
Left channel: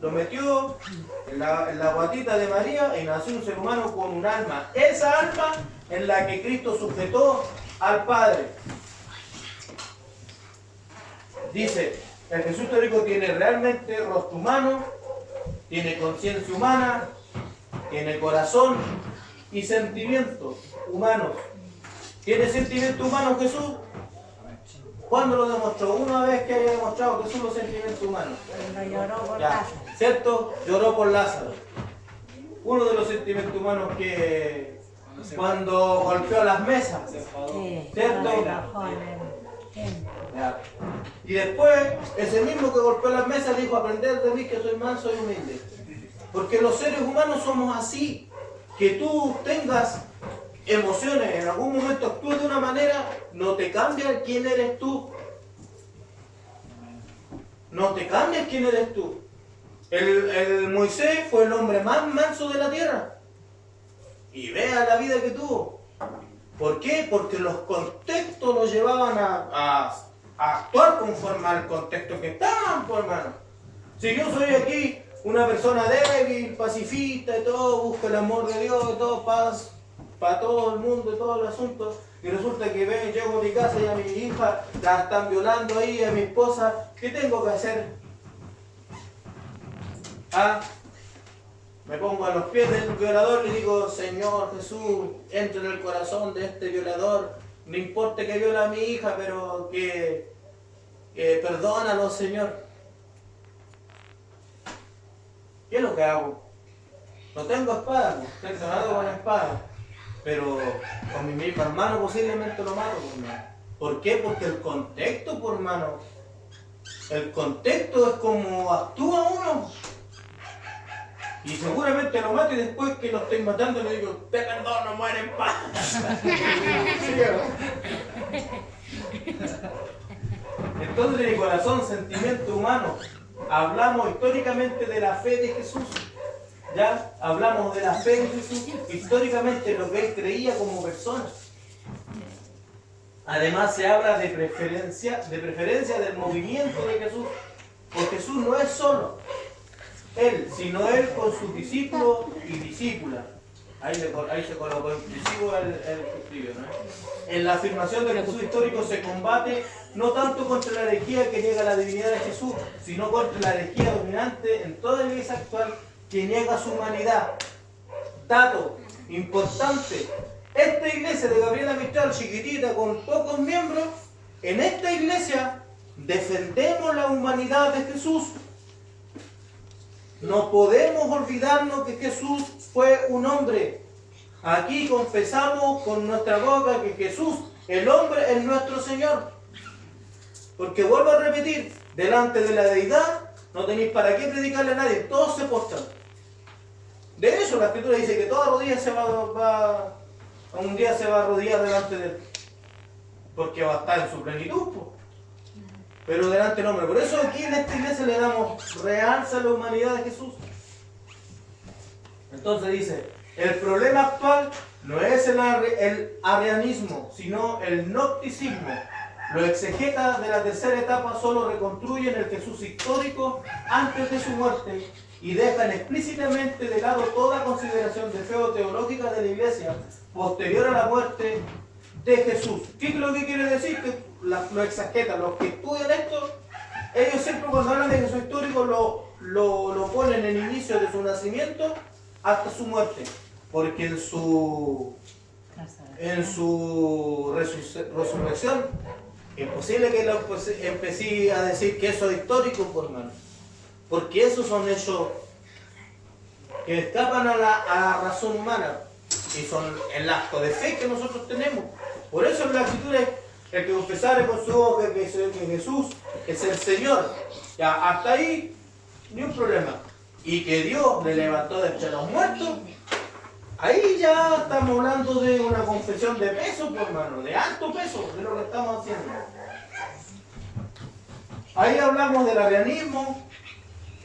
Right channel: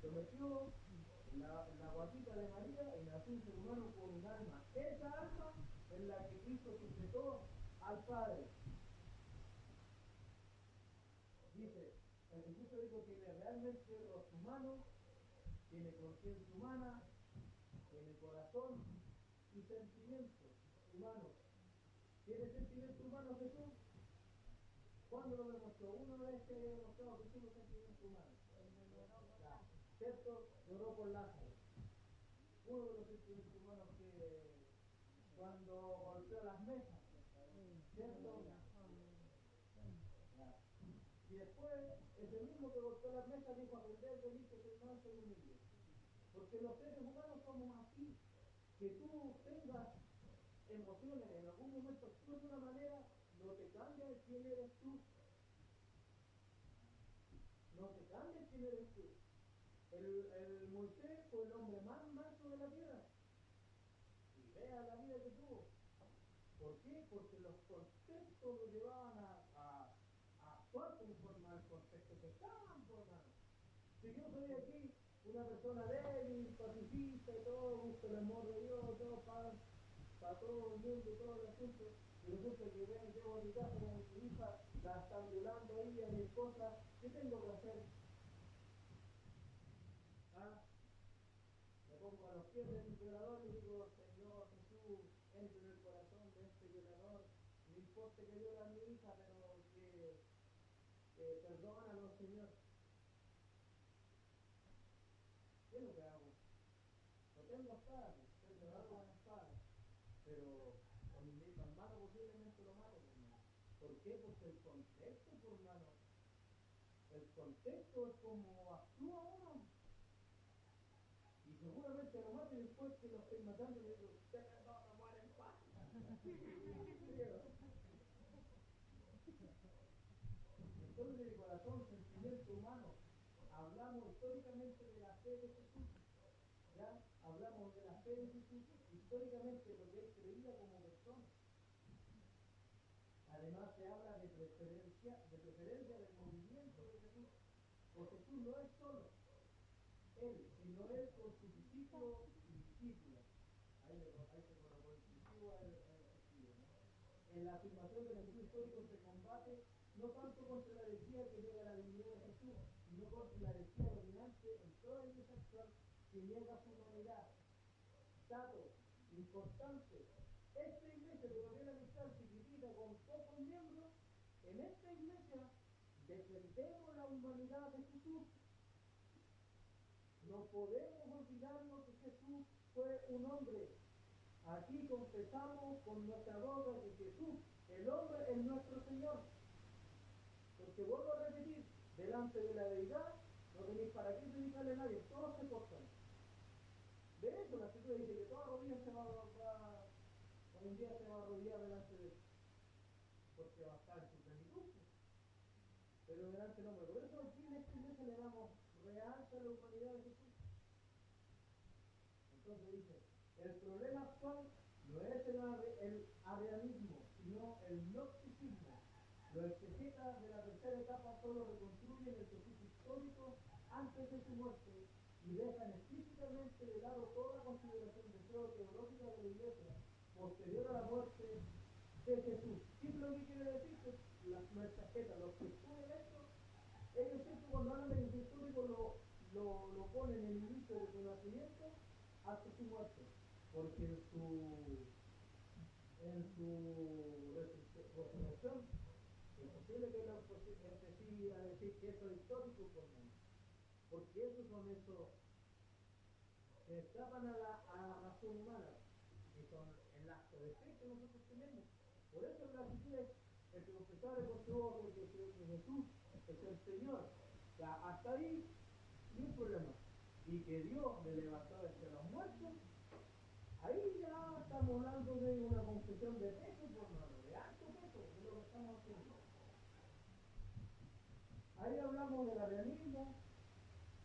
lo metió en la guatita de María y nació un ser humano con un alma. Esa alma en la que Cristo sujetó al Padre. Dice, el Jesús histórico tiene realmente rostro humano, tiene conciencia humana, tiene corazón y sentimientos humanos. ¿Tiene sentimientos humanos Jesús? ¿Cuándo lo demostró? Una vez que haya demostrado Jesús los sentimientos humanos. Cuando lloró por Ya, Lázaro. ¿cierto? Lloró por Lázaro. Uno de los sentimientos humanos que cuando golpeó las mesas. Sí, ¿Cierto? cuando se enojó, sí. Ya. Y después, ese mismo que golpeó las mesas dijo, aprended de mí que soy manso y humilde. Porque los seres humanos somos así. Que tú tengas emociones, en algún momento actúes de una manera, no te cambia quién eres tú. No te cambia quién eres tú. El Moisés fue el hombre más manso de la tierra. Y vea la vida que tuvo. ¿Por qué? Porque los contextos lo llevaban a actuar conforme al contexto que estaban, pues, hermano. Si yo soy aquí una persona débil, pacifista y todo, busco el amor de Dios y todo, paz para todo el mundo y todo el asunto, y resulta que llego a mi casa y a mi hija la están violando ahí, a mi esposa, ¿qué tengo que hacer? ¿Ah? Me pongo a los pies del violador y digo, Señor Jesús, entra en el corazón de este violador, no importa que viola a mi hija, pero que perdónalo, Señor. ¿Qué es lo que hago? No tengo espada, estoy entrenado con la espada, pero con mi mismo hermano posiblemente lo mato, por hermano. ¿Por qué? Porque el contexto, por hermano, el contexto es como actúa uno. Y seguramente lo mato y después que lo estoy matando le digo, te perdono, muere en paz. ¿Sí, entonces, de corazón, sentimiento humano, hablamos históricamente de la fe de Jesús. Ya hablamos de la fe de Jesús, históricamente lo que él creía como persona. Además se habla de preferencia del movimiento de Jesús, porque Jesús no es solo él, sino él con sus discípulos y discípulas. Ahí se colocó inclusivo el escribió, ¿no? En la afirmación del Jesús histórico se combate no tanto contra la herejía que niega la divinidad de Jesús, sino contra la herejía dominante en toda la iglesia actual que niega su humanidad. Dato importante, esta iglesia de Gabriela Mistral, chiquitita, con pocos miembros, en esta iglesia defendemos la humanidad de Jesús. No podemos olvidarnos que Jesús fue un hombre. Aquí confesamos con nuestra boca que Jesús, el hombre, es nuestro Señor. Porque vuelvo a repetir, delante de la deidad no tenéis para qué predicarle a nadie, todos se postran. De eso la Escritura dice que toda rodilla un día se va a arrodillar delante de él. Porque va a estar en su plenitud, pues. Pero delante del hombre. Por eso aquí en esta iglesia le damos realza a la humanidad de Jesús. Entonces dice, el problema actual no es el arrianismo, sino el gnosticismo. Los exegetas de la tercera etapa solo reconstruyen el Jesús histórico antes de su muerte y dejan explícitamente de lado toda consideración de fe o teológica de la iglesia posterior a la muerte de Jesús. ¿Qué es lo que quiere decir? Que los exegetas, los que estudian esto, ellos siempre cuando hablan de Jesús histórico lo ponen en el inicio de su nacimiento hasta su muerte, porque en su resurrección imposible que empecé a decir que eso es histórico, por hermano, porque esos son hechos que escapan a la razón humana y son el acto de fe que nosotros tenemos. Por eso en la Escritura es el que confesare con su boca que Jesús es el Señor. Ya, hasta ahí ni un problema. Y que Dios le levantó de entre los muertos, ahí ya estamos hablando de una confesión de peso, por hermano, de alto peso, de lo que estamos haciendo. Ahí hablamos del arrianismo.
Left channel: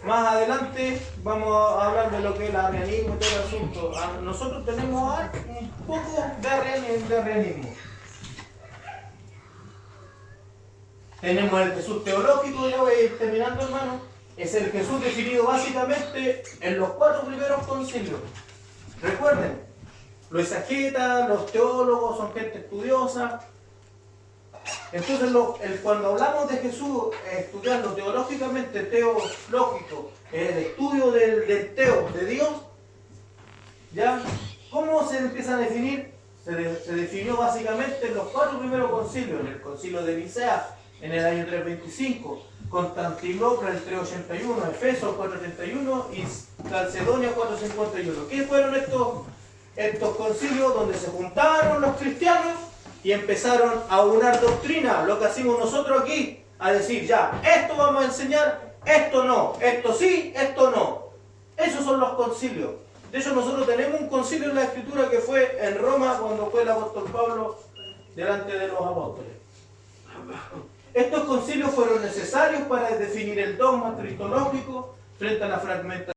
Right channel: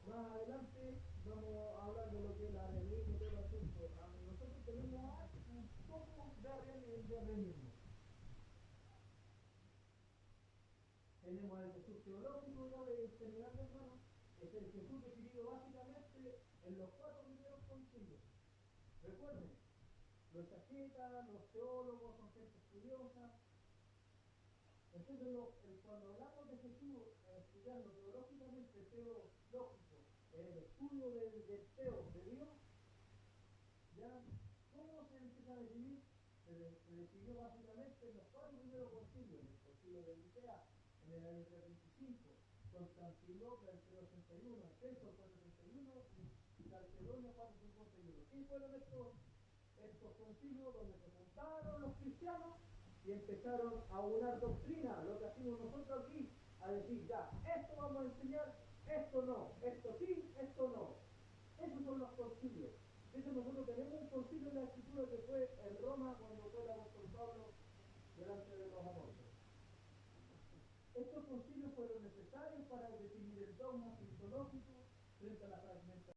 Más adelante vamos a hablar de lo que es el arrianismo y todo el asunto. Nosotros tenemos un poco de arrianismo. Tenemos el Jesús teológico, ya voy a ir terminando, hermano. Es el Jesús definido básicamente en los 4 primeros concilios. Recuerden, los exegetas, los teólogos son gente estudiosa. Entonces, cuando hablamos de Jesús, estudiando teológicamente, teológico, el estudio del teo, de Dios, ¿ya? ¿Cómo se empieza a definir? Se definió básicamente en los 4 primeros concilios, en el concilio de Nicea, en el año 325, Constantinopla en el 381, Efeso 431 y Calcedonia 451. ¿Qué fueron estos concilios donde se juntaron los cristianos y empezaron a unar doctrina, lo que hacemos nosotros aquí, a decir ya, esto vamos a enseñar, esto no, esto sí, esto no? Esos son los concilios. De hecho, nosotros tenemos un concilio en la Escritura que fue en Roma cuando fue el apóstol Pablo delante de los apóstoles. Estos concilios fueron necesarios para definir el dogma cristológico frente a la fragmentación